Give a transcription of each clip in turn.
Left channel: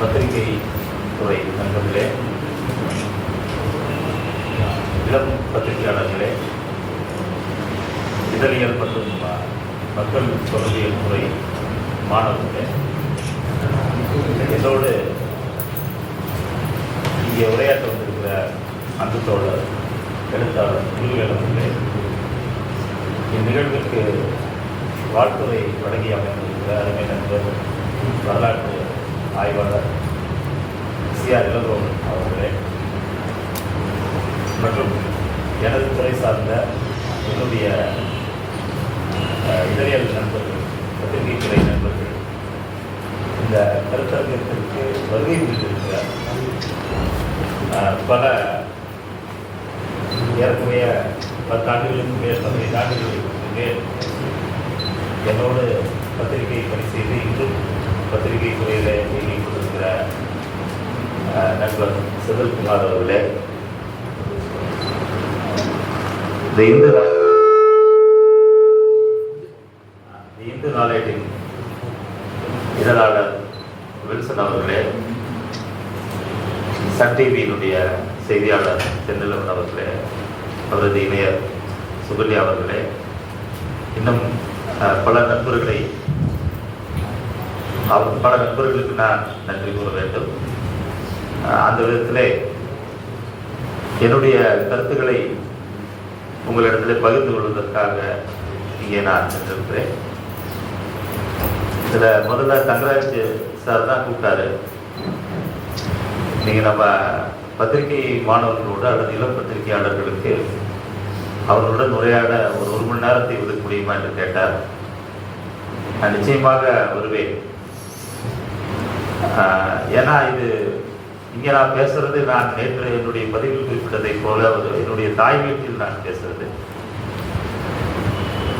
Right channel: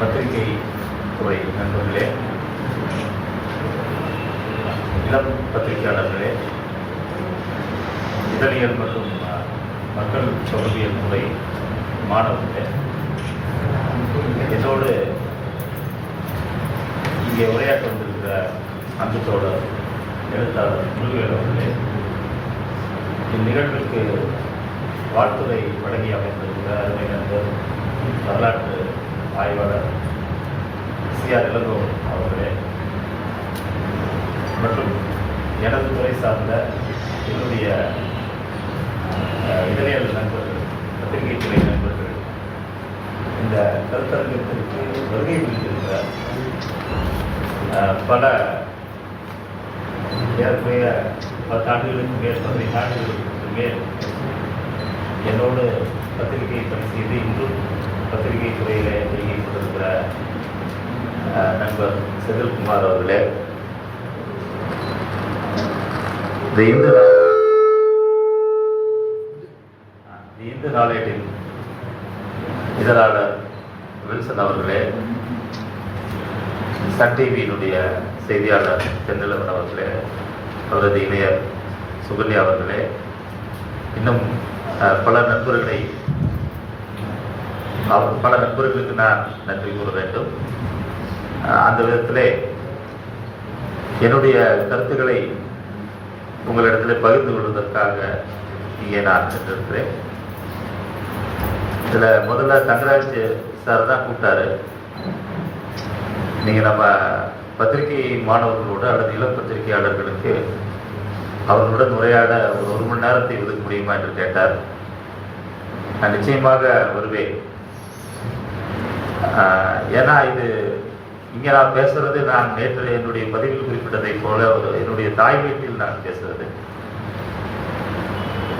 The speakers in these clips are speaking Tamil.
பத்திரிகை துறை நண்பர்களே, இளம் பத்திரிகையாளர்களே, இதழியல் மற்றும் மக்கள் தொடர்பியல் துறை மாணவர்களே, என்னோடு இங்கே உரையாற்ற வந்திருக்கிற அன்பு தோழர் எழுத்தாளர் முருகவேல் அவர்களே, இந்நிகழ்வுக்கு வாழ்த்துறை வழங்கி அமைந்திருக்கிற அருமை நண்பர் வரலாற்று ஆய்வாளர் சிஆர் இளங்கோவன் அவர்களே, மற்றும் எனது துறை சார்ந்த என்னுடைய இதழியல் நண்பர்கள், பத்திரிகை துறை நண்பர்கள், இந்த கருத்தரங்கத்திற்கு வருகை புரிந்திருக்கிற பல ஏறக்குறைய 10 ஆண்டுகளுக்கு மேல் 15 ஆண்டுகளுக்கு மேல் என்னோடு பத்திரிகை பணி செய்து இன்றும் பத்திரிகை துறையில் இயங்கிக் கொண்டிருக்கிற நண்பர் செந்தில்குமார் அவர்களே, இந்த இந்து நாளேட்டின் இதழாளர் வில்சன் அவர்களே, சன் டிவியினுடைய செய்தியாளர் செந்திலன் அவர்களே, அவரது இணையர் சுகன்யா அவர்களே, இன்னும் பல நண்பர்களுக்கு நான் நன்றி கூற வேண்டும். அந்த விதத்திலே என்னுடைய கருத்துக்களை உங்களிடத்தில் பகிர்ந்து கொள்வதற்காக இங்கே நான் சென்றிருக்கிறேன். இதில் முதல்ல தங்கராஜ் சார் தான் கூப்பிட்டாரு. நீங்கள் நம்ம பத்திரிகை மாணவர்களோடு அல்லது இளம் பத்திரிகையாளர்களுக்கு அவர்களுடன் உரையாட ஒரு மணி நேரத்தை ஒதுக்க முடியுமா என்று கேட்டார். நான் நிச்சயமாக வருவேன். ஏன்னா இது இங்கே நான் பேசுறது, நான் நேற்று என்னுடைய பதிவில் குறிப்பிட்டதை போல என்னுடைய தாய் வீட்டில் நான் பேசுறது.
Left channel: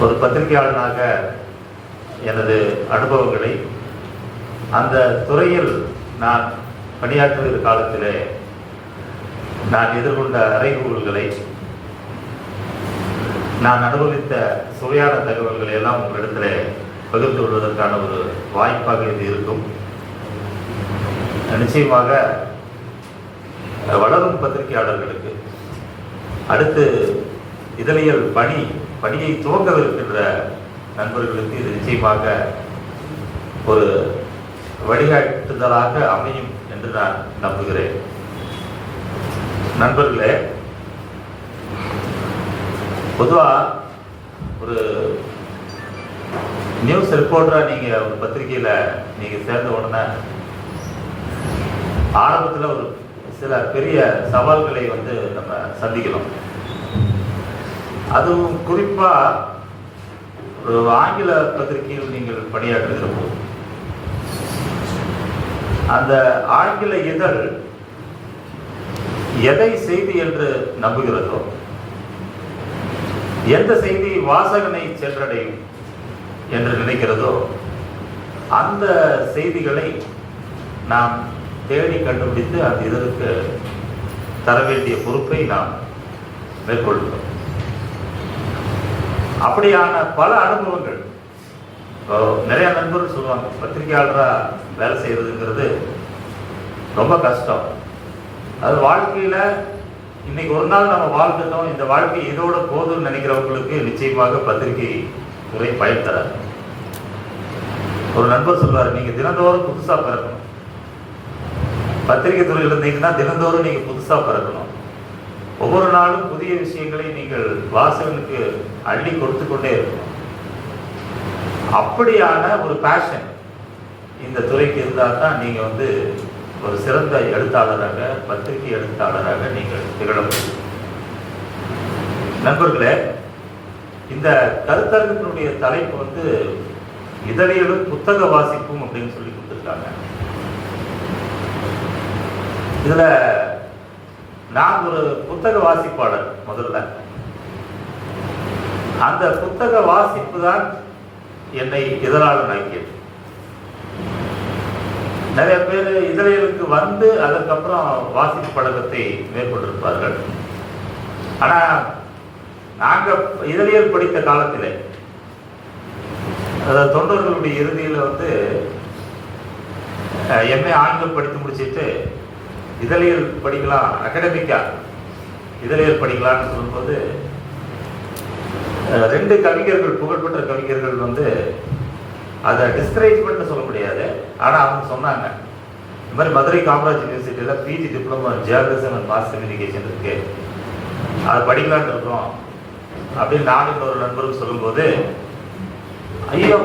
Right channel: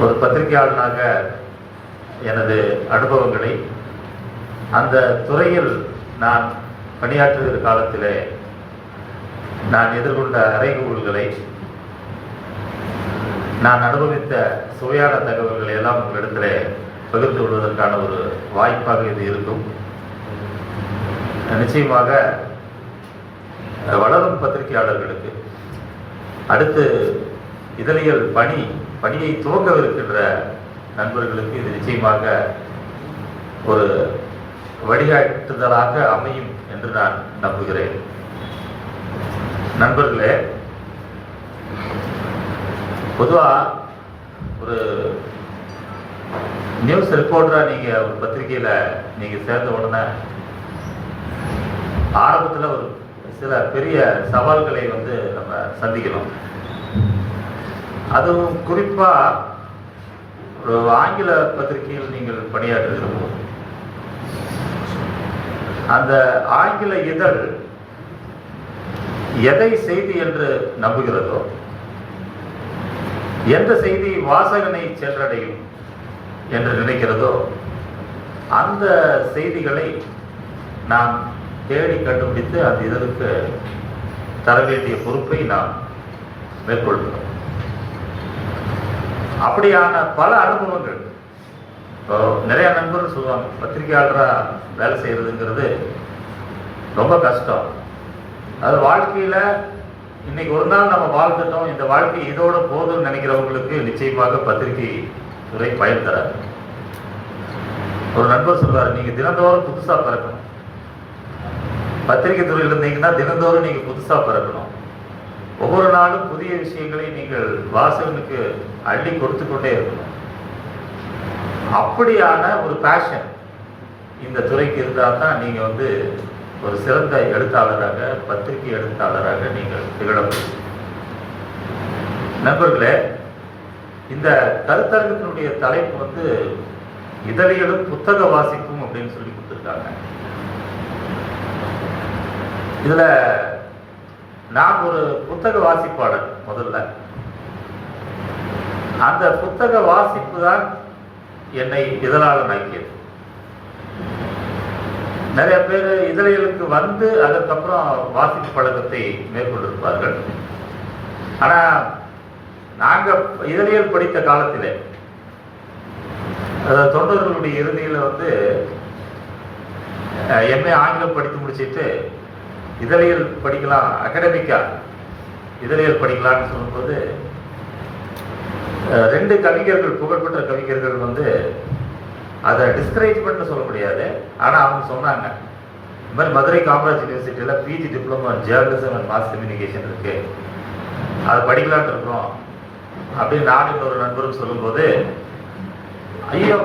ஒரு பத்திரிகையாளனாக எனது அனுபவங்களை, அந்த துறையில் நான் பணியாற்றுகிற காலத்தில் நான் எதிர்கொண்ட அறைகூறுகளை, நான் அனுபவித்த சுவையான தகவல்களை எல்லாம் உங்களிடத்தில் பகிர்ந்து கொள்வதற்கான ஒரு வாய்ப்பாக இது இருக்கும். நிச்சயமாக வளரும் பத்திரிகையாளர்களுக்கு, அடுத்து இதழியல் பணியை துவங்கவிருக்கின்ற நண்பர்களுக்கு இது நிச்சயமாக ஒரு வழிகாட்டுதலாக அமையும் என்று நான் நம்புகிறேன். நண்பர்களே, பொதுவாக ஒரு நியூஸ் ரிப்போர்ட்டரா நீங்க ஒரு பத்திரிகையில நீங்க சேர்ந்த உடனே ஆரம்பத்தில் ஒரு சில பெரிய சவால்களை நம்ம சந்திக்கலாம். அதுவும் குறிப்பா ஒரு ஆங்கில பத்திரிகையில் நீங்கள் பணியாற்றுகிறப்போ அந்த ஆங்கில இதழ் எதை செய்தி என்று நம்புகிறதோ, எந்த செய்தி வாசகனை சென்றடையும் என்று நினைக்கிறதோ, அந்த செய்திகளை நாம் தேடி கண்டுபிடித்து அந்த இதற்கு தர வேண்டிய பொறுப்பை நாம் மேற்கொள்கிறோம். அப்படியான பல அனுபவங்கள். நிறைய நண்பர்கள் சொல்லுவாங்க, பத்திரிகையாளரா வேலை செய்யறதுங்கிறது ரொம்ப கஷ்டம். அது வாழ்க்கையில இன்னைக்கு ஒரு நாள் நம்ம வாழ்ந்துட்டோம், இந்த வாழ்க்கை இதோட போதும்னு நினைக்கிறவங்களுக்கு நிச்சயமாக பத்திரிகை துறை பயன் தராது. ஒரு நண்பர் சொல்வார், நீங்க தினந்தோறும் புதுசா பிறக்கணும். பத்திரிகை துறையில் இருந்தீங்கன்னா தினந்தோறும் நீங்க புதுசா பிறக்கணும். ஒவ்வொரு நாளும் புதிய விஷயங்களை நீங்கள் வாசகனுக்கு அள்ளி கொடுத்து கொண்டே இருக்கணும். அப்படியான ஒரு பேஷன் இந்த துறைக்கு இருந்தால் தான் நீங்க ஒரு சிறந்த எழுத்தாளராக, பத்திரிகை எழுத்தாளராக நீங்கள் திகழ முடியும். நண்பர்களே, இந்த கருத்தரங்கினுடைய தலைப்பு இதழியலும் புத்தக வாசிப்பும் அப்படின்னு சொல்லி கொடுத்துருக்காங்க. இதுல நான் ஒரு புத்தக வாசிப்பாளர். முதல்ல அந்த புத்தக வாசிப்பு தான் என்னை இதழாளன் ஆக்கியது. நிறைய பேர் இதழியலுக்கு அதுக்கப்புறம் வாசிப்பு பழக்கத்தை மேற்கொண்டிருப்பார்கள். ஆனா நாங்க இதழியல் படித்த காலத்தில் 90களுடைய இறுதியில் எம்ஏ ஆங்கிலம் படித்து முடிச்சுட்டு இதழியல் படிக்கலாம், அகடமிக்கா இதழியல் படிக்கலாம்னு சொல்லும்போது 2 கவிஞர்கள், புகழ்பெற்ற கவிஞர்கள் வந்து அதை டிஸ்கரேஜ்மெண்ட் சொல்ல முடியாது. ஆனால் அவங்க சொன்னாங்க, இந்த மாதிரி மதுரை காமராஜ் யூனிவர்சிட்டியில் PG diploma journalism and mass communication இருக்கு, அதை படிக்கலான்னு இருக்கோம் அப்படின்னு நானும் இன்னொரு நண்பர்கள் சொல்லும்போது, ஐயோ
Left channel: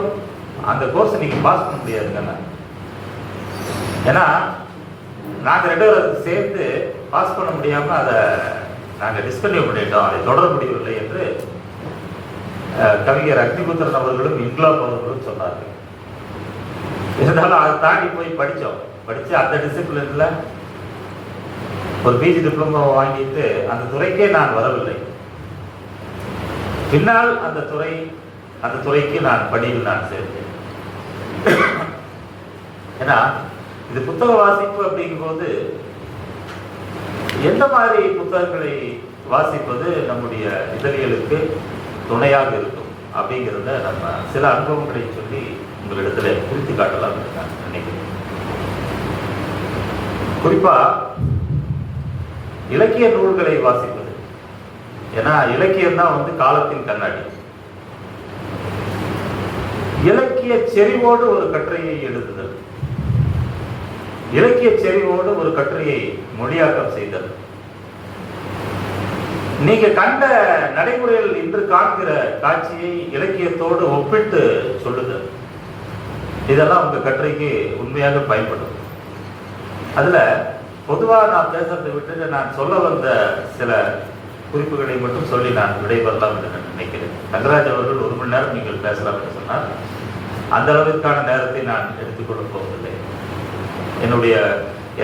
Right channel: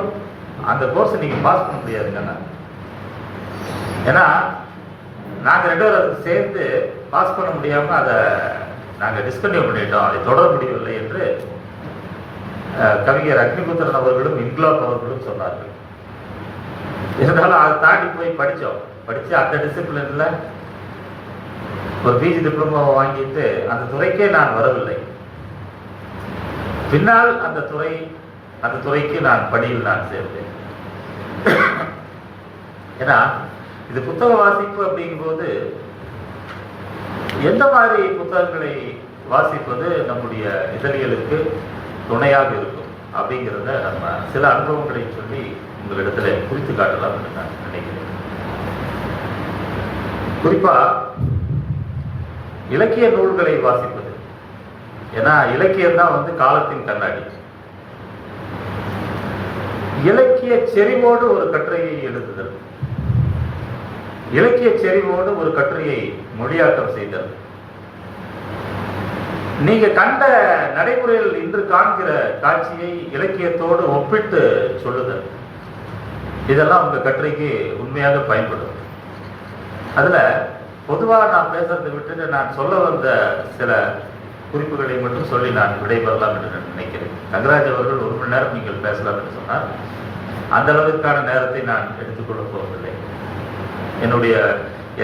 அந்த கோர்ஸை நீங்கள் பாஸ் பண்ண முடியாதுங்கண்ணா. ஏன்னா நாங்கள் 2 பேரும் சேர்ந்து பாஸ் பண்ண முடியாமல் அதை நாங்கள் டிஸ்கன்டினியூ பண்ணிட்டோம், அதை தொடர முடியவில்லை என்று கவிஞர் அக்னிபுத்திரன் அவர்களும் இன்குலாப் அவர்களும் சொன்னார்கள். இருந்தாலும் அதை தாண்டி போய் படித்து அந்த டிசிப்ளின்ல ஒரு பிஜி டிப்ளமோ வாங்கிட்டு அந்த துறைக்கே நான் வரவில்லை. பின்னால் அந்த துறைக்கு நான் படியில் நான் சேர்ந்தேன். ஏன்னா இது புத்தக வாசிப்பு அப்படிங்கும்போது எந்த மாதிரி புத்தகங்களை வாசிப்பது நம்முடைய இதழியலுக்கு துணையாக இருக்கும் அப்படிங்கிறத நம்ம சில அனுபவங்களை சொல்லி உங்களிடத்துல குறித்து காட்டலாம் நான் நினைக்கிறேன். குறிப்பா இலக்கிய நூல்களை வாசிப்பது. ஏன்னா இலக்கியம் தான் வந்து காலத்தின் கண்ணாடி. இலக்கிய செறிவோடு ஒரு கட்டுரையை எழுதுதல், இலக்கிய செறிவோடு ஒரு கட்டுரையை மொழியாக்கம் செய்தல், நீங்க கண்ட நடைமுறையில் இன்று காண்கிற காட்சியை இலக்கியத்தோடு ஒப்பிட்டு சொல்லுதல், இதெல்லாம் உங்க கட்டுரைக்கு உண்மையாக பயன்படும். அதுல பொதுவாக நான் பேசுறதை விட்டு நான் சொல்ல வந்த சில குறிப்புகளை மட்டும் சொல்லி நான் விடைபெறலாம் என்று நான் நினைக்கிறேன். தங்கராஜ் அவர்கள் 1 மணி நேரம் நீங்கள் பேசலாம் என்று சொன்னால் அந்த அளவுக்கான நேரத்தை நான் எடுத்துக்கொள்ள போவதில்லை. என்னுடைய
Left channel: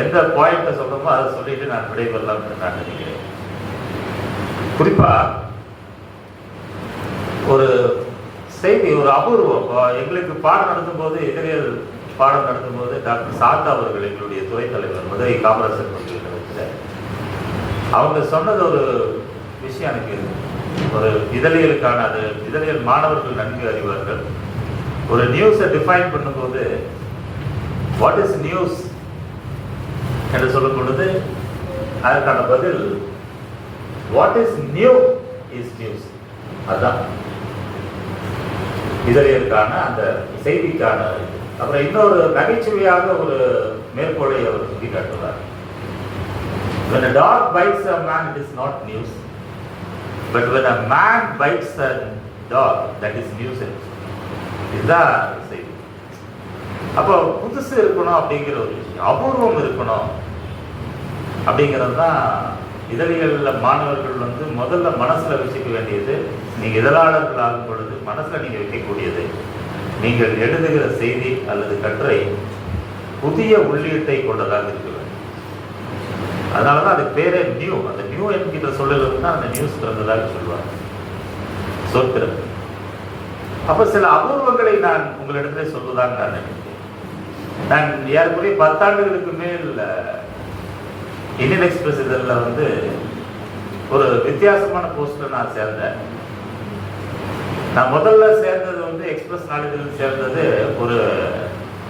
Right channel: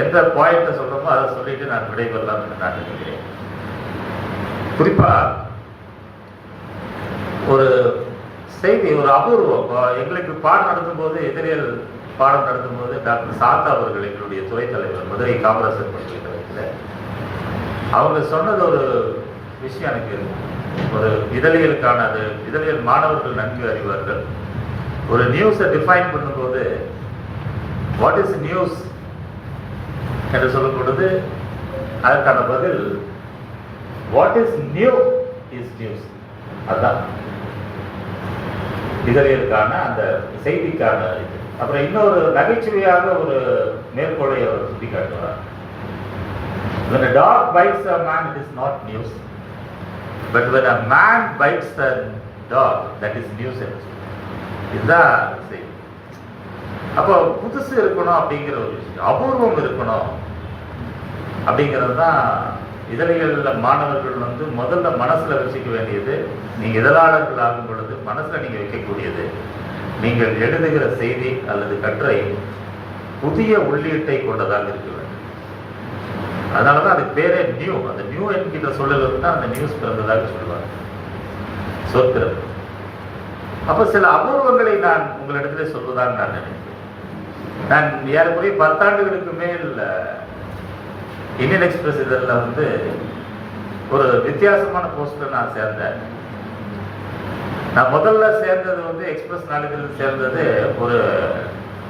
எந்த பாயிண்ட்டை சொல்றோமோ அதை சொல்லிட்டு நான் விடைபெறலாம் என்று நான் நினைக்கிறேன். குறிப்பா ஒரு செய்தி, ஒரு அபூர்வம். எங்களுக்கு பாடம் நடத்தும் போது, எதிரியல் பாடம் நடத்தும் போது டாக்டர் சாந்தா அவர்கள், எங்களுடைய துறை தலைவர், மதுரை காமராஜர் பல்கலைக்கழகத்தில், அவங்க சொன்னது ஒரு விஷயம் எனக்கு ஒரு இதழியலுக்கான, அது இதழியல் மாணவர்கள் நன்கு அறிவார்கள். ஒரு நியூஸை டிஃபைன் பண்ணும்போது வாட் இஸ் நியூஸ் என்று சொல்லும் பொழுது அதற்கான பதில் what is new is news. அதுதான் இதழியலுக்கான அந்த செய்திக்கான இது. அப்புறம் இன்னொரு நகைச்சுவையாக ஒரு மேற்கோளை அவர் சுட்டி காட்டுவார். When a dog bites a man, it is not news. But when a man bites a dog, that is nuisance. இதுதான் செய்தி. அப்போ புதுசு இருக்கணும் அப்படிங்கிற ஒரு விஷயம், அபூர்வம் இருக்கணும் அப்படிங்கிறது தான் இதழியல்ல மாணவர்கள் வந்து முதல்ல மனசுல வச்சுக்க வேண்டியது. நீங்க இதழாளர்கள் ஆகும் பொழுது மனசுல நீங்க வைக்கக்கூடியது, நீங்கள் எழுதுகிற செய்தி அல்லது கட்டுரை புதிய உள்ளீட்டை கொண்டதாக இருக்க வேண்டும். அதனாலதான் அது பேரே நியூ. அந்த நியூ என்கிற சொல்லுவது தான் அந்த நியூஸ் பிறந்ததாக சொல்லுவாங்க, சொற்கிறது. அப்ப சில அபூர்வங்களை நான் உங்களிடத்திலே சொல்வதாக நான் நினைக்கிறேன். நான் ஏறக்குறைய 10 ஆண்டுகளுக்கு மேல் இந்தியன் எக்ஸ்பிரஸ் இதழில் வந்து ஒரு வித்தியாசமான போஸ்ட்ல நான் சேர்ந்தேன். நான் முதல்ல சேர்ந்தது வந்து எக்ஸ்பிரஸ் நாளிதழில் சேர்ந்தது ஒரு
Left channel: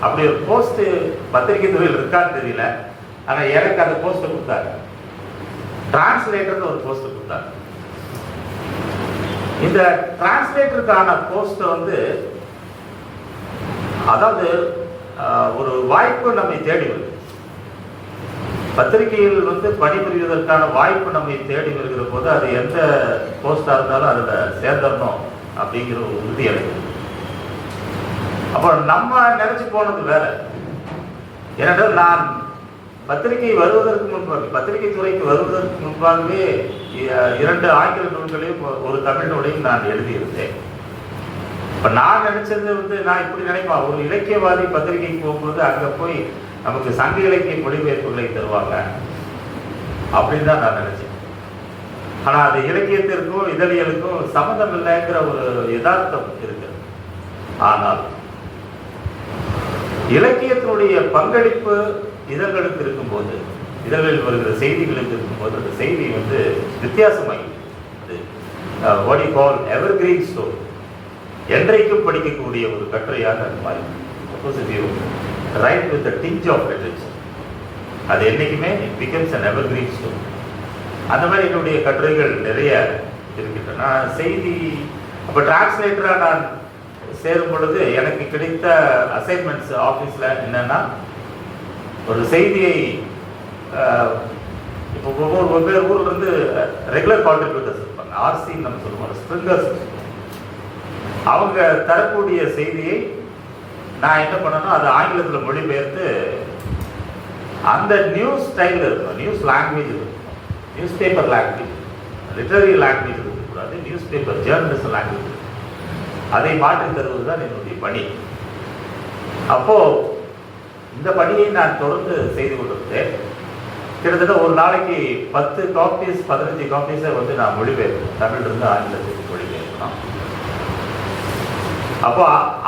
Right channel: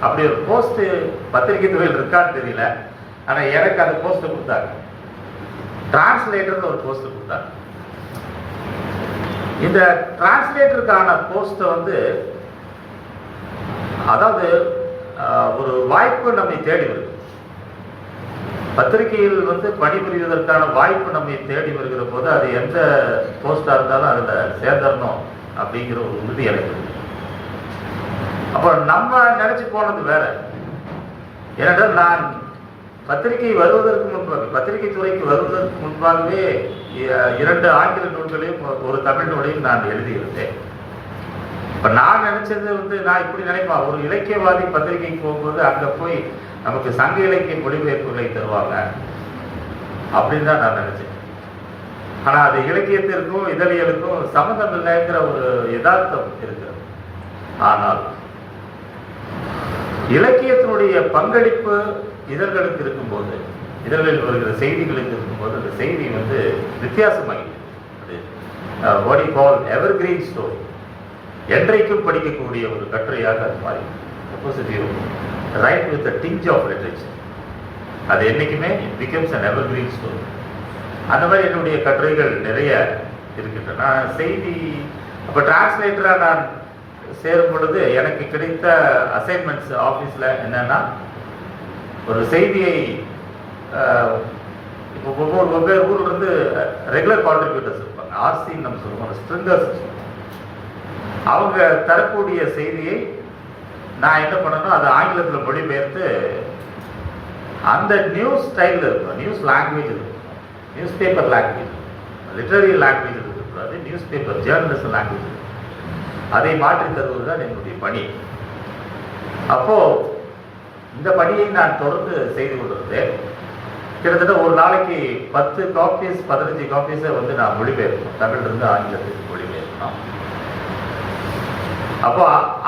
அப்படி ஒரு போஸ்ட் பத்திரிகை துறையில் இருக்கான்னு தெரியல. ஆனா எனக்கு அந்த போஸ்ட் கொடுத்தாங்க, டிரான்ஸ்லேட்டர் ஒரு போஸ்ட் கொடுத்தாங்க. இந்த டிரான்ஸ்லேட்டருக்கான போஸ்ட் வந்து அதாவது ஒரு வாய்ப்பு நம்மை தேடி வருது. பத்திரிகையில் வந்து பணிபுரிவதற்கான வாய்ப்பு நம்மை தேடி வருகிற போது அது எந்த போஸ்டா இருந்தாலும் அதுல சேர்ந்தரணும் அப்படிங்கிற ஒரு உறுதி எனக்கு. அப்போ நம்ம நினைச்சு போனது வேற. ஏனென்றால் நான் பத்திரிகை வருவதற்கு முன்பாக, பத்திரிகை துறைக்கு வருவதற்கு முன்பாகவே 2 ஆங்கில நூல்களையும் ஒரு தமிழ் நூலையும் நான் எழுதியிருந்தேன். இப்ப நான் நினைச்சது வந்து, நான் இப்படி நினைப்பேன், ஒரு இலக்கியவாதி பத்திரிகைக்கு போகும்போது அங்க போய் நமக்கு சங்க இலக்கிய மொழிபெயர்ப்புகளை தருவாங்க அப்படின்னு தான் நான் நினைச்சேன். ஆனா அது இலக்கியத்திற்கும் இதழியலுக்கும் சம்மந்தம் இல்லைங்கிற ஒரு யதார்த்தம் இருக்கு. ஆனால் இலக்கியத்தினுடைய பங்களிப்பு இதழ்களுக்கு இருக்கும்போது, இதழ்களில் வருகிற செய்திகளுக்கு இருக்கும்போது அந்த செய்தி வந்து வித்தியாசமாகிடுது. What you call evergreen story, என்றைக்கும் படிக்கக்கூடிய ஒரு கட்டுரையாக அது மாறி. Right with a tinge of literature. அது என்னைக்குமே it becomes an evergreen story. அந்த மாதிரி என்னுடைய கட்டுரைகள் நிறைய இருக்கின்றன. நான் செய்தி இப்போ டிரான்ஸ்லேட்டராக நான் சேரும் பொழுது எனக்கு கிடைத்த அசைன்மெண்ட்ஸ் ஆஃபீஸில் என்னன்னா, ஒரு செய்தியை இப்போ வெவ்வேறு ஊரில் வந்து ரெகுலர் கான்ட்ரிபியூட்டர்ஸ் இருப்பாங்க, ஆர்சின்னு நம்ம சொல்லுவோம், ஸ்ட்ரிங்கர்ஸ். அவங்க தரக்கூடிய செய்தியை நான் என்ன பண்ணணும், அதை ஆங்கிலத்தில் மொழிபெயர்த்து அந்த நியூஸ் ஸ்டைலில் இருக்கும், நியூஸ் லாங்குவேஜ் இருக்கும், news paper language, literary language இருக்கக்கூடாது, நியூஸ் பேப்பர் ஜேர்னலிசம் லாங்குவேஜ், அதை மாற்றி தருவது தான் என்னுடைய பணி. அப்போ இந்த பணியை நான் தொடர்ந்து செய்து கொண்டிருந்தேன். கிட்டத்தட்ட ஒரு நாளைக்கு 10 காப்பீஸ் 15 காப்பீஸை வந்து நான் மொழிபெயர்ப்பேன், தமிழிலிருந்து ஆங்கிலத்துக்கு மொழிபெயர்ப்பேன். அப்போ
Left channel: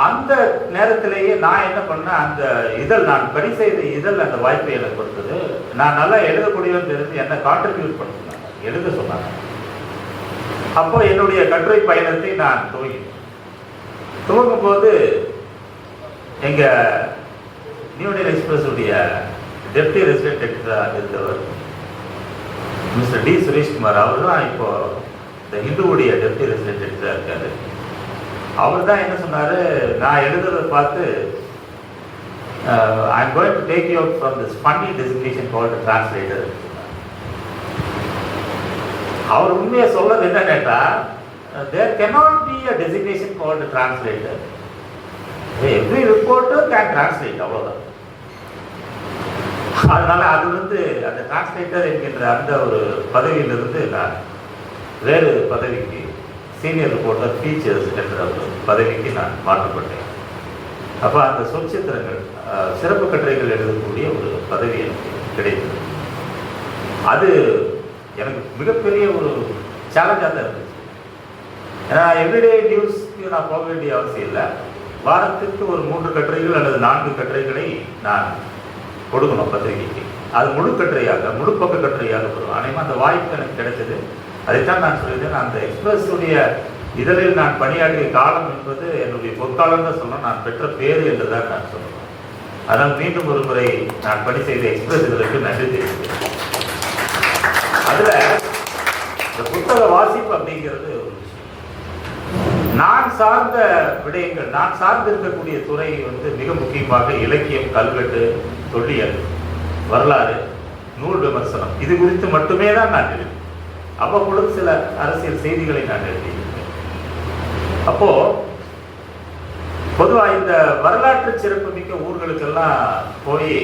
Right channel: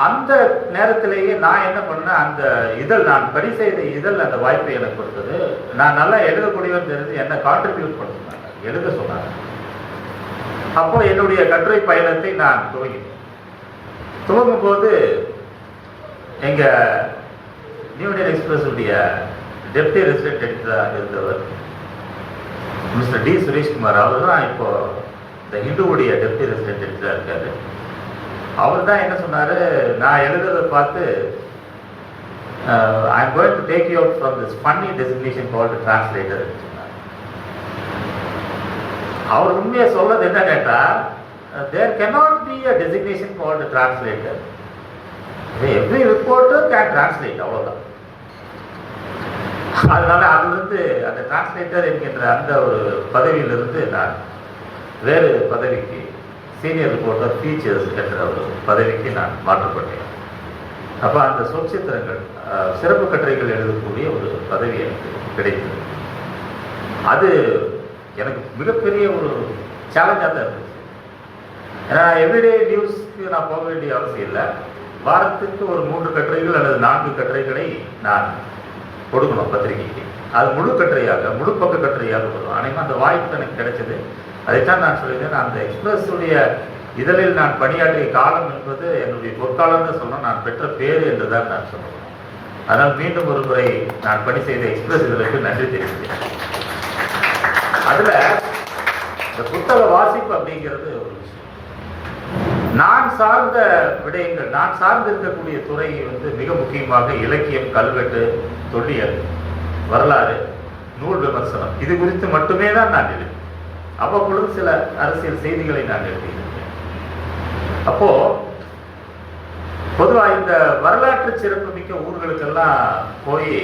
அந்த நேரத்திலேயே நான் என்ன பண்ணேன், அந்த இதழ் நான் பணி செய்த இதழ் அந்த வாய்ப்பை எனக்கு கொடுத்தது. நான் நல்லா எழுதக்கூடியவன் தெரிஞ்சு என்ன கான்ட்ரிபியூட் பண்ண சொன்னாங்க, எழுத சொன்னாங்க. அப்போ என்னுடைய கட்டுரை பயணத்தை நான் துவங்கும் போது எங்க நியூ இந்தியன் எக்ஸ்பிரஸ் உடைய டெப்டி ரெசிடென்ட் எடிட்டராக இருந்தவர் மிஸ்டர் டி சுரேஷ்குமார், அவர் தான் இப்போ இந்த ஹிந்துவுடைய டெப்டி ரெசிடென்ட் எடிட்டராக இருக்காரு. அவர் தான் என்ன சொன்னார், நான் எழுதுறதை பார்த்து I am going to take you out from this funny designation called translator. அவர் உண்மையை சொல்றது என்ன கேட்டா, there cannot be a designation called a translator. Every reporter can translate, அவ்வளவுதான். அதனால அது வந்து அந்த டிரான்ஸ்லேட்டர் என்கின்ற அந்த ஒரு பதவியிலிருந்து நான் வேறு பதவிக்கு, சீனியர் ரிப்போர்ட்டர் ஃபீச்சர்ஸ் என்ற ஒரு பதவிக்கு நான் மாற்றப்பட்டேன். அப்போ அந்த சொற்சித்திரங்கள், சிறப்பு கட்டுரைகள் எழுதக்கூடிய ஒரு பதவி எனக்கு கிடைத்தது. அது எனக்கு மிகப்பெரிய ஒரு சேலஞ்சாக தான் இருந்துச்சு. ஏன்னா எவ்ரிடே நியூஸ்க்கு நான் போக வேண்டிய அவசியம் இல்லை. வாரத்திற்கு ஒரு 3 கட்டுரைகள் அல்லது 4 கட்டுரைகளை நான் கொடுக்கணும் பத்திரிகைக்கு. அது முழு கட்டுரையாக, முழு பக்க கட்டுரையாக கொடுக்கணும். ஆனால் அந்த வாய்ப்பு எனக்கு கிடைச்சது. அதைத்தான் நான் சொல்லியிருந்தேன், அந்த எக்ஸ்பிரஸுடைய இதழில் நான் பணியாற்றிய காலம் என்பது என்னுடைய பொற்காலம் தான் சொல்லணும், நான் பெற்ற பேரு என்று தான் நான் சொல்லணும். அதனால் மீண்டும் ஒரு முறை நான் பணி செய்த எக்ஸ்பிரஸ் இதழுக்கு நன்றி தெரிவிக்கிறேன். அதுல புத்தக வாசிப்பு அப்படிங்கிறது ஒரு விஷயம். நான் சார்ந்த விடயங்கள், நான் சார்ந்து இருக்கக்கூடிய துறை வந்து மிக முக்கியமாக இலக்கியம், கல்வெட்டு, தொல்லியல், வரலாறு, நூல் விமர்சனம், இது குறித்து மட்டுமே தான் நான் எழுதினேன். அவ்வப்பொழுது சில அரசியல் செய்திகளை நான் எழுதியிருக்கேன். அப்போ பொதுவாக இந்த வரலாற்று சிறப்புமிக்க ஊர்களுக்கெல்லாம் போய்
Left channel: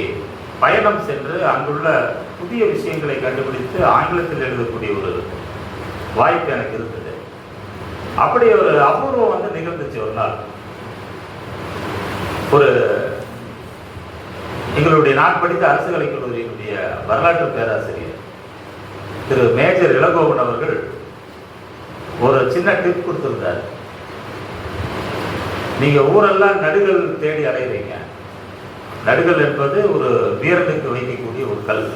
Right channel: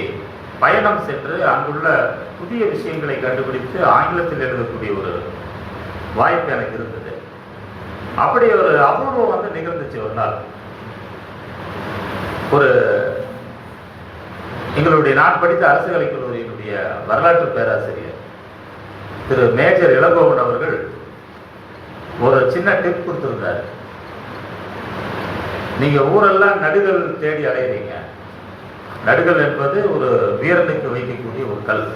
பயணம் சென்று அங்குள்ள புதிய விஷயங்களை கண்டுபிடித்து ஆங்கிலத்தில் எழுதக்கூடிய ஒரு வாய்ப்பு எனக்கு இருந்தது. அப்படி ஒரு அபூர்வம் வந்து நிகழ்ந்துச்சு. ஒரு நாள் ஒரு எங்களுடைய நான் படித்த அரசு கலைக் கல்லூரியினுடைய வரலாற்று பேராசிரியர் திரு மேஜர் இளங்கோவன் அவர்கள் ஒரு சின்ன டிப் கொடுத்திருந்தார். நீங்க ஊரெல்லாம் நடுகள் தேடி அடைவீங்க. நடுகள் என்பது ஒரு வீரனுக்கு வைக்கக்கூடிய ஒரு கல்.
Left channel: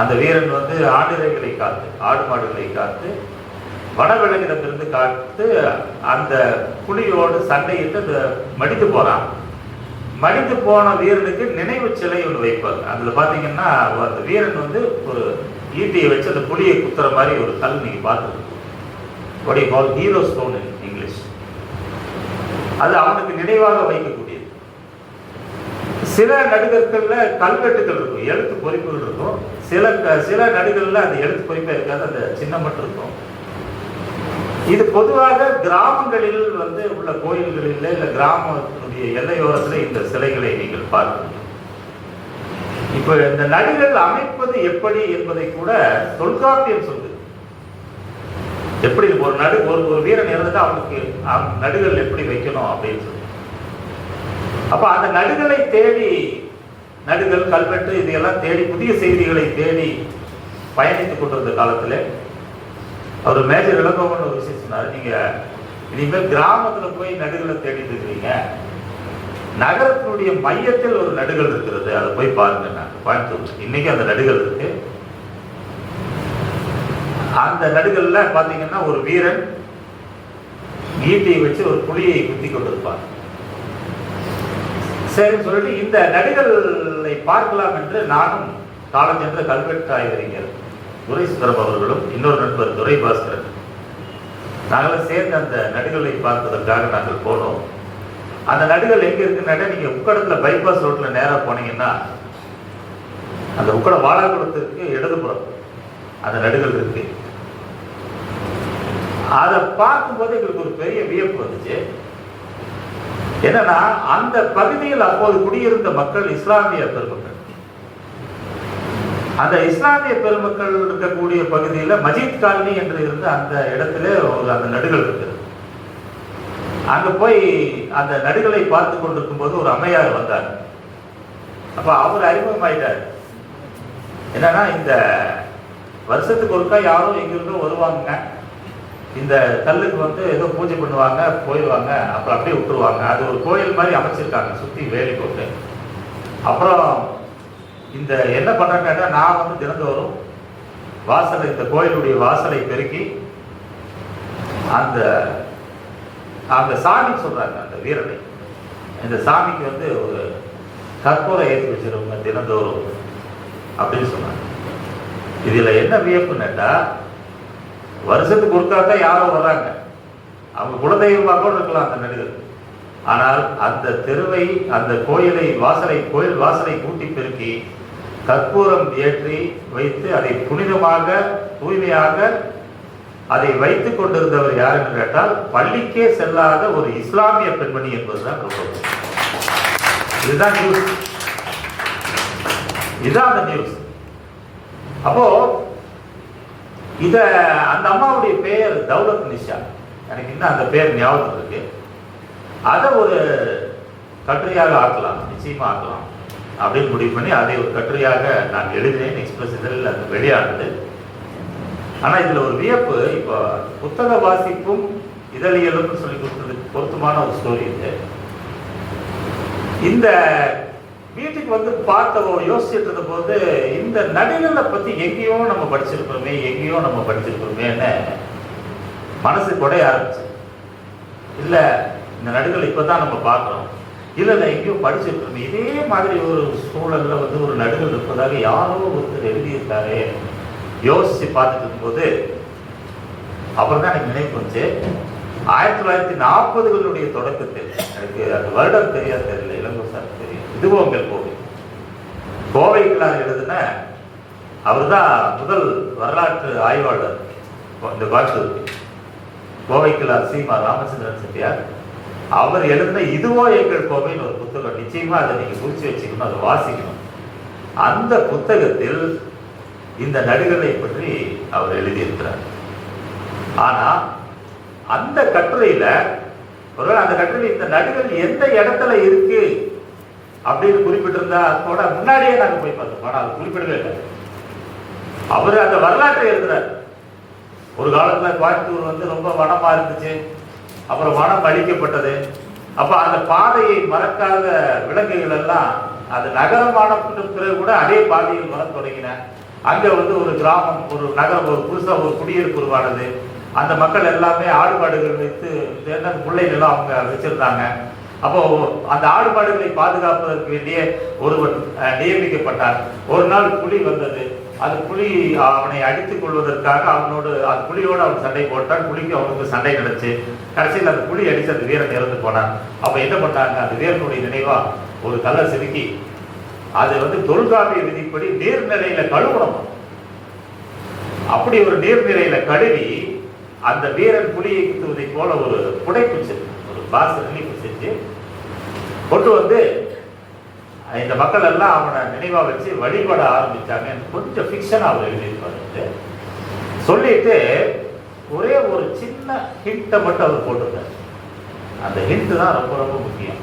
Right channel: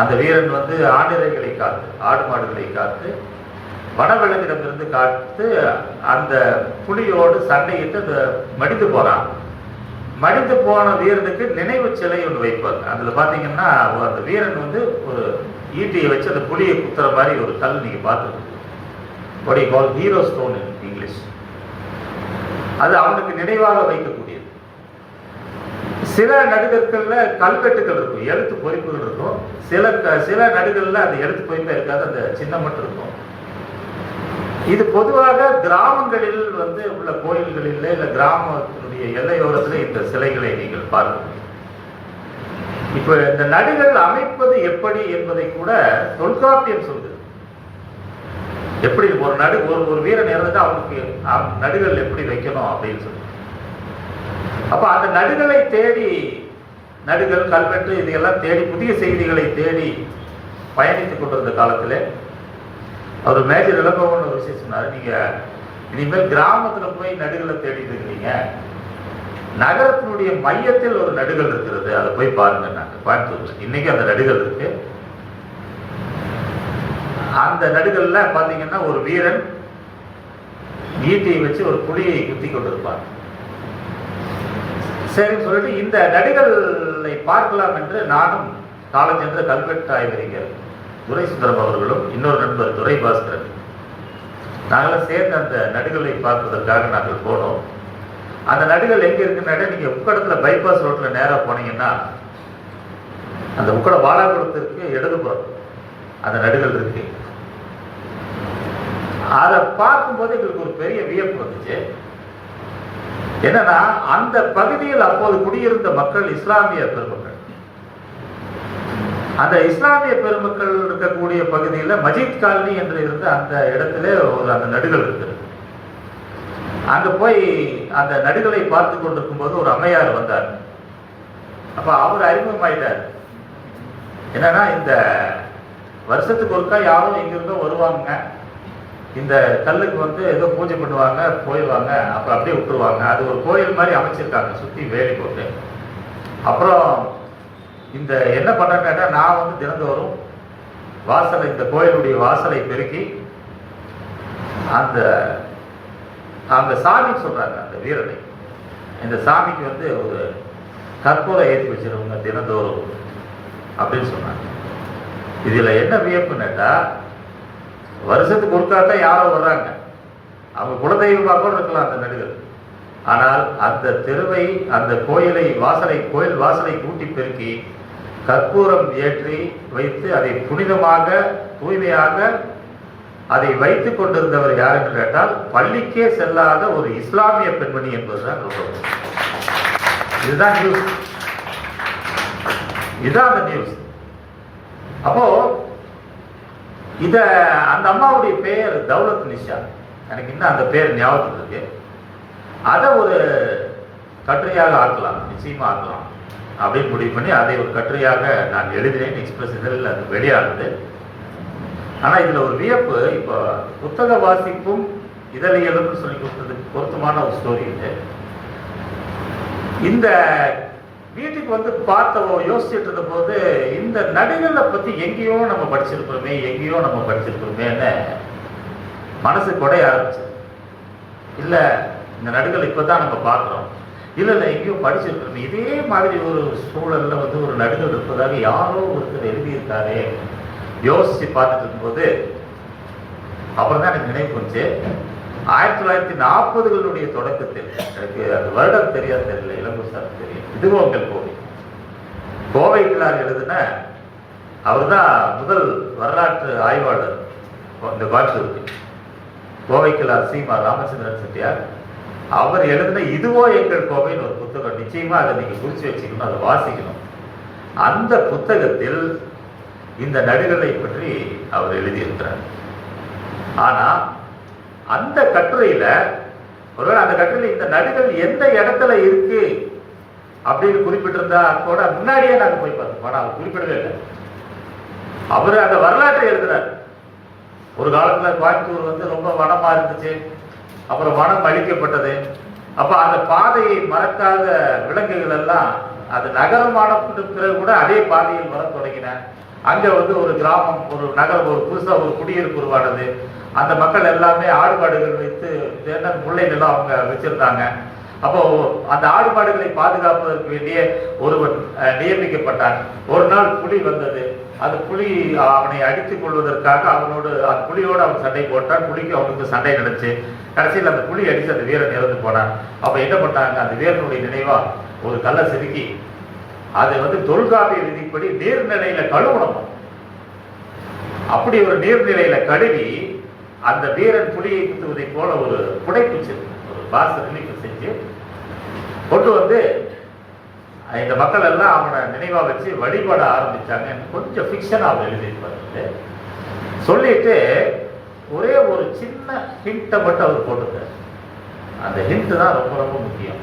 அந்த வீரன் வந்து ஆடுகளை காத்து, ஆடு மாடுகளை காத்து, வனவிலங்கிடமிருந்து காத்து அந்த புலியோடு சண்டையிட்டு அந்த மடித்து போறான். மடித்து போன வீரனுக்கு நினைவு சிலை ஒன்று வைப்பாங்க. அதுல பாத்தீங்கன்னா அந்த வீரன் வந்து ஒரு ஈட்டியை வச்சு அந்த புலியை குத்துற மாதிரி ஒரு கல் நீங்க பார்த்துருக்கீங்க. Hero stone in English. அது அவனுக்கு நினைவாக வைக்கக்கூடியது. சில நடுகர்கள்ல கல்வெட்டுகள் இருக்கும், எழுத்து பொறிப்புகள் இருக்கும். சில நடுகள்ல அந்த எழுத்து பொறிப்பா இருக்காது, அந்த சின்னம் மட்டும் இருக்கும். இது பொதுவாக கிராமங்களில் வந்து உள்ள கோயில்களில் இல்ல கிராமத்தினுடைய எல்லையோரத்தில் இந்த சிலைகளை நீங்கள் பார்க்க. இப்ப இந்த நடுகள் அமைப்பது எப்படி என்பதை கூட தொல்காப்பியம் சொல்லுது. எப்படி ஒரு வீரன் இறந்து அவனுக்கு நடுகள் எப்படி வைக்கணும் அப்படின்னு சொல்லி. அப்ப அந்த நடுகளை தேடி, நடுகள், கல்வெட்டு இதையெல்லாம் தேடி புதிய செய்திகளை தேடி பயணித்துக் கொண்டிருந்த காலத்துல அவர் மேஜர் இளங்கோவன் ஒரு விஷயம் சொன்னாரு, நீங்க இனிமேல் கிராமத்துல போய் நடுகளை தேடிட்டு இருக்கீங்க, நகரத்தினுடைய மையத்தில் ஒரு நடுகள் இருக்கிறது, அதை போய் பாருங்க. பார்த்து இன்னைக்கு அந்த நடுகள் இருக்கு. அந்த நடுகள்ல பாத்தீங்கன்னா ஒரு வீரன் ஈட்டியை வச்சு ஒரு புலியை குத்தி கொண்டிருப்பார். சரின்னு சொல்லிட்டு இந்த நடிகளை பார்க்கலாம் என்று நானும் காலஞ்சென்ற கல்வெட்டு ஆய்வறிஞர் துரை சுந்தரம் அவர்களும் இன்னொரு நண்பர் துரை பாஸ்கர் நாங்களும் சேர்ந்து அந்த நடிகளை பார்ப்பதற்காக நாங்கள் போனோம். அந்த நடிகள் எங்க இருக்குன்னா, நீங்க உக்கடத்துல பைபாஸ் ரோட்ல நேரா போனீங்கன்னா அந்த உக்கட வாழாக்குளத்திற்கு இடதுபுறம் அந்த நடுகள் இருக்கு. அதை பார்க்கும்போது எங்களுக்கு ஒரு பெரிய வியப்பு வந்துச்சு. என்னன்னா, அந்த பகுதியில் அப்போது குடியிருந்த மக்கள் இஸ்லாமிய பெருமக்கள். அந்த இஸ்லாமிய பெருமக்கள் இருக்கக்கூடிய பகுதியில் மஜீத் காலனி என்று இருந்த அந்த இடத்திலே அந்த நடுகள் இருக்கு. அங்க போய் அந்த நடுகளை பார்த்து கொண்டிருக்கும் போது ஒரு அம்மையார் வந்தார். அப்ப அவர் அறிமுகமாயிட்டார். என்னன்னா, இந்த வருஷத்துக்கு ஒருக்கா யாரும் எங்கிருந்தோ வருவாங்க, இந்த கல்லுக்கு வந்து ஏதோ பூஜை பண்ணுவாங்க, போயிடுவாங்க, அப்ப அப்படியே விட்டுருவாங்க. அது ஒரு கோயில் மாதிரி அமைச்சிருக்காங்க, சுத்தி வேலி போட்டு. அப்புறம் இந்த என்ன பண்றாங்கன்னா, நான் வந்து தினந்தோறும் வாசலை, இந்த கோயிலுடைய வாசலை பெருக்கி அந்த அந்த சாமி சொல்றாங்க, அந்த வீரனை, இந்த சாமிக்கு வந்து ஒரு கற்பூரை ஏற்றி வச்சிருவாங்க தினந்தோறும் அப்படின்னு சொன்னாங்க. இதுல என்ன வியப்புன்னாக்கா, வருஷத்துக்கு ஒருக்காத்தான் யாரோ வர்றாங்க, அவங்க குலதெய்வமாக கூட இருக்கலாம் அந்த நடிகர். ஆனால் அந்த தெருவை, அந்த கோயில் வாசலை கூட்டி பெருக்கி கற்பூரம் ஏற்றி வைத்து அதை புனிதமாக தூய்மையாக அதை வைத்துக் கொண்டிருந்தவர் யார் என்று கேட்டால், பள்ளிக்கே செல்லாத ஒரு இஸ்லாமிய பெண்மணி என்பதுதான் சொல்றது. இதுதான் நியூஸ், இதுதான் அந்த நியூஸ். அப்போ அந்த அம்மாவுடைய பெயர் தௌலத் நிஷா, எனக்கு இன்னும் அந்த பெயர் ஞாபகம் இருக்கு. அதை ஒரு கட்டுரையாக ஆக்கலாம், நிச்சயமா ஆக்கலாம் அப்படின்னு முடிவு பண்ணி அதை ஒரு கட்டுரையாக நான் எழுதினேன். எக்ஸ்பிரஸ் இதழில் அது வெளியானது. ஆனா இதுல ஒரு வியப்பு, இப்போ புத்தக வாசிப்பும் இதழியலும் சொல்லி கொடுத்தது பொருத்தமான ஒரு ஸ்டோரி இது. இந்த வீட்டுக்கு வந்து பார்த்தவோ யோசிச்சுட்டு இருந்த போது, இந்த நடிகளை பத்தி எங்கேயோ நம்ம படிச்சிருக்கிறோமேன்னு மனசு குடைய ஆரம்பிச்சது. இல்ல, இந்த நடிகளை இப்பதான் நம்ம பார்க்கிறோம், இல்ல எங்கேயோ படிச்சிருக்கிறோம். இதே மாதிரி ஒரு சூழல்ல வந்து ஒரு நடிகர் இருப்பதாக யாரோ ஒருத்தர் எழுதியிருக்காரு. யோசிச்சு பார்த்துட்டு இருக்கும்போது அப்பதான் எனக்கு நினைப்பு வந்துச்சு, 1940களுடைய தொடக்கத்தில், எனக்கு அந்த வருடம் தெரியல, இளங்கோசார் தெரியும், இதுவோ உங்கள் கோவை கிளார் எழுதின, அவர் தான் முதல் வரலாற்று ஆய்வாளர் இந்த பாஷைக்கு. கோவை கிளார் சீமா ராமச்சந்திரன் செட்டியார் அவர் எழுதின இதுவோ எங்கள் கோவைன்னு ஒரு புத்தகம். நிச்சயமா அதை நீங்க குறிச்சு வச்சுக்கணும், அதை வாசிக்கணும். அந்த புத்தகத்தில் இந்த நடிகர்களை பற்றி அவர் எழுதியிருக்கிறார். ஆனா அந்த கட்டுரையில, ஒருவேளை அந்த கட்டுரையில் இந்த நடிகர் எந்த இடத்துல இருக்கு அப்படின்னு குறிப்பிட்டிருந்தா கூட முன்னாடியே நாங்கள் போய் பார்த்தோம். ஆனா அது குறிப்பிடவே இல்லை. அவர் அந்த வரலாற்றை எழுதுறார். ஒரு காலத்துல கோயம்புத்தூர் வந்து ரொம்ப வனமா இருந்துச்சு, அப்புறம் வனம் அழிக்கப்பட்டது. அப்ப அந்த பாதையை மறக்காத விலங்குகள் எல்லாம் அது நகரமான பிறகு கூட அதே பாதையில் வர தொடங்கின. அங்க வந்து ஒரு கிராமம், ஒரு நகரம், ஒரு புதுசா ஒரு குடியிருப்பு உருவானது. அந்த மக்கள் எல்லாமே ஆடு மாடுகள் வைத்து முல்லைகளும் அவங்க வச்சிருந்தாங்க. அப்போ அந்த ஆடு மாடுகளை பாதுகாப்பதற்கு வேண்டிய ஒருவன் நியமிக்கப்பட்டான். ஒரு நாள் புலி வந்தது. அது புலி அவனை அடித்துக் கொள்வதற்காக அந்த புலியோடு அவன் சண்டை போட்டான். புலிக்கு அவனுக்கு சண்டை நடந்துச்சு. கடைசியில் அந்த புலி அடிச்சு அந்த வீரன் இறந்து போனான். அப்ப என்ன பண்ணாங்க, அந்த வீரனுடைய நினைவா ஒரு கல்லை செதுக்கி அதை வந்து தொல்காப்பிய விதிப்படி நீர்நிலையில கழுவணும். அப்படி ஒரு நீர்நிலையில கழுவி அந்த வீரன் புலியை குத்துவதை போல ஒரு புடைப்பு செஞ்சு, ஒரு பாச செஞ்சு கொண்டு வந்து இந்த மக்கள் எல்லாம் அவனை நினைவா வச்சு வழிபட ஆரம்பிச்சாங்க. கொஞ்சம் ஃபிக்ஷனா அவர் எழுதியிருப்பாரு. சொல்லிட்டு ஒரே ஒரு சின்ன ஹிண்ட்டை மட்டும் அவர் போட்டுருக்காரு. அந்த ஹிண்ட் தான் ரொம்ப ரொம்ப முக்கியம்.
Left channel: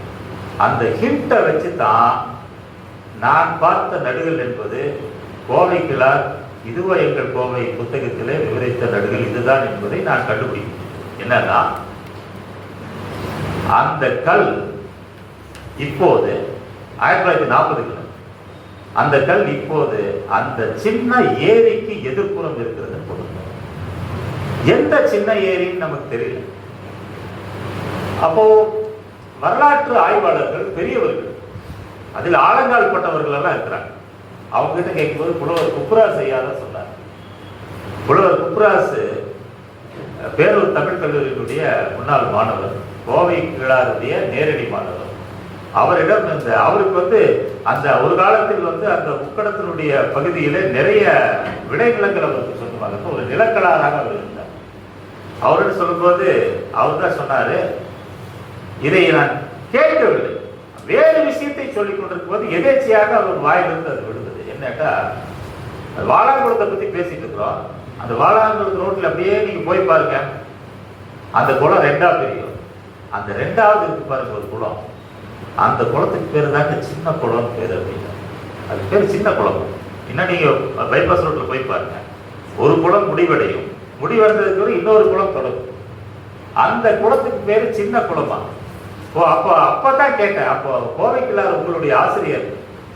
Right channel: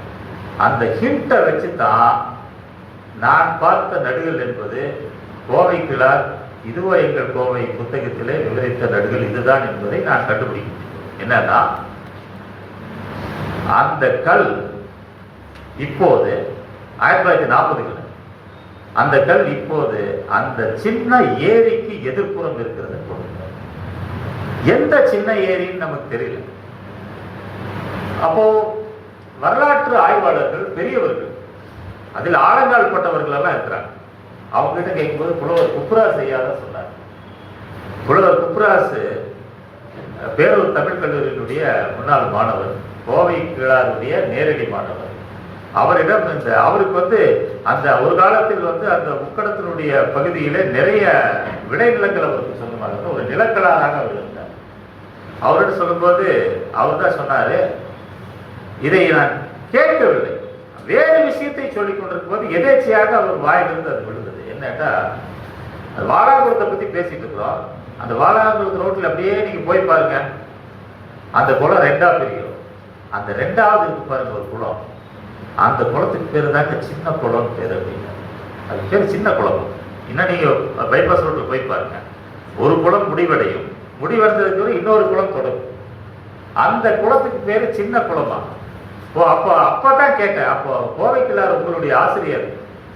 அந்த ஹிண்ட்டை வச்சு தான் நான் பார்த்த நடிகர் என்பது கோவை கிளார் இதுவோ எங்கள் கோவை புத்தகத்திலே விவரித்த நடிகர் இதுதான் என்பதை நான் கண்டுபிடிக்கிறேன். என்னன்னா, அந்த கல் இப்போது 1940 அந்த கல் இப்போது அந்த சின்ன ஏரிக்கு எதிர்ப்புறம் இருக்கிறது. எந்த சின்ன ஏரின்னு நமக்கு தெரியல. அப்போ வரலாற்று ஆய்வாளர்கள் பெரியவர்கள் அதில் ஆழங்கால் பட்டவர்கள் எல்லாம் இருக்கிறாங்க. அவங்க கிட்ட கேட்கும்போது புலவர் குப்ராஸ் ஐயாதான் சொன்னார். புலவர் குப்ராஸ் பேரூர் தமிழ் கல்லூரியினுடைய முன்னாள் மாணவர், கோவை கிழாருடைய நேரடி மாணவர். அவரிடம் அவருக்கு அந்த ஒரு காலத்தில் அந்த முக்கடத்தினுடைய பகுதியில நிறைய விளைநிலங்கள் அவருக்கு சொந்தமாக ஒரு நிலக்கலாராக அவர் இருந்தார். அவர்கிட்ட சொல்லும்போது அவர் தான் சொன்னாரு, இதை நான் கேட்கவில்லை, வேறு விஷயத்தை சொல்லிக் கொண்டிருக்கும் போது எதேச்சியாக அவர் வாயிலிருந்து அது விழுந்தது. என்னட்டா, வாழாங்குளத்தை பத்தி பேசிட்டு இருக்கோம். அந்த வாழாங்குளத்து ரோட்ல அப்படியே நீங்க போய் பாருங்க, அந்த குளம் ரெண்டா பிரியும். அந்த ரெண்டாவது இருக்கு பாருங்க ஒரு குளம், அந்த குளத்துக்கு பேர் தாங்க சின்ன குளம் பேர். அப்படின்னு அது பேர் சின்ன குளம். இன்னும் நீங்க பைபாஸ் ரோட்ல போய் பாருங்க, ஒரு குளம் முடிவடையும், முடிவடைந்ததுக்கு இன்னொரு குளம் தொடரும். அந்த குளத்துக்கு பேரு சின்ன குளமா? அப்பதான் கேட்டேன். அப்போ கோவைக்குள்ளார் உங்களுடைய ஆசிரியர்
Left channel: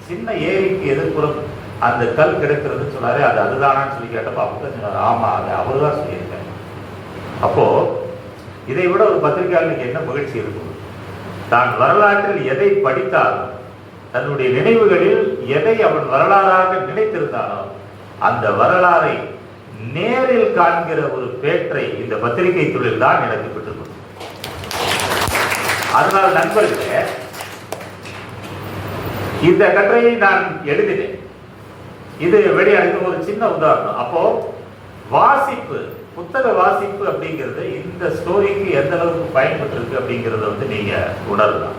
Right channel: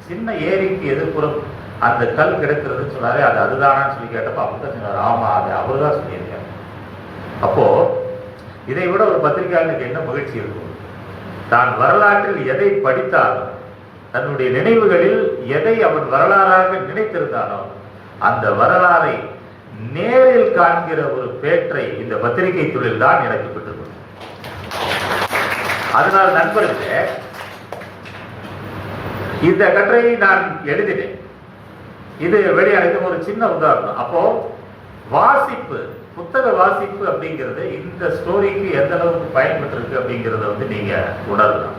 சின்ன ஏரிக்கு எதிர்ப்புறம் அந்த கல் கிடக்கிறதுன்னு சொன்னாரு. அதுதான் சொல்லி கேட்டப்ப அப்பதான் சொன்னார், ஆமா அது அவர்தான் சொல்லியிருக்கேன். அப்போ இதை விட ஒரு பத்திரிகையாளருக்கு என்ன மகிழ்ச்சி இருக்கும்? தான் வரலாற்றில் எதை படித்தாலும், தன்னுடைய நினைவுகளில் எதை அவன் வரலாறாக நினைத்திருந்தானோ அந்த வரலாறை நேரில் காண்கிற ஒரு பேற்றை இந்த பத்திரிகை துறையில் தான் எனக்கு பெற்றது. அதனால் நண்பர்களே, இந்த கட்டுரையை நான் எழுதினேன். இது வெளியானது ஒரு சின்ன உதாரணம். அப்போ வாசிப்பு, புத்தக வாசிப்பு அப்படிங்கிறது இந்த ஸ்டோரிக்கு எந்த அளவுக்கு பயன்பட்டு இருக்கு அப்படிங்கிறத நீங்க உணரலாம்.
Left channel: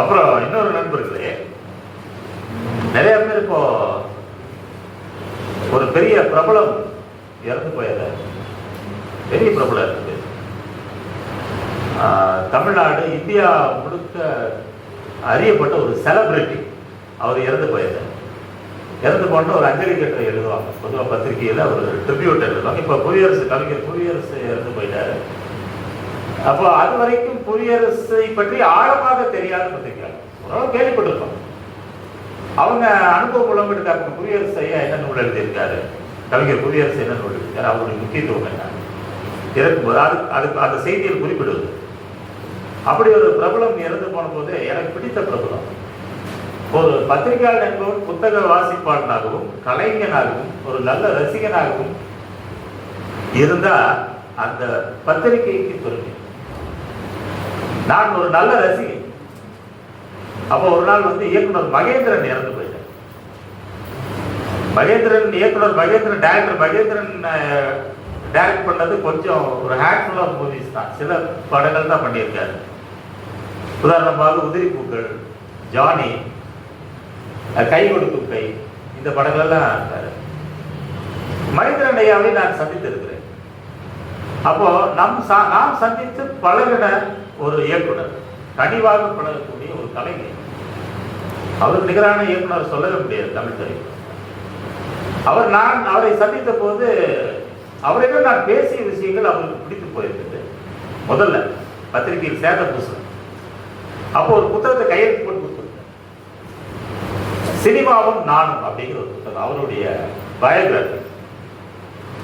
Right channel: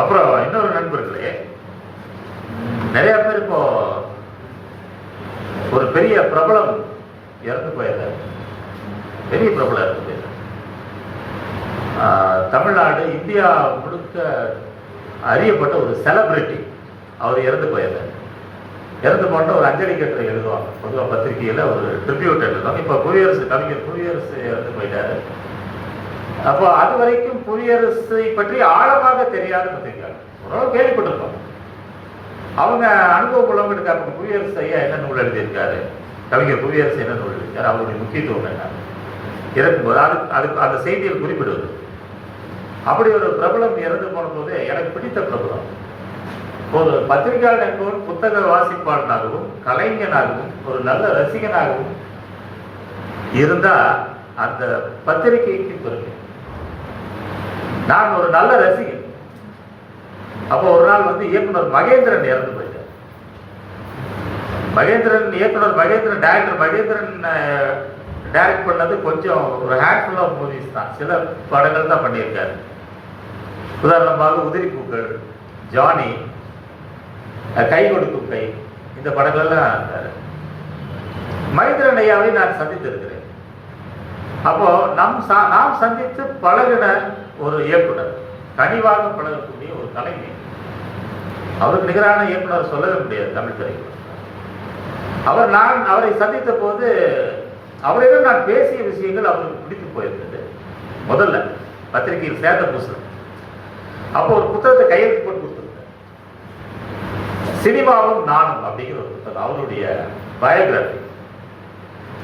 அப்புறம் இன்னொரு நண்பர்களே, நிறைய பேர் இப்போ ஒரு பெரிய பிரபலம் இறந்து போயத, பெரிய பிரபலம் இருக்குது. தமிழ்நாடு இந்தியா முழுக்க அறியப்பட்ட ஒரு செலிபிரிட்டி அவர் இறந்து போயிருந்தார். இறந்து போன ஒரு அஞ்சலி கட்டுரை எழுதுவாங்க பொதுவாக பத்திரிகையில், ஒரு ட்ரிபியூட் எழுதுவாங்க. இப்போ கவிஞர் புவியரசு இறந்து போயிட்டாரு. அப்போ அது வரைக்கும் புவியரசை பற்றி ஆழமாக தெரியாத பத்திரிகை கேள்விப்பட்டிருக்கோம். அவங்க அனுபவ மூலம் எடுத்தாங்க. புவியரசு ஐயா என்ன நூல் எழுதியிருக்காரு, கவிஞர் புவியரசு என்ன நூல் எழுதியிருக்காரு, அவருடைய முக்கியத்துவம் என்ன இறக்கும்போது அதுக்கு அந்த செய்தியில் குறிப்பிடுவது. அப்படி ஒரு பிரபலம் இறந்து போன போது எனக்கு பிடித்த பிரபலம் ஒரு பத்திரிகையாளர் என்பவரும் புத்தக வாசிப்பாளனாகவும் கலைஞனாகவும் ஒரு நல்ல ரசிகனாகவும் இருந்தா அந்த பத்திரிகைக்கு பெருமை. நான் ஒரு நல்ல ரசிகன். அப்போ ஒரு நாள் இயக்குனர் மகேந்திரன் இறந்து போயிட்டார். இயக்குனர் மகேந்திரன், டைரக்டர் மகேந்திரன் டைரக்ட் பண்ணது கொஞ்சம் ஒரு ஹேண்ட்ஃபுல் ஆஃப் மூவிஸ் தான், சில படங்கள் தான் பண்ணியிருக்காரு. உதாரணமாக உதிரி பூக்கள், ஜானி, கை கொடுக்கும் கை, இந்த படங்கள்லாம் இருக்காரு. மகேந்திரன் ஐயாவை நான் சந்தித்திருக்கிறேன். அப்போ நாம் சந்தித்து பழகின ஒரு இயக்குனர், கனிவாக பழகக்கூடிய ஒரு கலைஞர். அவர் நிகரான இயக்குனர் சொல்லவே முடியாது தமிழ் திரைப்படம். அவரை சந்தித்த போது அவரிடம் நான் பேசிய விஷயங்கள் அவருக்கு பிடித்து போயிருந்தது. முதல்ல பத்திரிகையில் சேத புஸ்தகம், அப்போ ஒரு புத்தகத்தை கையெழுத்து போட்டு கொடுத்துருக்கேன். சினிமாவும் நானும் அப்படிங்கிற ஒரு புத்தகம், அவருடைய பயோகிராபி.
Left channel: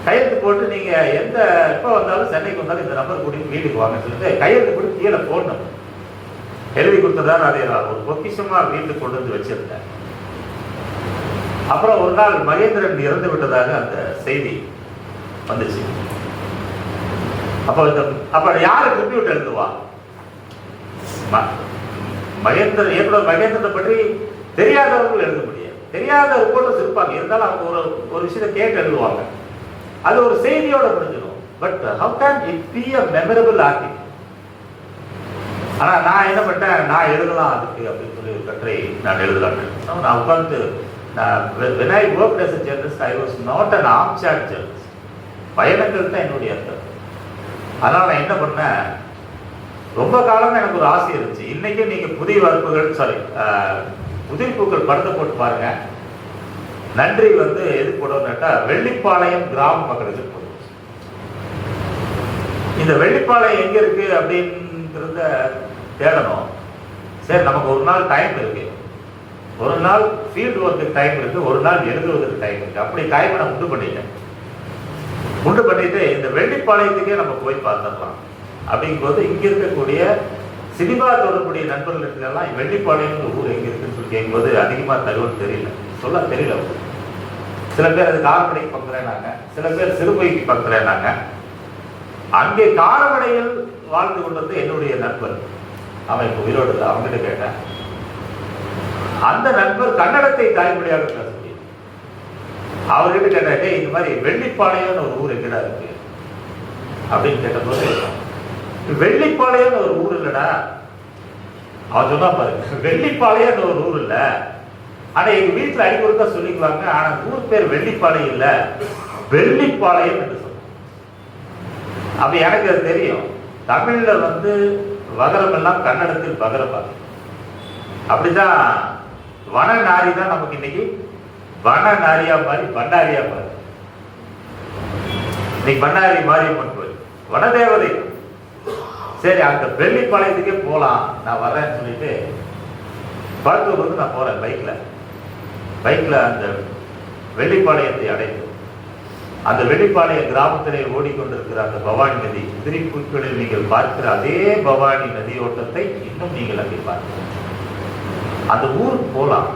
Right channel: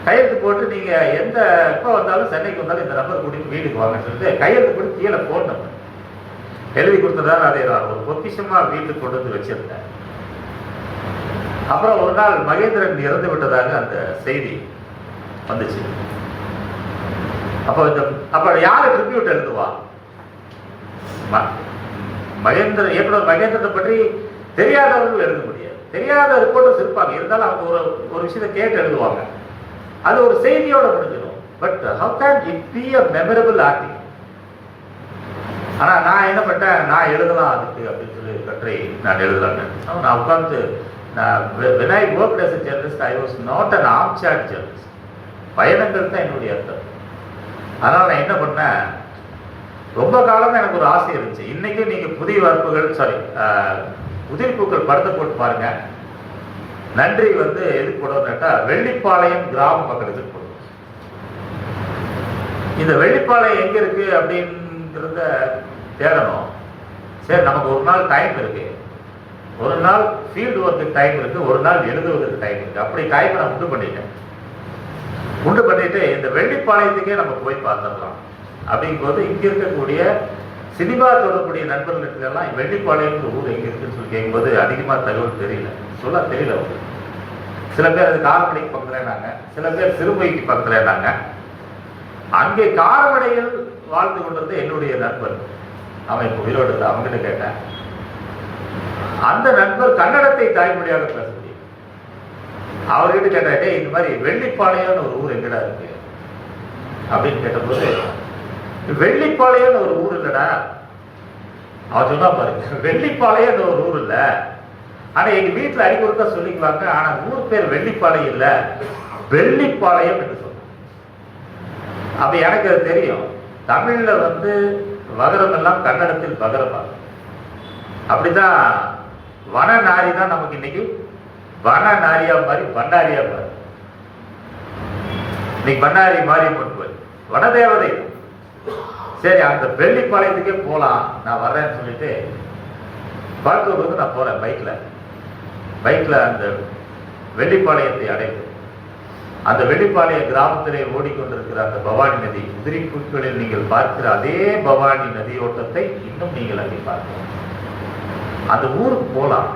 கையெழுத்து போட்டு நீங்க எப்போ வந்தாலும் சென்னைக்கு வந்தாலும் இந்த நம்பர் கூட்டிட்டு வீட்டுக்கு வாங்கன்னு சொல்லிட்டு கையெழுத்து போட்டு கீழே போன் நம்பர் எழுதி கொடுத்ததால் அதை ஒரு பொக்கிஷமா வீட்டுக்கு கொண்டு வந்து வச்சிருந்தேன். அப்புறம் ஒரு நாள் மகேந்திரன் இறந்து விட்டதாக அந்த செய்தி வந்துச்சு. அப்ப யாரு ட்ரிபியூட் எழுதுவா? இயக்குனர் மகேந்திரனை பற்றி தெரியாதவர்கள் எழுத முடியாது. தெரியாத ரிப்போர்ட்டர்ஸ் இருப்பாங்க, இருந்தாலும் அவங்க ஒரு விஷயத்தை கேட்டு எழுதுவாங்க. அது ஒரு செய்தியோட முடிஞ்சிடும். But how can it be a memorable article? ஆனா நான் என்ன பண்ணேன், நான் எழுதலாம் அதுக்கு அப்படின்னு சொல்லி ஒரு கட்டுரை நான் எழுதலாம். நான் உட்கார்ந்து when I worked as a journalist, I was not an armchair journalist. பயணங்கள் தான் என்னுடைய அர்த்தம். அதனால நான் என்ன பண்ணேன், ரொம்ப காலம் எனக்கு ஒரு ஆசை இருந்துச்சு. இன்னைக்கு நீங்க புதிய வார்ப்புகள் புதிய பூக்கள் படத்தை போட்டு பாருங்க. நன்றி எது போடுவோம் கேட்டா, வெள்ளிப்பாளையம் கிராம பக்கத்துக்கு போடுவோம். இந்த வெள்ளிப்பாளையம் எங்க இருக்கு அப்படிங்கிறத தேடணும். சரி, நமக்கு ஒரு நாள் டைம் இருக்கு, ஒரு நாள் ஃபீல்டு ஒர்க்கு டைம் இருக்கு, ஒரு நாள் எழுதுவதற்கு டைம் இருக்கு. அப்படி டைமை நான் உண்டு பண்ணிட்டு இந்த வெள்ளிப்பாளையத்துக்கே நம்ம போய் பார்த்துடலாம் அப்படிங்கும்போது இங்க இருக்கக்கூடிய சினிமா தொடர்புடைய நண்பர்களுக்கெல்லாம் வெள்ளிப்பாளையம் ஊர் எங்க இருக்குன்னு சொல்லி கேட்கும்போது அதிகமாக தகவல் தெரியல, சொல்ல தெரியல. சில பேர் அது காரமடைக்கு பக்கத்துலனாங்க, சில பேர் சிறுபைக்கு பக்கத்துலனாங்க. அங்கே காரமடையில் வாழ்ந்து கொண்டது என்னுடைய நண்பர். அவன் இப்போ உயிரோடு அவங்கிட்ட கேட்டேன். அந்த நண்பர் கன்னடத்தை தாய்மொழியாக பேச முடியும். அவர்கிட்ட கேட்டாட்டே இந்த மாதிரி வெள்ளிப்பாளையம்னு ஒரு ஊர் எங்கடா இருக்கு அப்படின்னு கேட்டபோது, வெள்ளிப்பாளையம்னு ஒரு ஊர் இல்லடா. அவர் சொன்னா பாருங்க, வெள்ளிப்பாளையம்னு ஒரு ஊர் இல்ல, ஆனா எங்க வீட்டுல அடிக்கொடுத்தா சொல்லிக்கலாங்க, ஆனா ஊர் பேர் வெள்ளிப்பாளையம் இல்ல, வெள்ளிப்பாளையம் என்று சொல்லுவோம். அப்ப எனக்கு அது தெரியும். தமிழ்ல வகரம் எல்லாம் கன்னடத்தில் பகரமா. அப்படிதான் வனநாரி தான் நமக்கு இன்னைக்கு வனநாரியா மாறி பண்டாரியா மாறி. இன்னைக்கு பண்ணாரி மாறி வனதேவதை. சரி, அந்த வெள்ளிப்பாளையத்துக்கே போலாம், நான் வரேன்னு சொல்லிட்டு பார்க்கறதுக்கு நான் போறேன் பைக்ல அந்த வெள்ளிப்பாளையத்தை அடைந்து, அந்த வெள்ளிப்பாளைய கிராமத்திலே ஓடிக்கொண்டிருக்கிற அந்த பவானி நதி, உதிரிப்புகளில் நீங்கள் பார்க்கிற அதே பவானி நதியோட்டத்தை இன்னும் நீங்கள் அங்கே பார்க்கலாம். அந்த ஊருக்கு போலாம்.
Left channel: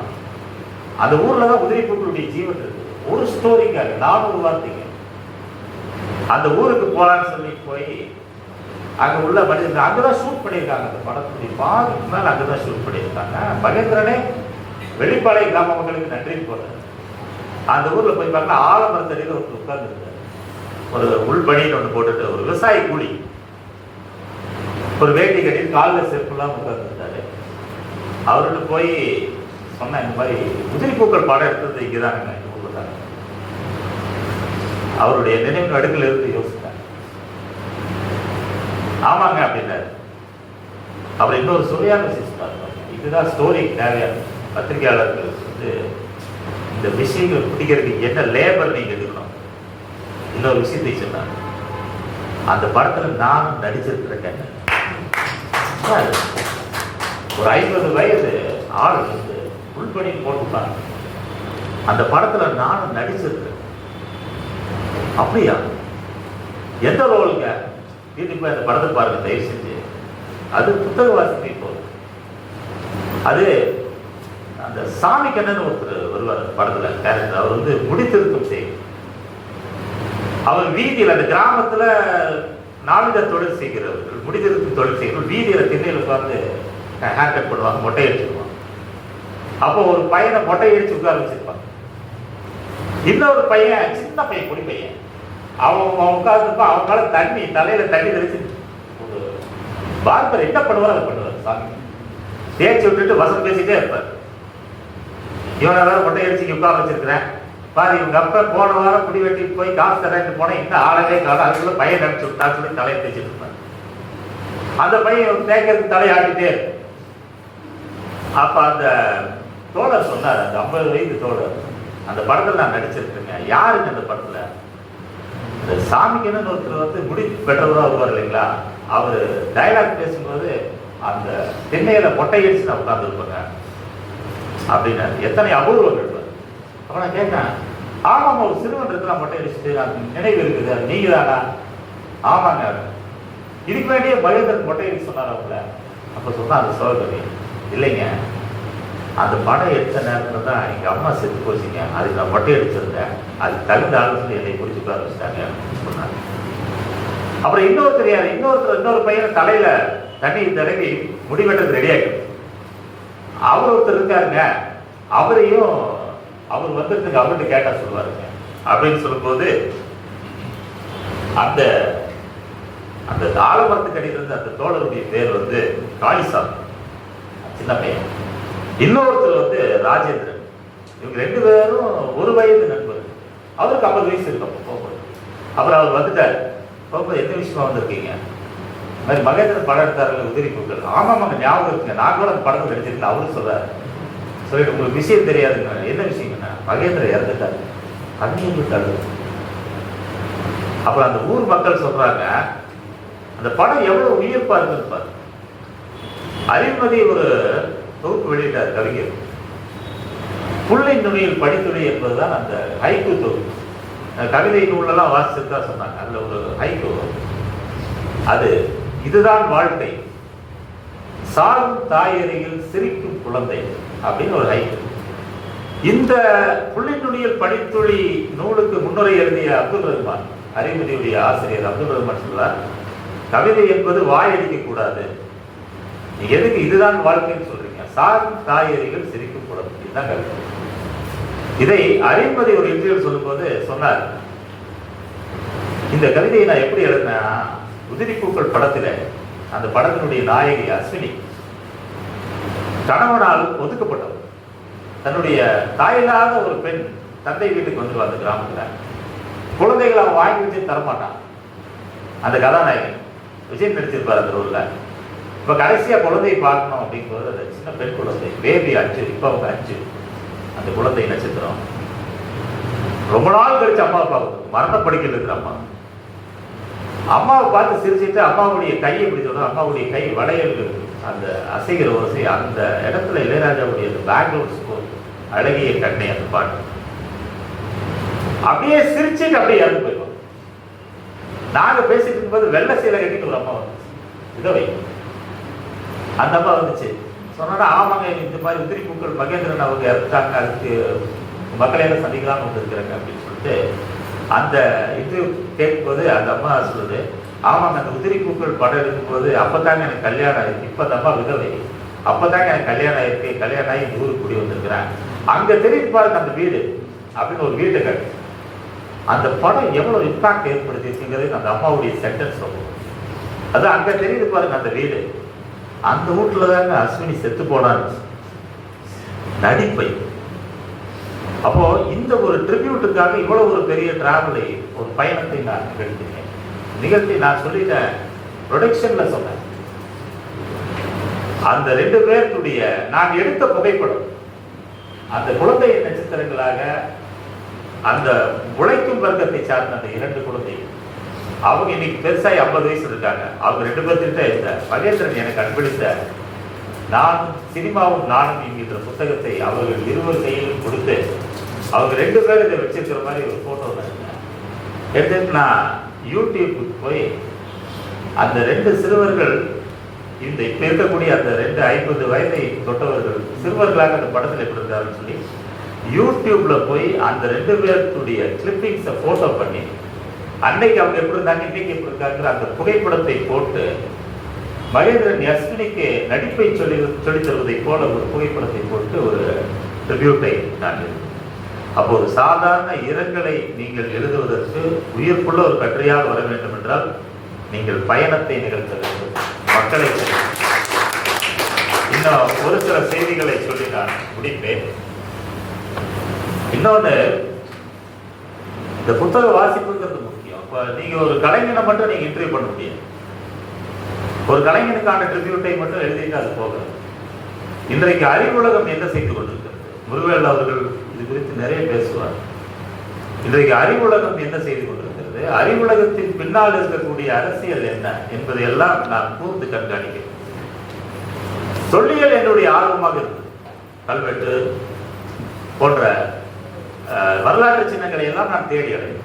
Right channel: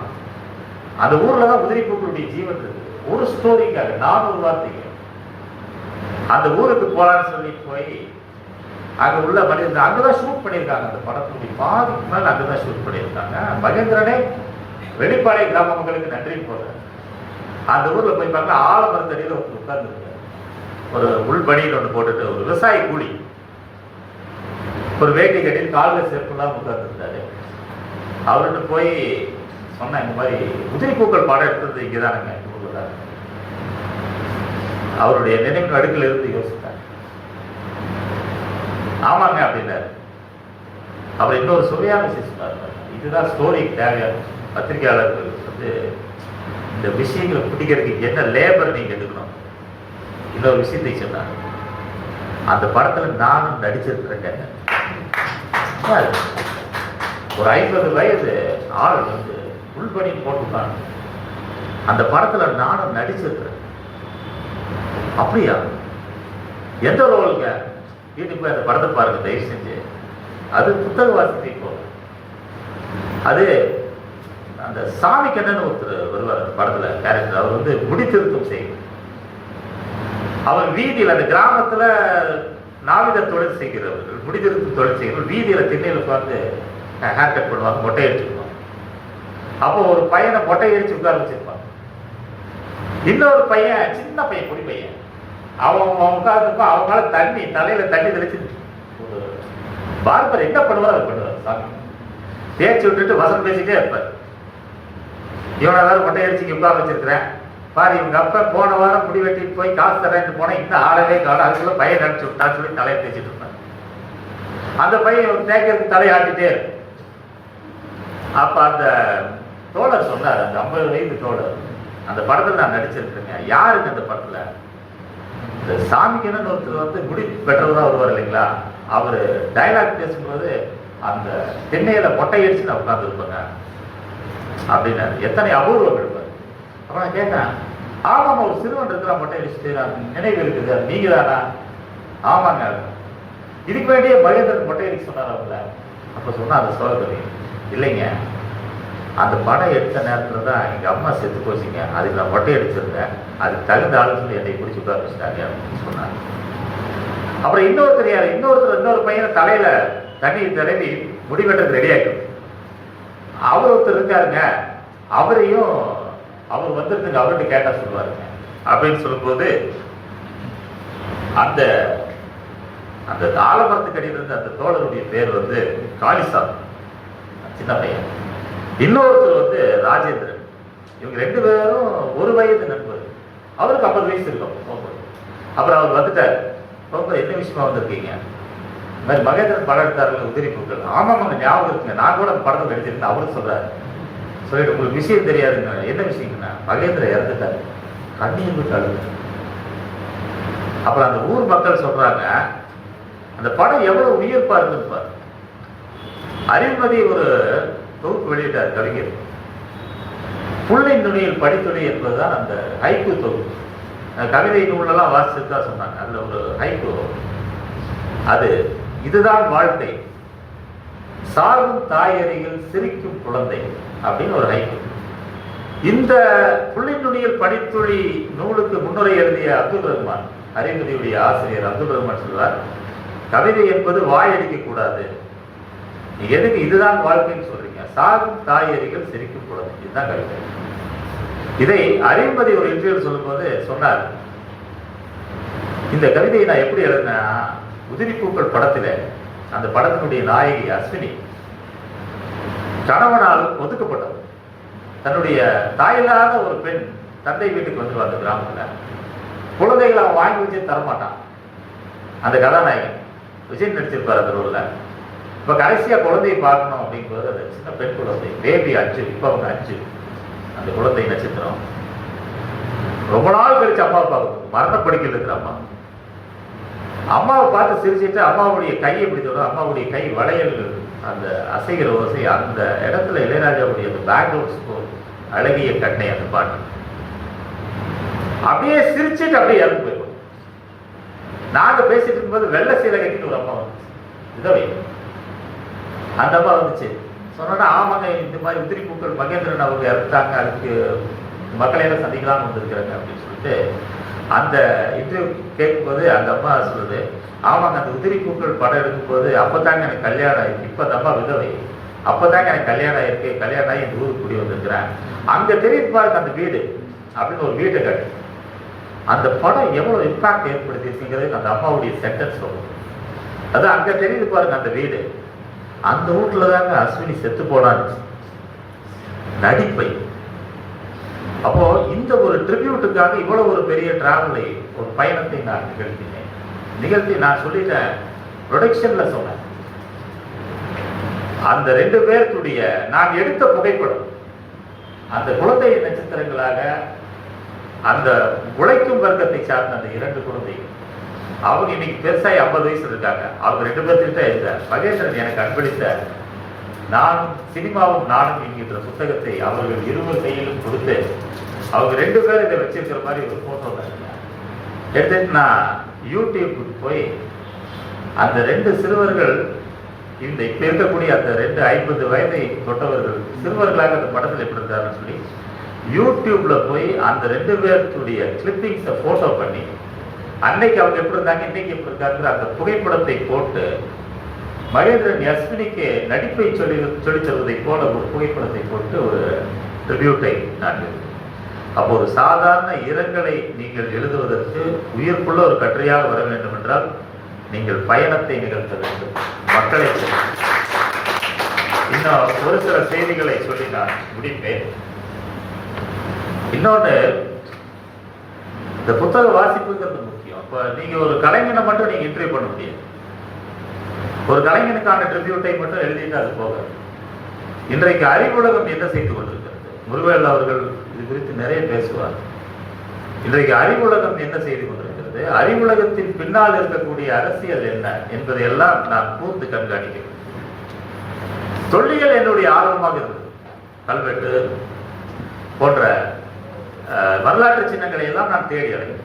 அந்த ஊர்ல தான் உதிரிப்புகளுடைய ஜீவன் இருக்கு. ஒரு ஸ்டோரிக்காக 400 வார்த்தைங்க. அந்த ஊருக்கு போலான்னு சொல்லி போய் அங்க உள்ள மனிதர்கள் அங்கதான் ஷூட் பண்ணியிருக்காங்க. அந்த படத்துடைய பாதிக்கு மேல அங்கதான் ஷூட் பண்ணியிருக்காங்க. மகேந்திரனே வெளிப்பாளைய கிராம மக்களுக்கு நன்றி போறேன். அந்த ஊர்ல போய் பார்த்தா ஆலமரத்தடியில் ஒருத்தர் உட்கார்ந்துருக்காரு. ஒரு உள்பணின்னு ஒன்று போட்டுட்டு ஒரு விவசாய கூலி, ஒரு வேட்டி கட்டி காலில் சேர்க்கலாம் உட்கார்ந்துருந்தாரு. அவர்கிட்ட போய் சொன்ன, இந்த மாதிரி உதிரி பூக்கள் படம் எடுத்தது இங்கதாங்க, இந்த ஊர்ல தான். அவருடைய நினைவு அடுக்கில் இருந்து யோசித்தார். ஆமாங்க அப்படின்னாரு. அவர் இன்னொரு சுவையான சொன்னார், இதுதான் ஸ்டோரிக்கு தேவையான பத்திரிகையாளர்களுக்கு இந்த விஷயங்களை பிடிக்கிறதுக்கு என்ன லேபர் நீங்க எடுக்கணும். இன்னொரு விஷயத்தை சொன்னாங்க, அந்த படத்துல நானும் நடிச்சிருக்கிறேன். ஒரு 50 வயது ஆள் உள்பணி போட்டுப்பாங்க. அந்த படத்துல நானும் நடிச்சிருக்கிறேன். அப்படியா? எந்த ரோலுங்க? இதுக்கு அந்த படத்தை பாருங்க தயவு செஞ்சு. அது புத்தக வாசிப்பை போல. அது அந்த சாமி கண்ணன் ஒருத்தர் வருவார் படத்துல கேரக்டர். அவர் முடி திருத்தம் செய்யும். அவர் வீதியில் அந்த கிராமத்துல நாவித தொழில் செய்கிறவர், முடி திருத்தம் தொழில் செய்கிறவர். வீதியில திண்ணையில உட்கார்ந்து ஹேர் கட் பண்ணுவாங்க, மொட்டை அடிச்சுக்குவாங்க. அப்போ ஒரு பையனை மொட்டை அடிச்சு உட்கார வச்சிருப்பாங்க. இன்னொரு பையன், சின்ன பையன், குடி பையன், அவங்க உட்கார்ந்துப்பா. அவங்களால தலையில தண்ணி தெளிச்சு ஒரு பார்க்கர் என்ன பண்ணுவார் அது பண்ணுவார். சாமி தேய்ச்சி விட்டுட்டு வசம் பேசிட்டே இருப்பார். இவனெல்லாம் மொட்டை அடிச்சு உட்கார வச்சிருக்கிறேன் பாரு, இவங்க அப்பா போன வாரம் குடி வெட்டிட்டு போய் காசு தரேன்னு போனேன், இன்னும் ஆளவே காலம். அதுக்குள்ள பையன் நினைச்சு விட்டான்னு சொல்லி தலையை தேய்ச்சிட்டு இருந்தான். அந்த பையன் தேய்க்கிறதுக்கு தலையாட்டிட்டே இருக்கும். அப்ப அந்த தோழர் சொன்னார், அந்த 50 வயது தோழர், அந்த படத்துல நான் நடிச்சிருக்கேங்க. யாருக்கு அந்த படத்துல? இந்த சாமிக்குன்னு ஒருத்தர் முடி பெற்றதா வருவார் இல்லைங்களா, அவரு டைலாக் பேசும்போது அந்த திண்ணையில மொட்டை அடிச்சு நான் உட்கார்ந்து இருப்பாங்க அப்படின்னு எத்தனை அபூர்வம் இருப்பார். அப்ப நான் கேட்டேன், ஆமாம் ஒரு சிறுவன் இருக்கிற மொட்டை அடிச்சு நினைவு இருக்குது, நீங்க தானா? ஆமாங்க. இதுக்கு வேண்டிய மகேந்திரன் மொட்டை அடிக்க சொன்னார் அவங்கள. அப்ப சொன்னா அந்த சோதரி, இல்லைங்க அந்த படம் எடுத்த நேரத்துல தான் எங்க அம்மா செத்து போச்சுங்க, அதுக்கு நான் மொட்டை அடிச்சிருந்தேன், அது தகுந்த ஆலோசனை என்னை பிடிச்சி உட்கார வச்சுட்டாங்க அப்படின்னு சொன்னாங்க. அப்புறம் இன்னொருத்தர் யார், இன்னொரு பையன் தலையில தண்ணீர் தடவி முடிவெட்டது ரெடி ஆகிடும். அவர் ஒருத்தர் இருக்காருங்க, அவரையும் அவர் வந்துருக்கு, அவர்கிட்ட கேட்டா சொல்லுவாருங்க அப்படின்னு சொல்லும்போது அந்த அந்த ஆலமரத்துக்கு அடியிலிருந்து அந்த தோழருடைய பேர் காளிசாமி, சின்ன பையன். இன்னொருத்தர் ராஜேந்திரன். இவங்க 2 பேரும் ஒரு வயது நண்பர். அவருக்கு 50 வயசு இருக்கும். அப்புறம் அவர் வந்துட்டார். என்ன விஷயமா வந்திருக்கீங்க? இந்த மாதிரி மகேந்திரன் படம் எடுத்தாருல உதிரி பூக்கள். ஆமாம் ஞாபகம் இருக்குங்க, நான் கூட அந்த படத்தில் எடுத்துருக்கேன். அவரும் சொல்றாரு. சொல்லிட்டு உங்களுக்கு விஷயம் தெரியாதுங்க. என்ன விஷயம்னா, மகேந்திரன் இறந்துட்டாரு, கண்ணீர் கழுது. அப்புறம் அந்த ஊர் மக்கள் சொல்றாங்க, அந்த படம் எவ்வளவு உயிர்ப்பா இருந்திருப்பார். அறிவுமதி ஒரு தொகுப்பு வெளியிட்டார் கவிஞர். புள்ளை நுனியில் படித்துறை என்பதுதான் அந்த ஹைக்கு தொகுப்பு. கவிதை நூலெல்லாம் வாசிச்சுட்டா சொன்னாங்க. அதுல ஒரு ஹைக்கு, அது இதுதான் வாழ்க்கை, சாகும் தாயறையில் சிரிக்கும் குழந்தை அப்படின்னு ஒரு ஹைக்கு. இந்த புள்ளிநுனியில் படித்துளி நூலுக்கு முன்னுரை எழுதிய அப்துல் ரஹ்மான், அறிவுரையுடைய ஆசிரியர் அப்துல் ரஹ்மான் சொல்வார், கவிதை என்பது வாயடிக்க கூடாது. நீங்க எதுக்கு இதுதான் வாழ்க்கைன்னு சொல்றீங்க? சாகும் தாயறையில் சிரிக்கும் குழந்தை, இதுதான் கவிதை. இதை அறிவுமதி ஒரு இன்டர்வியூ சொல்லும்போது சொன்னார், இந்த கவிதையை நான் எப்படி எழுதினா, உதிரி பூக்கள் படத்துல அந்த படத்தினுடைய நாயகி அஸ்வினி கணவனால் ஒதுக்கப்பட்டவர். தன்னுடைய தாயில்லாத ஒரு பெண் தந்தை வீட்டுக்கு வந்துருவாங்க கிராமத்துல. குழந்தைகளை அவன் வாங்கி வச்சு தரமாட்டான். அந்த கதாநாயகன் விஜய் நடிச்சிருப்பார் அந்த ரோல்ல. இப்ப கடைசியா குழந்தையை பார்க்கணும் அப்படிங்கிறது சின்ன பெண் குழந்தை, பேபி 5, இப்ப அவங்க 5. அந்த குழந்தை நட்சத்திரம் ரொம்ப நாள் கழிச்சு அம்மா பார்க்கணும், மரணப்படுக்கையில் இருக்கிற அம்மா. அம்மாவை பார்த்து சிரிச்சுட்டு அம்மாவுடைய கையை எப்படி சொல்லும், அம்மாவுடைய கை வளையல் அந்த அசைகிற ஓசை, அந்த இடத்துல இளையராஜாவுடைய பேக்ரவுண்ட் ஸ்கோர், அழகிய கண்ணை அந்த பாட்டு அப்படியே சிரிச்சுட்டு அப்படியே இறந்து போயிடும். நாங்க பேசிட்டு இருக்கும்போது வெள்ளை சீலை கட்டிட்டு ஒரு அம்மா வந்து விதவை, அந்த அம்மா வந்துச்சு. சொன்னா ஆமாங்க, இந்த மாதிரி உதிரி பூக்கள் மகேந்திரன் அவங்க இறந்துட்டாங்க, அதுக்கு மக்களையெல்லாம் சந்திக்கலாம்னு வந்திருக்கிறாங்க அப்படின்னு சொல்லிட்டு அந்த இன்டர்வியூ கேட்கும்போது அந்த அம்மா சொல்லுது, ஆமாங்க அந்த உதிரி பூக்கள் படம் எடுக்கும்போது அப்பதாங்க எனக்கு கல்யாணம் ஆயிருக்கு, இப்ப அந்த அம்மா விதவை, அப்பதாங்க எனக்கு கல்யாணம் ஆயிருக்கு, கல்யாணம் ஆகி இந்த ஊருக்கு குடி வந்திருக்கிறேன், அங்க தெரிவித்து பாருங்க அந்த வீடு அப்படின்னு ஒரு வீட்டை காட்டு. அந்த படம் எவ்வளவு இம்பாக்ட் ஏற்படுத்திங்கிறது அந்த அம்மாவுடைய சென்டென்ஸ் சொல்லும். அது அங்க தெரிவித்து பாருங்க அந்த வீடு, அந்த வீட்டுல தாங்க அஸ்வினி செத்து போனான்னு நடிப்பை. அப்போ இந்த ஒரு ட்ரிபியூட்டுக்காக இவ்வளவு ஒரு பெரிய டிராவலை, ஒரு பயணத்தை நான் நிகழ்த்தி நான் சொல்லிட்டேன், ப்ரொடக்ஷன்ல சொன்னேன். அந்த 2 பேருடைய நான் எடுத்த புகைப்படம், அந்த குழந்தை நட்சத்திரங்களாக அந்த உழைக்கும் வர்க்கத்தை சார்ந்த அந்த 2 குழந்தைகள், அவங்க இன்னைக்கு பெருசாக 50 வயசு இருக்காங்க. அவங்க 2 பேர்த்துக்கிட்ட இருந்த மகேந்திரன் எனக்கு அன்பளித்த நான் சினிமாவும் நானும் என்கின்ற புத்தகத்தை அவர்கள் 2 கையிலும் கொடுத்து, அவங்க 2 பேரும் இதை வச்சிருக்கிற மாதிரி ஒரு போட்டோ எடுத்து நான் யூடியூபுக்கு போய் அந்த 2 சிறுவர்கள், இந்த இப்ப இருக்கக்கூடிய அந்த 2 50 வயதை தொட்டவர்கள் சிறுவர்களாக அந்த படத்தில் எப்படி இருக்காருன்னு சொல்லி யூடியூப்ல போய் அந்த 2 பேருடைய கிளிப்பிங்ஸை போட்டோ பண்ணி, அன்னைக்கு அவங்க எப்படி இருந்தாங்க இன்னைக்கு எப்படி இருக்காங்க அந்த புகைப்படத்தை போட்டு, மகேந்திரன் அஸ்வினிக்கு நடிப்பை சொல்லித் தருவதை போல ஒரு புகைப்படத்தை போட்டு ஒரு ட்ரிபியூட்டை நான். அப்போ ஒரு சாதாரண இரங்கலை நீங்கள் எழுதுவதற்கு உயிர்ப்புள்ள ஒரு கட்டுரையாக வர வேண்டும் என்றால் நீங்கள் பயணத்தை நிகழ்த்த வேண்டும், மக்களை. இன்னும் ஒரு சில செய்திகளை சொல்லி நான் முடிப்பேன். இன்னொன்று, இந்த புத்தக வாசிப்புங்கிறது முக்கியம். இப்போ நீங்க ஒரு கலைஞனை மட்டும் நீங்க இன்டர்வியூ பண்ண முடியும், ஒரு கலைஞனுக்கான ட்ரிபியூட்டை மட்டும் எழுதிட்டு அது போக. இன்றைக்கு அறிவுலகம் என்ன செய்து கொண்டிருக்கிறது, முருகவேல் அவர்கள் இது குறித்து நிறைய பேசுவார். இன்றைக்கு அறிவுலகம் என்ன செய்து கொண்டிருக்கிறது, அறிவுலகத்தின் பின்னால் இருக்கக்கூடிய அரசியல் என்ன என்பதை எல்லாம் நான் கூர்ந்து கண்காணிக்கிறேன். தொல்லியல் என்னுடைய ஆர்வமாக இருக்குது. கல்வெட்டு போன்ற வரலாற்று சின்னங்களை எல்லாம் நான் தேடி அடைகிறேன்.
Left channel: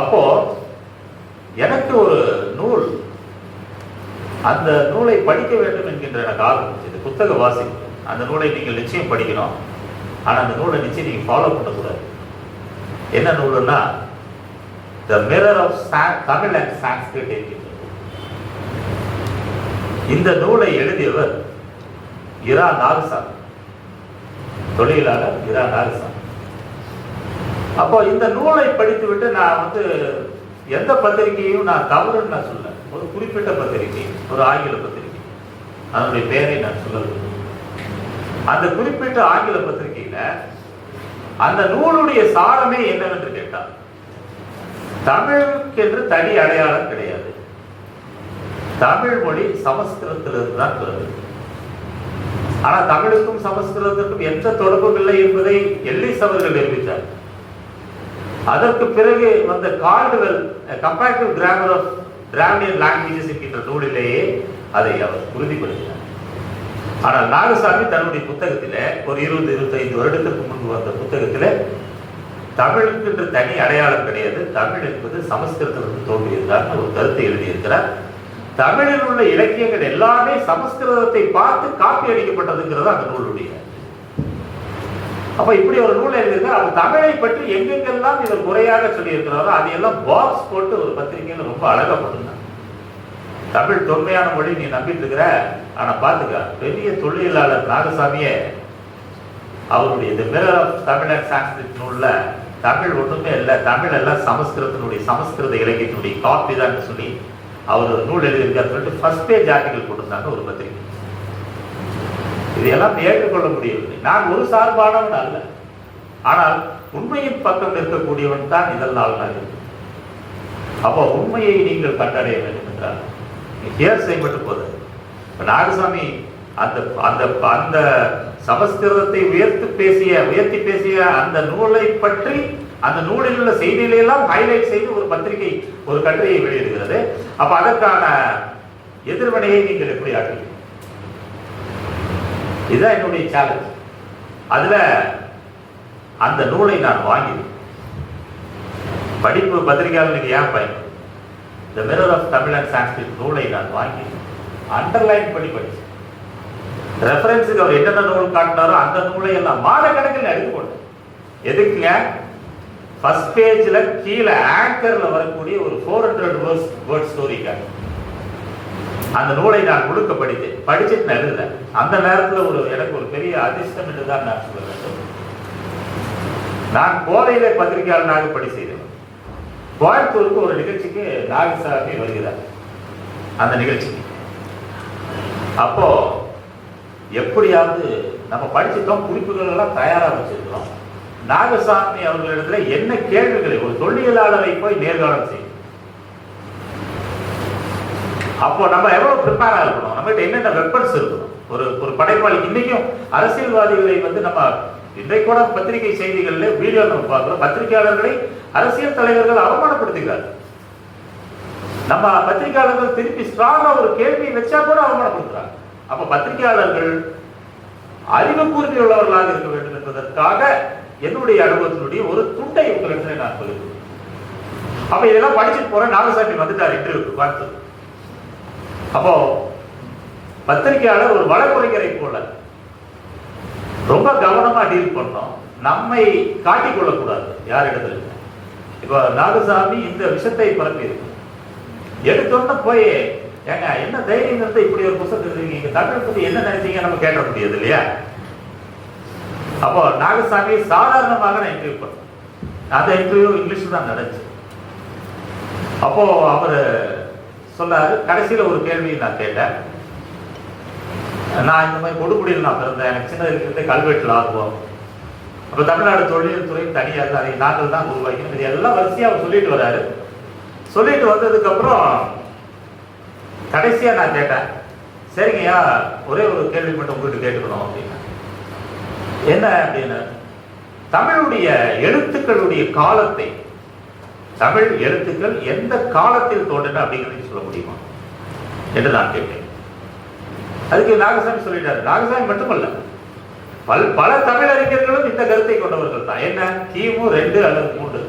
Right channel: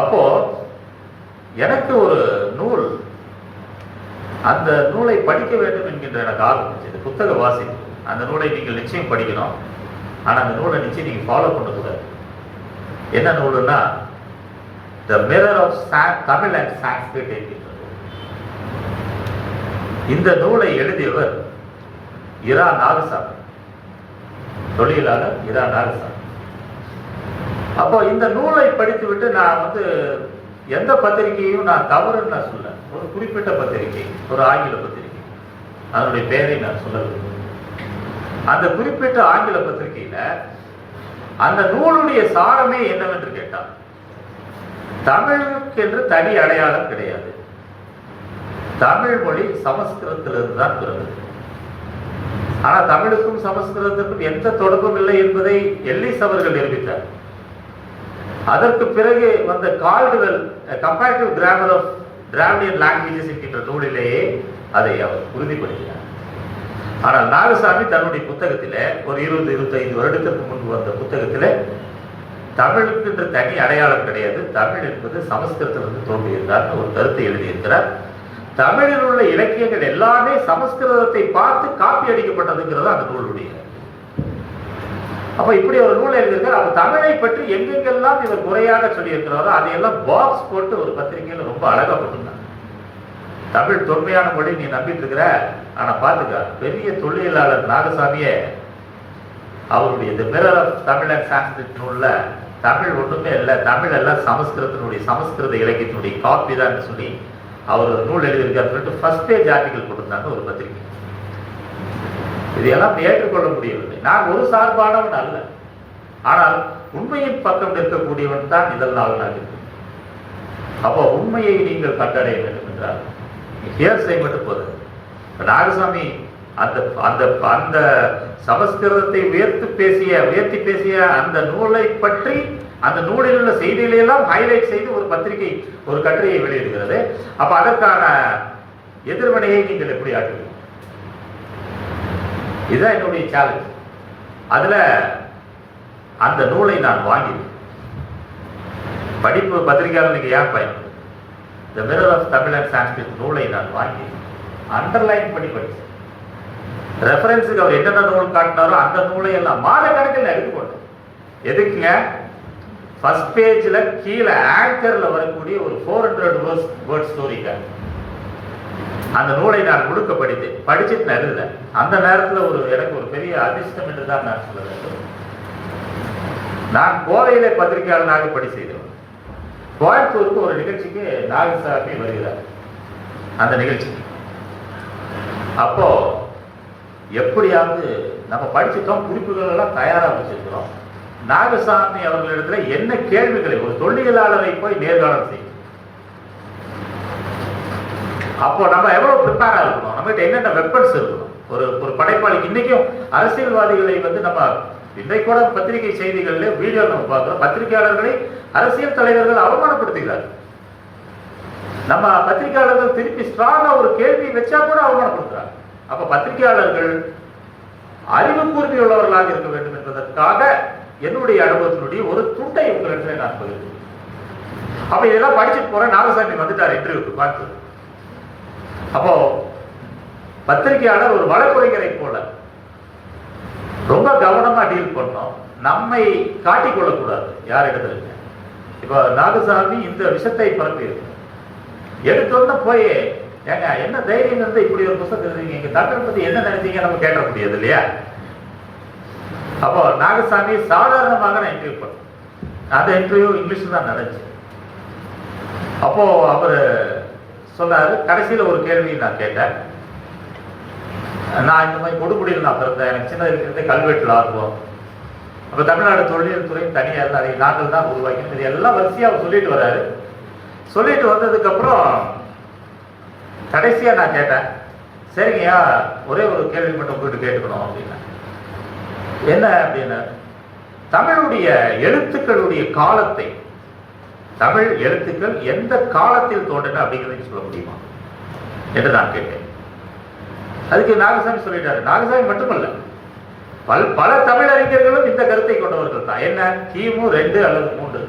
அப்போ எனக்கு ஒரு நூல், அந்த நூலை படிக்க வேண்டும் என்கின்ற எனக்கு ஆர்வம் இருந்துச்சு. புத்தக வாசிப்பு, அந்த நூலை நீங்கள் நிச்சயம் படிக்கணும், ஆனால் அந்த நூலை நிச்சயம் நீங்கள் ஃபாலோ பண்ணக்கூடாது. என்ன நூலுன்னா the mirror of Tamil and Sanskrit என்கின்ற நூல். இந்த நூலை எழுதியவர் இரா நாகசாமி, தொழிலாளர் இரா நாகசாமி. அப்போ இந்த நூலை படித்துவிட்டு நான் எந்த பத்திரிகையும் நான் தவறுன்னு நான் சொல்ல, ஒரு குறிப்பிட்ட பத்திரிகை, ஒரு ஆங்கில பத்திரிகை, அதனுடைய பெயரை நான் சொல்ல வேண்டும். அந்த குறிப்பிட்ட ஆங்கில பத்திரிகையில அந்த நூலுடைய சாரமே என்னவென்று கேட்டார், தமிழுக்கு என்று தனி அடையாளம் கிடையாது, தமிழ் மொழி சமஸ்கிருதத்திலிருந்து தான் பிறகு. ஆனா தமிழுக்கும் சமஸ்கிருதத்துக்கும் எந்த தொடர்பும் இல்லை என்பதை எல்லிஸ் அவர்கள் நிரூபித்தார். அதற்கு பிறகு வந்த Caldwell comparative grammar of Dravidian languages என்கின்ற நூலிலேயே அதை அவர் உறுதிப்படுத்தினார். ஆனால் நாகசாமி தன்னுடைய புத்தகத்தில் ஒரு 20-25 வருடத்திற்கு முன்பு வந்த புத்தகத்தில் தமிழுக்கு என்று தனி அடையாளம் கிடையாது, தமிழ் என்பது சமஸ்கிருதத்திலிருந்து தோன்றியிருந்தார் ஒரு கருத்தை எழுதியிருக்கிறார். தமிழில் உள்ள இலக்கியங்கள் எல்லாமே சமஸ்கிருதத்தை பார்த்து காப்பி அடிக்கப்பட்டதுங்கிறது அந்த நூலுடைய. அப்ப இப்படி ஒரு நூல் எழுதிருக்கு. அவர் தமிழை பற்றி எங்கெங்கெல்லாம் இவர் குறையாக சொல்லி இருக்கிறாரோ அதையெல்லாம் பாக்ஸ் போட்டு ஒரு பத்திரிகையில் ரொம்ப அழகா போட்டிருந்தாங்க. தமிழ் தொன்மையான மொழி நீ நம்பிட்டு இருக்கிற, ஆனா பாத்துக்க பெரிய தொழிலாளர் நாகசாமியே அவருடைய the mirror of Tamil and Sanskrit நூல்ல தமிழ் ஒன்றுமே இல்லை, தமிழ் எல்லாம் சமஸ்கிருத இலக்கியத்தினுடைய காப்பி தான் சொல்லி அவர் ஒரு நூல் எழுதியிருக்காரு. ஃபர்ஸ்ட் பேஜ் ஆர்டிகல் கொடுத்தாங்க ஒரு பத்திரிகை. இதையெல்லாம் ஏற்றுக்கொள்ள முடியவில்லை. நான் ஒரு சார்பானவன் அல்ல, ஆனால் உண்மையின் பக்கம் இருக்கக்கூடியவன் தான் இதெல்லாம் நான் இருக்கு. அப்போ உண்மையை நீங்கள் கண்டடைய வேண்டும் என்றால் ஹியர் செய்யப்பட்டு போகுது. நாகசாமி அந்த அந்த அந்த சமஸ்கிருதத்தை உயர்த்தி பேசிய அந்த நூலை பற்றி, அந்த நூலில் உள்ள செய்திகளை எல்லாம் ஹைலைட் செய்து ஒரு பத்திரிகை ஒரு கட்டுரையை வெளியிடுகிறது. அப்ப அதற்கான எதிர்வினையை நீங்கள் எப்படி ஆற்றுவீங்க? இதுதான் என்னுடைய சேலஞ்ச். அதுல அந்த நூலை நான் வாங்கி படிப்பு பத்திரிகையாளருக்கு ஏன் பயன்படுது? The mirror of Tamil and Sanskrit நூலை நான் வாங்கி அண்டர்லைன் பண்ணி படிச்சேன். ரெஃபரன்ஸுக்கு அவர் என்னென்ன நூல் காட்டினாரோ அந்த நூலை எல்லாம் மாத கணக்கில் எடுத்து போட்டோம். எதுக்குங்க? ஃபர்ஸ்ட் பேஜ்ல கீழே ஆங்கர்ல வரக்கூடிய ஒரு 400 வேர்ட் ஸ்டோரிக்காக அந்த நூலை நான் முழுக்க படிச்சுட்டு நடுல அந்த நேரத்தில் எனக்கு ஒரு பெரிய அதிர்ஷ்டம் என்று தான் நான் சொல்லுவேன். நான் கோவையிலே பத்திரிகையாளனாக பணி செய்தேன். கோயம்புத்தூருக்கு ஒரு நிகழ்ச்சிக்கு நாகசாமி வருகிறார். அந்த நிகழ்ச்சிக்கு அப்போ எப்படியாவது நம்ம படிச்சுட்டோம், குறிப்புகள் எல்லாம் தயாராக வச்சிருக்கிறோம். நாகசாமி அவர்களிடத்துல என்ன கேள்விகளை ஒரு தொழிலாளரை போய் நேர்காணல் செய்யும். அப்போ நம்ம எவ்வளவு ப்ரிப்பேரா இருக்கணும், நம்மகிட்ட என்னென்ன வெப்பன்ஸ் இருக்கணும். ஒரு படைப்பாளி இன்னைக்கும் அரசியல்வாதிகளை நம்ம இன்றைக்கு கூட பத்திரிகை செய்திகள்ல வீடியோ நம்ம பார்க்கிறோம். பத்திரிகையாளர்களை அரசியல் தலைவர்கள் அவமானப்படுத்துகிறார். நம்ம பத்திரிகையாளர்கள் திருப்பி ஸ்ட்ராங்கா ஒரு கேள்வி வச்சா கூட அவமானப்படுத்துறாங்க. அப்ப பத்திரிகையாளர்கள் அறிவு கூர்மை உள்ளவர்களாக இருக்க வேண்டும் என்பதற்காக என்னுடைய அனுபவத்தினுடைய ஒரு துண்டை உங்களிடத்துல நான் பகிர்ந்து. அப்ப இதெல்லாம் படிச்சுட்டு போறேன். நாகசாமி வந்துட்டார் இன்டர்வியூக்கு பார்த்து. அப்போ பத்திரிகையாளர் ஒரு வழக்கறிஞரை போல ரொம்ப கவனமா டீல் பண்ணோம். நம்மை காட்டிக்கொள்ளக்கூடாது யார் இடத்துல. இப்போ நாகசாமி இந்த விஷயத்தை பரப்பி இருக்கு. எடுத்தோன்னு போய் ஏங்க என்ன தைரியம் வந்து இப்படி ஒரு புத்தகம் எழுதுறீங்க, தமிழ் பத்தி என்ன நினைச்சீங்க நம்ம கேட்க முடியாது இல்லையா? அப்போ நாகசாமி சாதாரணமாக நான் இன்டர்வியூ பண்ணேன். அந்த இன்டர்வியூ இங்கிலீஷ் தான் நடந்துச்சு. அப்போ அவர் சொன்னாரு, கடைசியில் ஒரு கேள்வி நான் கேட்டேன். நான் இந்த மாதிரி கொடுக்குடியில் நான் பிறந்தேன், எனக்கு சின்ன இருக்கிறதே கல்வெட்டில் ஆர்வம். அப்போ தமிழ்நாடு தொழில் துறை தனியாக அதை நாங்கள் தான் உருவாக்கி இது எல்லாம் வரிசையாக அவர் சொல்லிட்டு வர்றாரு. சொல்லிட்டு வந்ததுக்கு அப்புறம் கடைசியா நான் கேட்டேன், சரிங்கய்யா ஒரே ஒரு கேள்வி மட்டும் உங்களுக்கு கேட்டுக்கணும் அப்படின்னா. என்ன அப்படின்னு, தமிழுடைய எழுத்துக்களுடைய காலத்தை, தமிழ் எழுத்துக்கள் எந்த காலத்தில் தோன்றின அப்படிங்கிறது சொல்ல முடியுமா என்று நான் கேட்டேன். அதுக்கு நாகசாமி சொல்லிட்டாரு. நாகசாமி மட்டுமல்ல, பல தமிழறிஞர்களும் இந்த கருத்தை கொண்டவர்கள் தான். என்ன, கிமு 2 அல்லது 3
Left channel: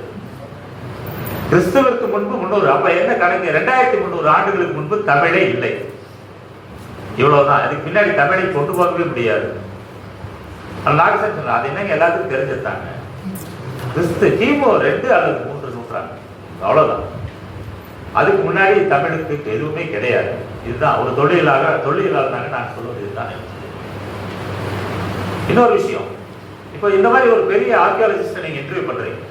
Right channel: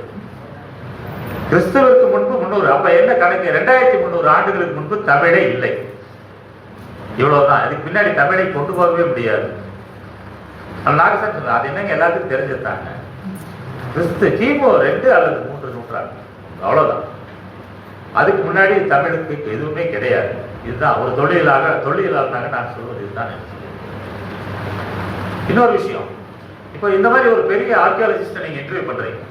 கிறிஸ்துவுக்கு முன்பு 300. அப்ப என்ன கணக்கு, 2300 ஆண்டுகளுக்கு முன்பு தமிழே இல்லை. இவ்வளவுதான். இதுக்கு பின்னாடி தமிழை கொண்டு போகவே முடியாது. நாகசாமி சொன்னார், அது என்னங்க எல்லாத்துக்கும் தெரிஞ்சிருந்தாங்க. கிறிஸ்து கிமு 2 அல்லது 3 நூற்றாண்டு, அவ்வளவுதான். அதுக்கு முன்னாடி தமிழுக்கு எதுவுமே கிடையாது. இதுதான் ஒரு தொழிலாளனாக நான் சொல்வது. இதுதான். இன்னொரு விஷயம், இப்போ இந்த மாதிரி ஒரு பெரிய ஆர்கியாலஜிஸ்ட் நீங்க இன்டர்வியூ பண்றீங்க.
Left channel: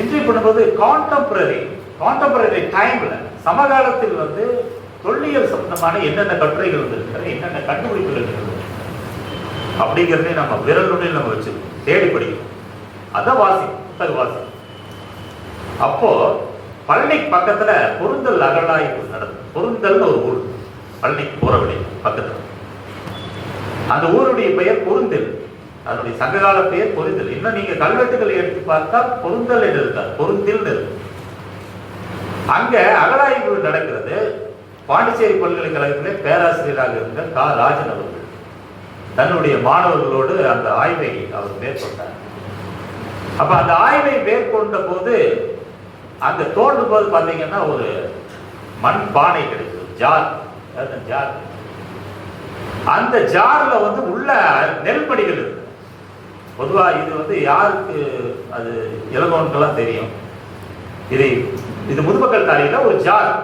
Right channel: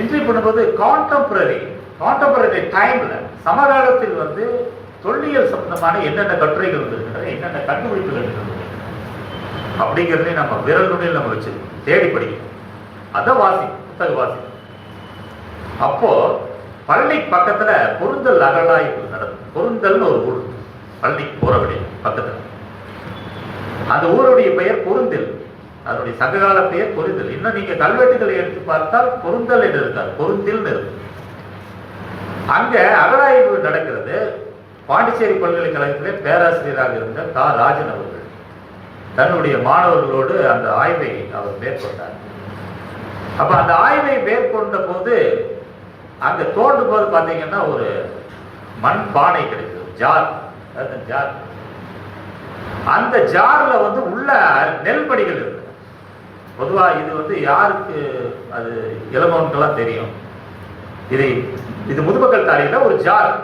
இன்டர்வியூ பண்ணும்போது கான்டெம்பரரி டைம்ல சமகாலத்தில் வந்து தொல்லியல் சம்பந்தமான என்னென்ன கட்டுரைகள் இருந்திருக்கிறது, என்னென்ன கண்டுபிடிப்புகள் இருந்தது அப்படிங்கிறதே நம்ம விரல் நுனியில் நம்ம வச்சு தேடி படிக்கணும். அதான் புத்தக வாசி. அப்போ பழனி பக்கத்துல பொருந்தல் அகழாய்வு நடந்தது. பொருந்தல்னு ஒரு ஊர், பழனிக்கு போற வழி பக்கத்துல. அந்த ஊருடைய பெயர் பொருந்தில், அதனுடைய சங்ககால பெயர் பொருந்தல். இன்னும் நீங்க கல்வெட்டுகளை எடுத்து பார்த்தால் பொருந்தல் என்று இருக்கார், பொருந்தில் இருக்கு. அங்க அகழாய்வு நடக்கிறது. பாண்டிச்சேரி பல்கலைக்கழகத்திலே பேராசிரியராக இருந்த கா ராஜன் அவர்கள் தன்னுடைய மாணவர்களோடு அந்த ஆய்வை அவர் மேற்கொண்டார். அப்ப அந்த ஆய்வை மேற்கொண்ட போது அங்க தோன்றும் போது பாத்தீங்கன்னா ஒரு மண் பானை கிடைத்தது. Jar, jar. அந்த ஜார்ல வந்து உள்ள நெல் மணிகள் இருக்கு. பொதுவா இது வந்து யாருக்கு அது இளங்கோனுக்கெல்லாம் தெரியும். இது முதுமக்கள் தாலியில ஒரு ஜார்.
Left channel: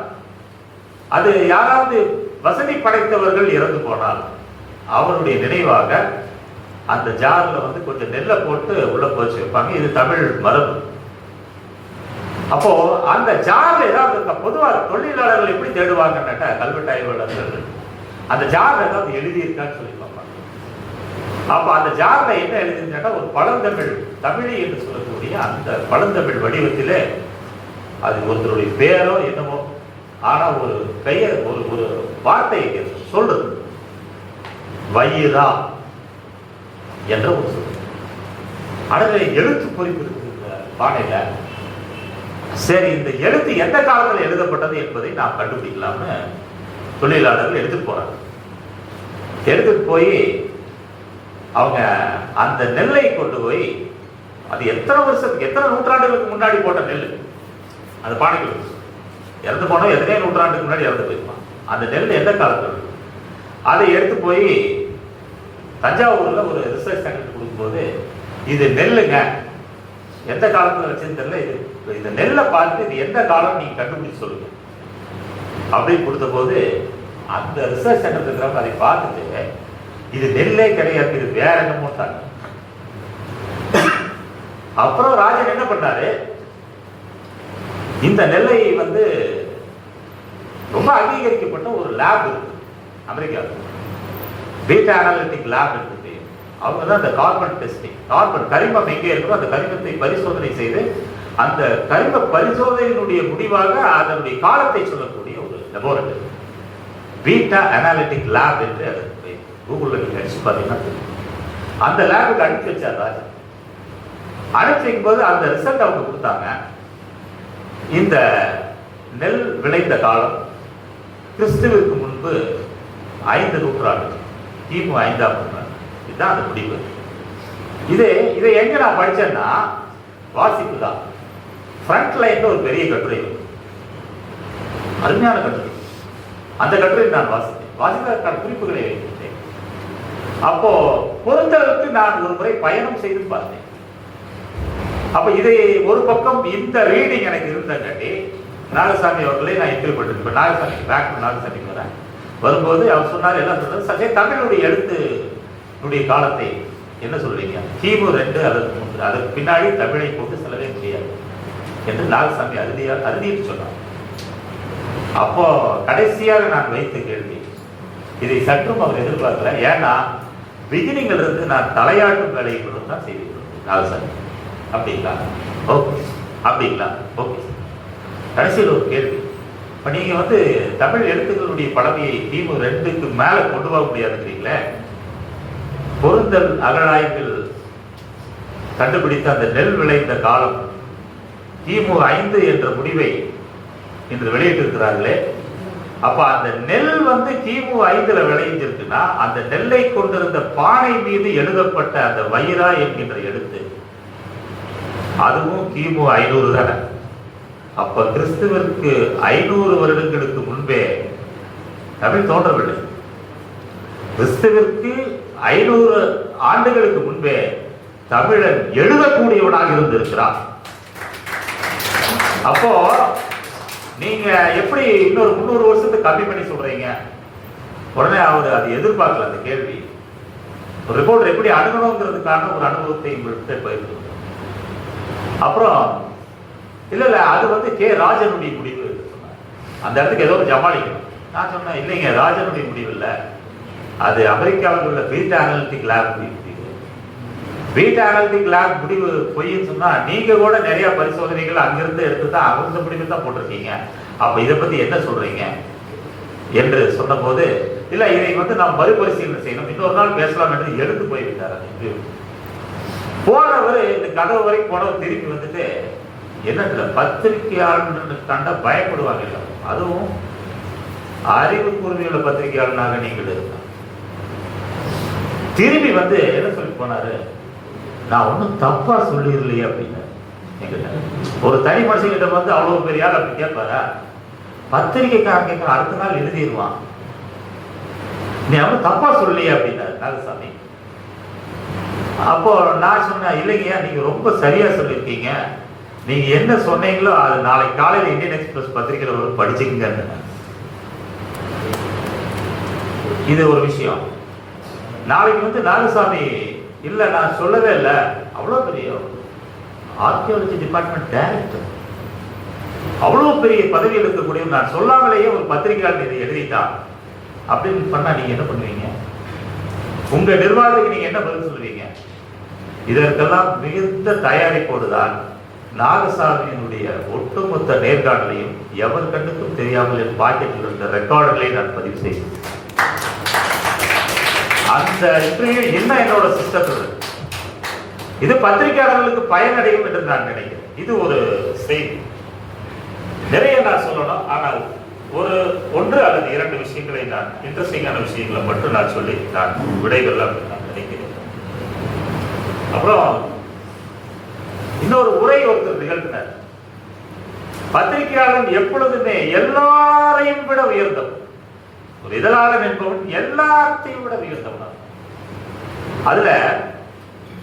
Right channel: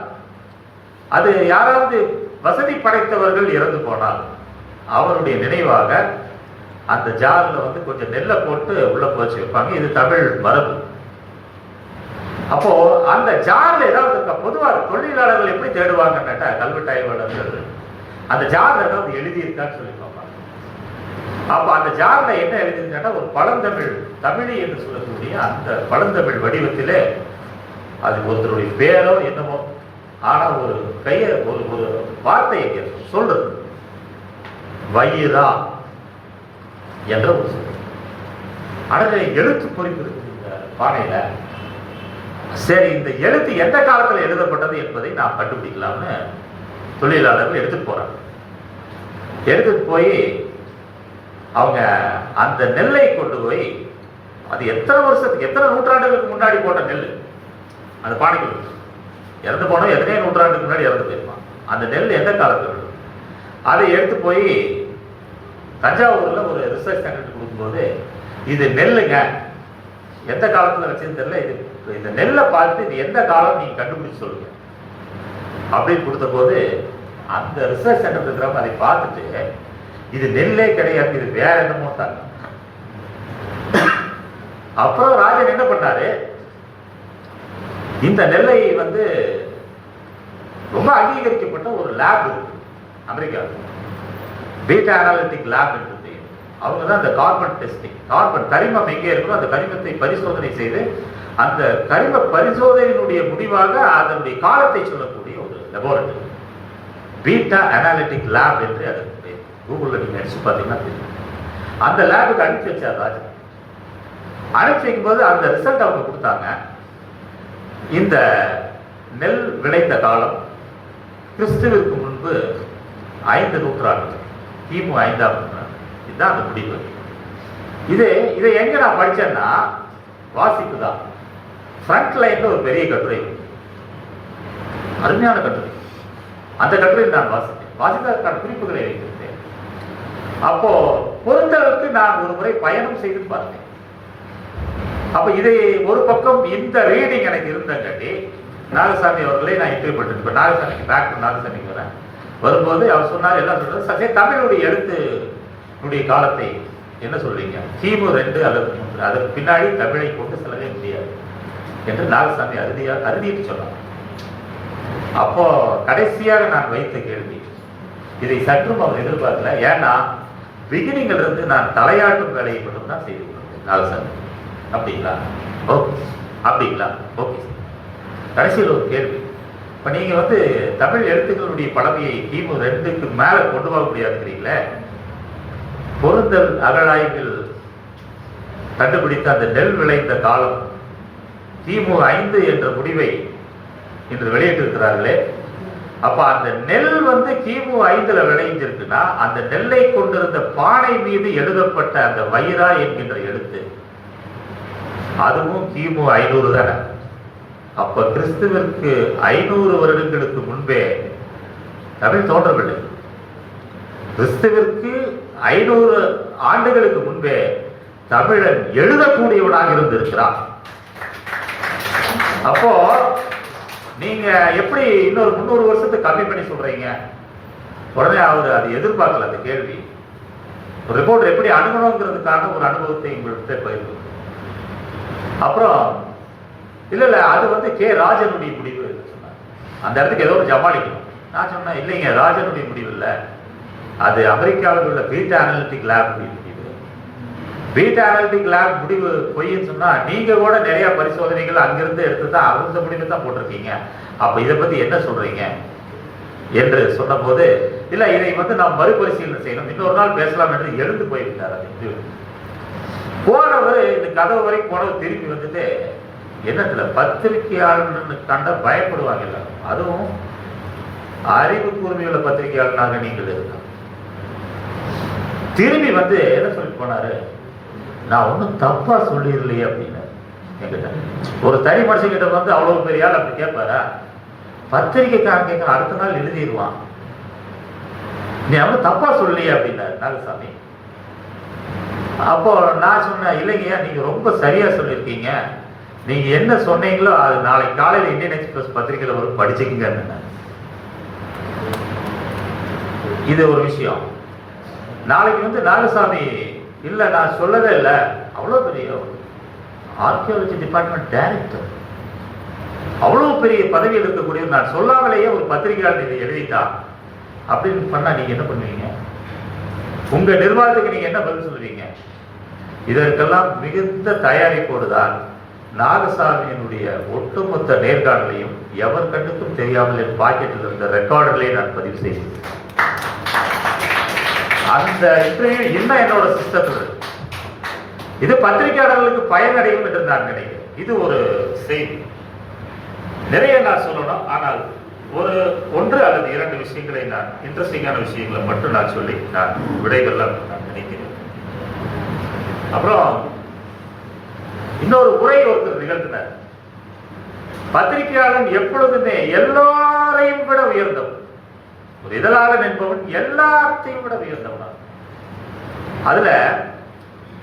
அது யாராவது வசதி படைத்தவர்கள் இறந்து போனால் அவருடைய நினைவாக அந்த ஜார்ல வந்து கொஞ்சம் நெல்லை போட்டு உள்ள போச்சு வைப்பாங்க. இது தமிழ் மரபு. அப்போ அந்த ஜார்ல ஏதாவது பொதுவாக தொழிலாளர்கள் எப்படி தேடுவாங்கன்னு கேட்டா கல்வெட்டு ஆய்வாளர்கள் அந்த ஜார்ல ஏதாவது எழுதியிருக்கான்னு சொல்லி பார்ப்பாங்க. அப்ப அந்த ஜார்ல என்ன எழுதியிருந்தா ஒரு பழந்தமிழ் தமிழி என்று சொல்லக்கூடிய அந்த பழந்தமிழ் வடிவத்திலே அது ஒருத்தருடைய பேரோ என்னமோ, ஆனா ஒரு பெயர் ஒரு வார்த்தையை சொல்றது வயிறா என்ற ஒரு சொல். அடுத்த எழுத்து குறிப்பு பானையில. சரி, இந்த எழுத்து எந்த காலத்தில் எழுதப்பட்டது என்பதை நாம் கண்டுபிடிக்கலாம்னு தொழிலாளர்கள் எடுத்துட்டு போறாங்க. எடுத்துட்டு போய் அவங்க அந்த நெல்லை கொண்டு போய், அது எத்தனை வருஷத்துக்கு எத்தனை நூற்றாண்டுகளுக்கு முன்னாடி போட்ட நெல் அந்த பானைகள் இறந்து போனோம், எத்தனை நூற்றாண்டுக்கு முன்னாடி இறந்து போயிருப்பான். அந்த நெல் எந்த காலத்தில் அதை எடுத்து போய் தஞ்சாவூர்ல ஒரு ரிசர்ச் சென்டர் கொடுக்கும்போது, இது நெல்லுங்க, எந்த காலத்துல வச்சுன்னு தெரியல, இந்த நெல்லை பார்த்து இது எந்த காலம் நீங்க கண்டுபிடிச்சு சொல்லுங்க அப்படின்னு கொடுத்த போது அந்த ரிசர்ச் சென்டர் இருக்கிறவங்க அதை பார்த்துட்டு இது நெல்லே கிடையாது, இது வேற என்னமோ தான். அப்புறம் ராஜன் என்ன பண்ணாரு, இந்த நெல்லை வந்து ரொம்ப அங்கீகரிக்கப்பட்ட ஒரு லேப் இருக்கு அமெரிக்காவில், பீட்டா அனாலிட்டிக் லேப் இருக்கு. அவங்க தான் அந்த கார்பன் டெஸ்டிங், கார்பன் கரிமம் எங்கே இருக்கோ அந்த கரிமத்தை பரிசோதனை செய்து அந்த கரிம பரிசோதனையினுடைய முடிவாக அதனுடைய காலத்தை சொல்லக்கூடிய ஒரு லெபார்டரி, பீட்டா அனாலிட்டிக் லேப் என்று கூகுள்ல நீங்க அடிச்சு பார்த்தீங்கன்னா தெரியும். அந்த லேபுக்கு அனுப்பி வச்சார் ராஜா. அனுப்பி வைக்கும் போது அந்த ரிசல்ட் அவங்க கொடுத்தாங்க. இந்த நெல் விளைந்த காலம் கிறிஸ்துவுக்கு முன்பு 5 நூற்றாண்டு, கிமு 5ஆம் நூற்றாண்டு. இதுதான் அந்த முடிவு. இதை எங்க நான் படிச்சேன்னா வாசிப்பு தான். ஃப்ரண்ட் லைன்ல ஒரு பெரிய கட்டுரை, அருமையான கட்டுரை. அந்த கட்டுரை நான் வாசிப்பதற்கான குறிப்புகளை வைத்திருந்தேன். அப்போ பொருந்தளவுக்கு நான் ஒரு முறை பயணம் செய்து பார்த்தேன். அப்ப இதை ஒரு பக்கம் இந்த ரீடிங் எனக்கு இருந்தங்காட்டி நாகசாமி அவர்களை நான் இன்டர்வியூ பண்ணிருப்பேன். நாகசாமி டாக்டர் நாகசாமி வரும்போது அவர் சொன்னார், எல்லாம் சொல்றாரு, சற்றே தமிழுடைய எழுத்துடைய காலத்தை என்ன சொல்றீங்க, கிமு 2 அதற்கு பின்னாடி தமிழை கொண்டு செல்லவே முடியாது என்று நாகசாமி அறுதிட்டு சொன்னார். அப்போ கடைசியாக நான் வைத்த கேள்வி, இதை சற்றும் அவர் எதிர்பார்க்கல. ஏன்னா பிகினிங்ல இருந்து நான் தலையாட்டும் வேலையை கொண்டு தான் செய்வேன். நாகசாமி அப்படிங்களா, ஓகே அப்படிங்களா, ஓகே. கடைசியில் ஒரு கேள்வி, இப்போ நீங்க வந்து தமிழ் எழுத்துக்களுடைய படமையை கிமு 2க்கு மேல கொண்டு வர முடியாதுங்கிறீங்களே, பொருந்தல் அகழாய்வில் கண்டுபிடித்த அந்த நெல் விளைந்த காலம் கிமு 5 என்ற முடிவை இன்று வெளியிட்டிருக்கிறார்களே, அப்ப அந்த நெல் வந்து கிமு 5ல விளைஞ்சிருக்குன்னா அந்த நெல்லை கொண்டிருந்த பானை மீது எழுதப்பட்ட அந்த வயிறா என்கின்ற எழுத்து அதுவும் கிமு 500 தானே. அப்ப கிறிஸ்துவிற்கு 500 வருடங்களுக்கு முன்பே தமிழ் தோன்றவில்லை. கிறிஸ்துவிற்கு 500 ஆண்டுகளுக்கு முன்பே தமிழன் எழுதக்கூடியவனாக இருந்திருக்கிறார். அப்போ நீங்க எப்படி இன்னொரு 300 வருஷத்துக்கு கம்மி பண்ணி சொல்றீங்க? உடனே அவர் அதை எதிர்பார்க்கல. அந்த கேள்வி ஒரு ரிப்போர்ட் எப்படி அணுகணுங்கிறதுக்கான ஒரு அனுபவத்தை உங்கள்கிட்ட பயிர்ந்து. அப்புறம் இல்ல அது வந்து கே ராஜனுடைய முடிவு சொன்னார். அந்த இடத்துக்கு ஏதோ ஜமாளிக்கணும். நான் சொன்னேன், இல்லைங்க, ராஜனுடைய முடிவு இல்லை, அது அமெரிக்காவில் உள்ள பீட்டா அனாலிட்டிக் லேப் முடிவு. பீட்டா அனாலிட்டிக் லேப் முடிவு பொய்ன்னு சொன்னா நீங்க கூட நிறைய பரிசோதனைகள் அங்கிருந்து எடுத்து தான் அந்த முடிவு தான் போட்டிருக்கீங்க. அப்ப இதை பத்தி என்ன சொல்றீங்க என்று சொன்ன போது, இல்ல இதை வந்து நாம் மறுபரிசீலனை செய்யணும், இன்னொரு நாள் பேசலாம் என்று எடுத்து போயிருந்தார். போனவர் இந்த கதவு வரைக்கும் போனவர் திரும்பி வந்துட்டு, என்ன பத்திரிகையாளர் கண்ட பயப்படுவாங்க, அதுவும் அறிவு கூர்மையுள்ள பத்திரிகையாளனாக நீங்கள் திரும்பி வந்து என்ன சொல்லி போனாரு, நான் ஒன்றும் தப்பா சொல்லிடலையே அப்படின்னு. ஒரு தனி மனுஷங்கிட்ட வந்து அவ்வளவு பெரிய ஆள் அப்படி கேட்பாரா? பத்திரிகைக்காரன் கேட்கற அடுத்த நாள் எழுதிடுவான். நீ அவன் தப்பா சொல்லலையே அப்படின்னாரு நாகசாமி. அப்போ நான் சொன்னேன், இல்லைங்க நீங்க ரொம்ப சரியா சொல்லியிருக்கீங்க, நீங்க என்ன சொன்னீங்களோ அது நாளைக்கு காலையில் இந்தியன் எக்ஸ்பிரஸ் பத்திரிகையில வரும், படிச்சுக்கங்க. இது ஒரு விஷயம். நாளைக்கு நாகசாமி இல்ல நான் சொல்லவே இல்லை, அவ்வளவு பெரிய ஆர்கியாலஜி டிபார்ட்மெண்ட் டைரக்டர், அவ்வளவு பெரிய பதவியில் இருக்கக்கூடிய நான் சொல்லாமலேயே ஒரு பத்திரிகையாளர் இதை எழுதிட்டான் அப்படின்னு பண்ணா நீங்க என்ன பண்ணுவீங்க? உங்க நிர்வாகத்துக்கு நீங்க என்ன பதில் சொல்லுவீங்க? இதற்கெல்லாம் மிகுந்த தயாரிப்போடுதான் நாகசாமியினுடைய ஒட்டுமொத்த நேர்காணலையும் எவர் கண்டுக்கும் தெரியாமல் என் பாக்கெட்டில் இருந்த ரெக்கார்டுகளையும் நான் பதிவு செய்தேன். அந்த இன்னும் என்னோட சிஸ்டத்தில் இது பத்திரிகையாளர்களுக்கு பயனடையும் என்று நான் நினைக்கிறேன். இது ஒரு செய்தி. நிறைய நான் சொல்லணும், ஆனால் ஒன்று அல்லது 2 விஷயங்களை நான் இன்ட்ரெஸ்டிங்கான விஷயங்களை மட்டும் நான் சொல்லி நான் விடைகள்லாம் நான் நினைக்கிறேன். அப்புறம் இன்னொரு உரை ஒருத்தர் நிகழ்த்தினார். பத்திரிகையாளன் எப்பொழுதுமே எல்லாரையும் விட உயர்ந்தவன், ஒரு இதழாளன் என்பவன் எல்லாத்தையும் விட உயர்ந்தவன். அதுல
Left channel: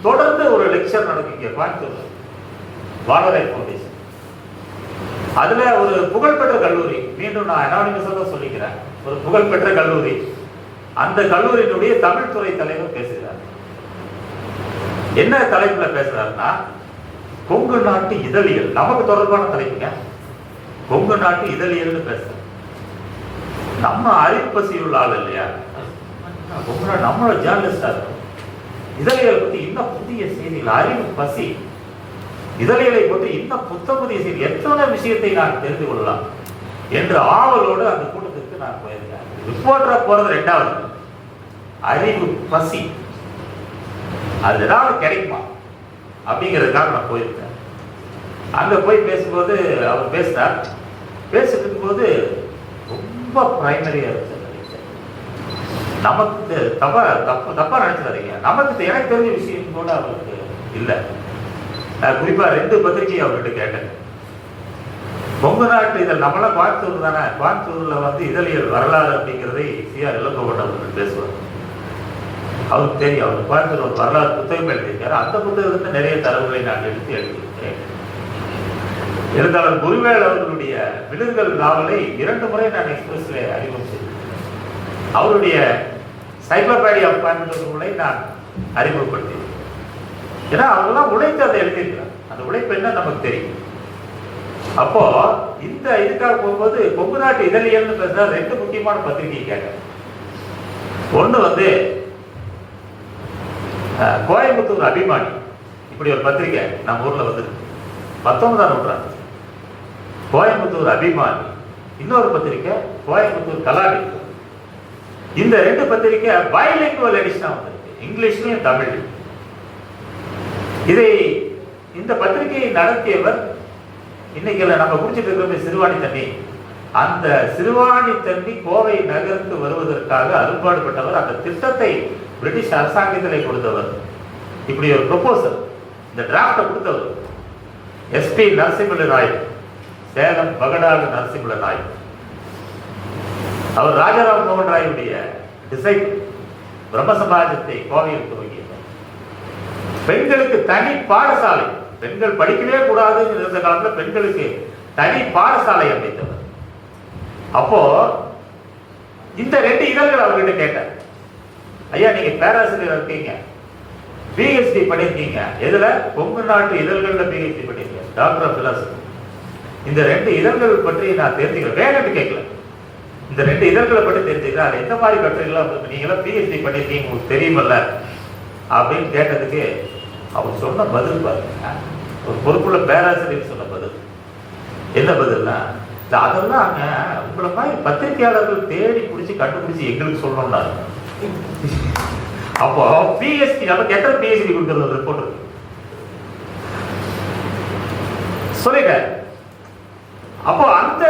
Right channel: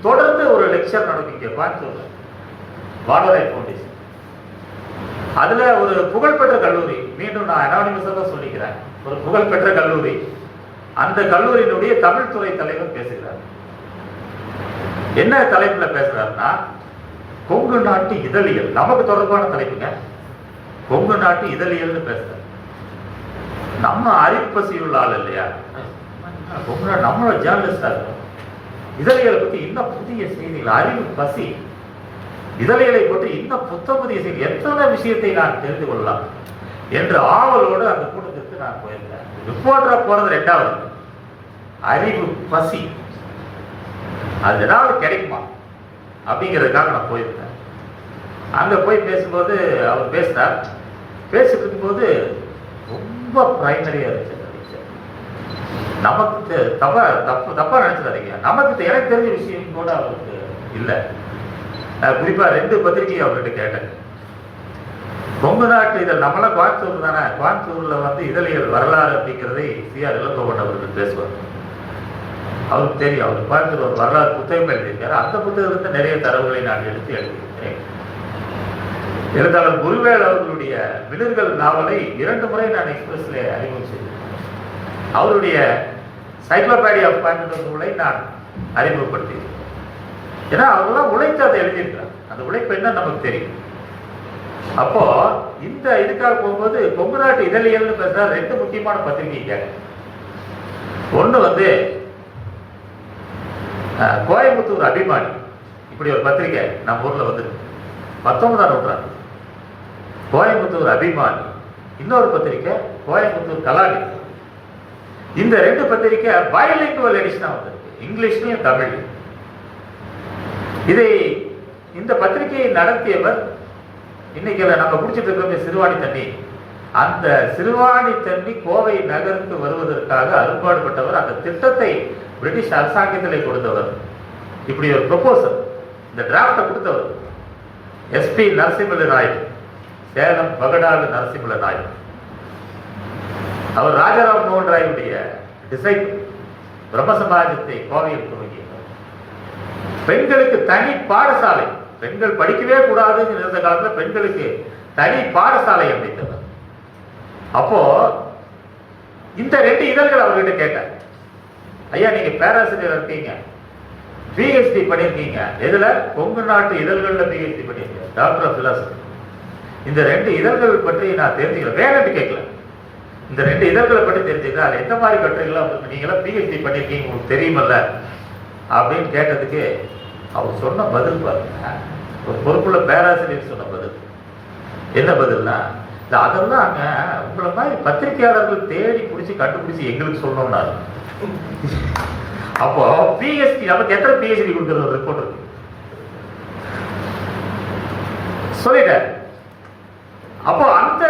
தொடர்ந்து ஒரு லெக்சர் நடக்கும் கோயம்புத்தூர் வானரேட் ஃபவுண்டேஷன். அதுல ஒரு புகழ்பெற்ற கல்லூரி, மீண்டும் நான் அனானிமஸாக சொல்லிக்கிறேன், ஒரு புகழ்பெற்ற கல்லூரி, அந்த கல்லூரியினுடைய தமிழ் துறை தலைவர் பேசுகிறார். என்ன தலைப்புல பேசுறாருன்னா, கொங்கு நாட்டு இதழியல், நமக்கு தொடர்பான தலைப்புங்க, கொங்கு நாட்டு இதழியல்னு பேசுறாரு. நம்ம அறிப்பசி உள்ள ஆள் இல்லையா, கொங்கு நாட்டு நம்ம ஜேர்னலிஸ்டா இருக்கோம், இதழியலை பத்தி இன்னும் புதிய செய்திகள், அறிவு பசி, இதழியலை பற்றி இன்னும் புதிய செய்தி, எத்தனை விஷயத்தை நான் தெரிந்து கொள்ளலாம் என்று ஆவலோடு அந்த கூட்டத்திற்கு நான் போயிருந்தேன். ரிப்போர்ட்டரா போறது 2வது, அறிவு பசி, அது ஏதாவது கிடைக்குமா அப்படிங்கிறதுக்காக நான் போயிருந்தேன். அங்க போய் பேசும்போது அவர் பேசினார். பேசிட்டு போது ரொம்ப பிரைமரியா இருந்துச்சு. நமக்கு தப்பா நினைச்சுறாங்க, நமக்கு எனக்கு தெரிஞ்ச விஷயம் கூட அவருக்கு இல்லை. நான் குறிப்பா 2 பத்திரிகை அவர்கிட்ட கேட்டேன். கொங்கு நாட்டு இதழ், நம்மளாம் கோயம்புத்தூர் தானே, கோயம்புத்தூர்ல இதழியல் வரலாறு அப்படிங்கிறதை சிஆர் இளங்கோவன் அவர்கள் பேசுவார். அவருக்கு தெரியும், அவர் கோயம்புத்தூர் ஒரு வரலாறு புத்தகம் எழுதியிருக்காரு. அந்த புத்தகத்துக்கு நிறைய தரவுகளை நான் எடுத்து எழுதியிருக்கேன். இருந்தாலும் குருவேல் அவர்களுடைய விழுதுகள் நாவலை 2 முறை நான் எக்ஸ்பிரஸ்ல அறிமுகம். அவருடைய சைக்ளோபீடியா ஆஃப் கோயம்புத்தூர் நூலை நான் அறிமுகப்படுத்தினேன். ஏன்னா அவங்களாம் உழைத்து அதை எழுதியிருக்காங்க, அந்த உழைப்பு என்ன நமக்கு தெரியும். அப்போ இந்த இதுக்காக போகும்போது கொங்கு நாட்டு இதழியல்னு பேசுற 2 முக்கியமான பத்திரிகை கேட்டேன். ஒண்ணு கோயம்புத்தூர் அபிமானி, இப்படி ஒரு பத்திரிகை நம்ம ஊர்ல 19ஆம் நூற்றாண்டு, கோயம்புத்தூர் அபிமானி. இன்னொரு பத்திரிகை கோயம்புத்தூர் கலாடி. இந்த 2 பத்திரிகை பைலிங்குவல் எடிஷனா வந்திருக்கு, இங்கிலீஷ்லயும் தமிழ்லையும். இந்த பத்திரிகையை நடத்தியவர் இன்னைக்கு நம்ம குடிச்சிட்டு இருக்கிற சிறுவாணி தண்ணி, அந்த சிறுவாணி தண்ணி கோவை நகருக்கு வருவதற்காக அரும்பாடுபட்டவர். அந்த திட்டத்தை பிரிட்டிஷ் அரசாங்கத்திலே கொடுத்தவர். இப்படி ஒரு ப்ரொபோசல், இந்த டிராப்டை கொடுத்தவர் SP நரசிம்ம ராய், சேலம் பகடாடு நரசிம்ம ராய். அவர் ராஜாராம் மோகன் ராயுடைய டிசைபிள், பிரம்ம சமாஜத்தை கோவையில் துவங்கினார். பெண்களுக்கு தனி பாடசாலை, பெண்கள் படிக்கவே கூடாதுன்னு இருந்த காலத்துல பெண்களுக்கு தனி பாடசாலை அமைத்தவர். அப்போ இந்த 2 இதழ்கள் அவர்கிட்ட கேட்டார், ஐயா நீங்க பேராசிரியர் இருக்கீங்க, PhD பண்ணிருக்கீங்க, எதுல? கொங்கு நாட்டு இதழ்கள்ல PhD பண்ணிருக்கீங்க, டாக்டர் ஆஃப் பிலாசபி. இந்த 2 இதழ்கள் பற்றி நான் தெரிஞ்சுக்கிறேன், வேற கேட்கல, இந்த 2 இதழ்களை பற்றி தெரிஞ்சுக்கிறேன், அது எந்த மாதிரி கட்டுரைகள் நீங்களாம் PhD பண்ணிருக்கீங்க உங்களுக்கு தெரியுமல்ல அப்படின்னு கேட்டதுக்கு அவர் சொன்ன பதில் பாருங்க, ஒரு பொறுப்புள்ள பேராசிரியர் சொன்ன பதில். என்ன பதில்னா, அதெல்லாம் உங்களை மாதிரி பத்திரிகையாளர்கள் தேடி பிடிச்சி கண்டுபிடிச்சு எங்களுக்கு சொல்லணும்னா. அப்போ PhD நமக்கு எத்தனை PhD கொடுக்குறது ரிப்போர்ட் சொல்லிட்டேன். அப்போ அந்த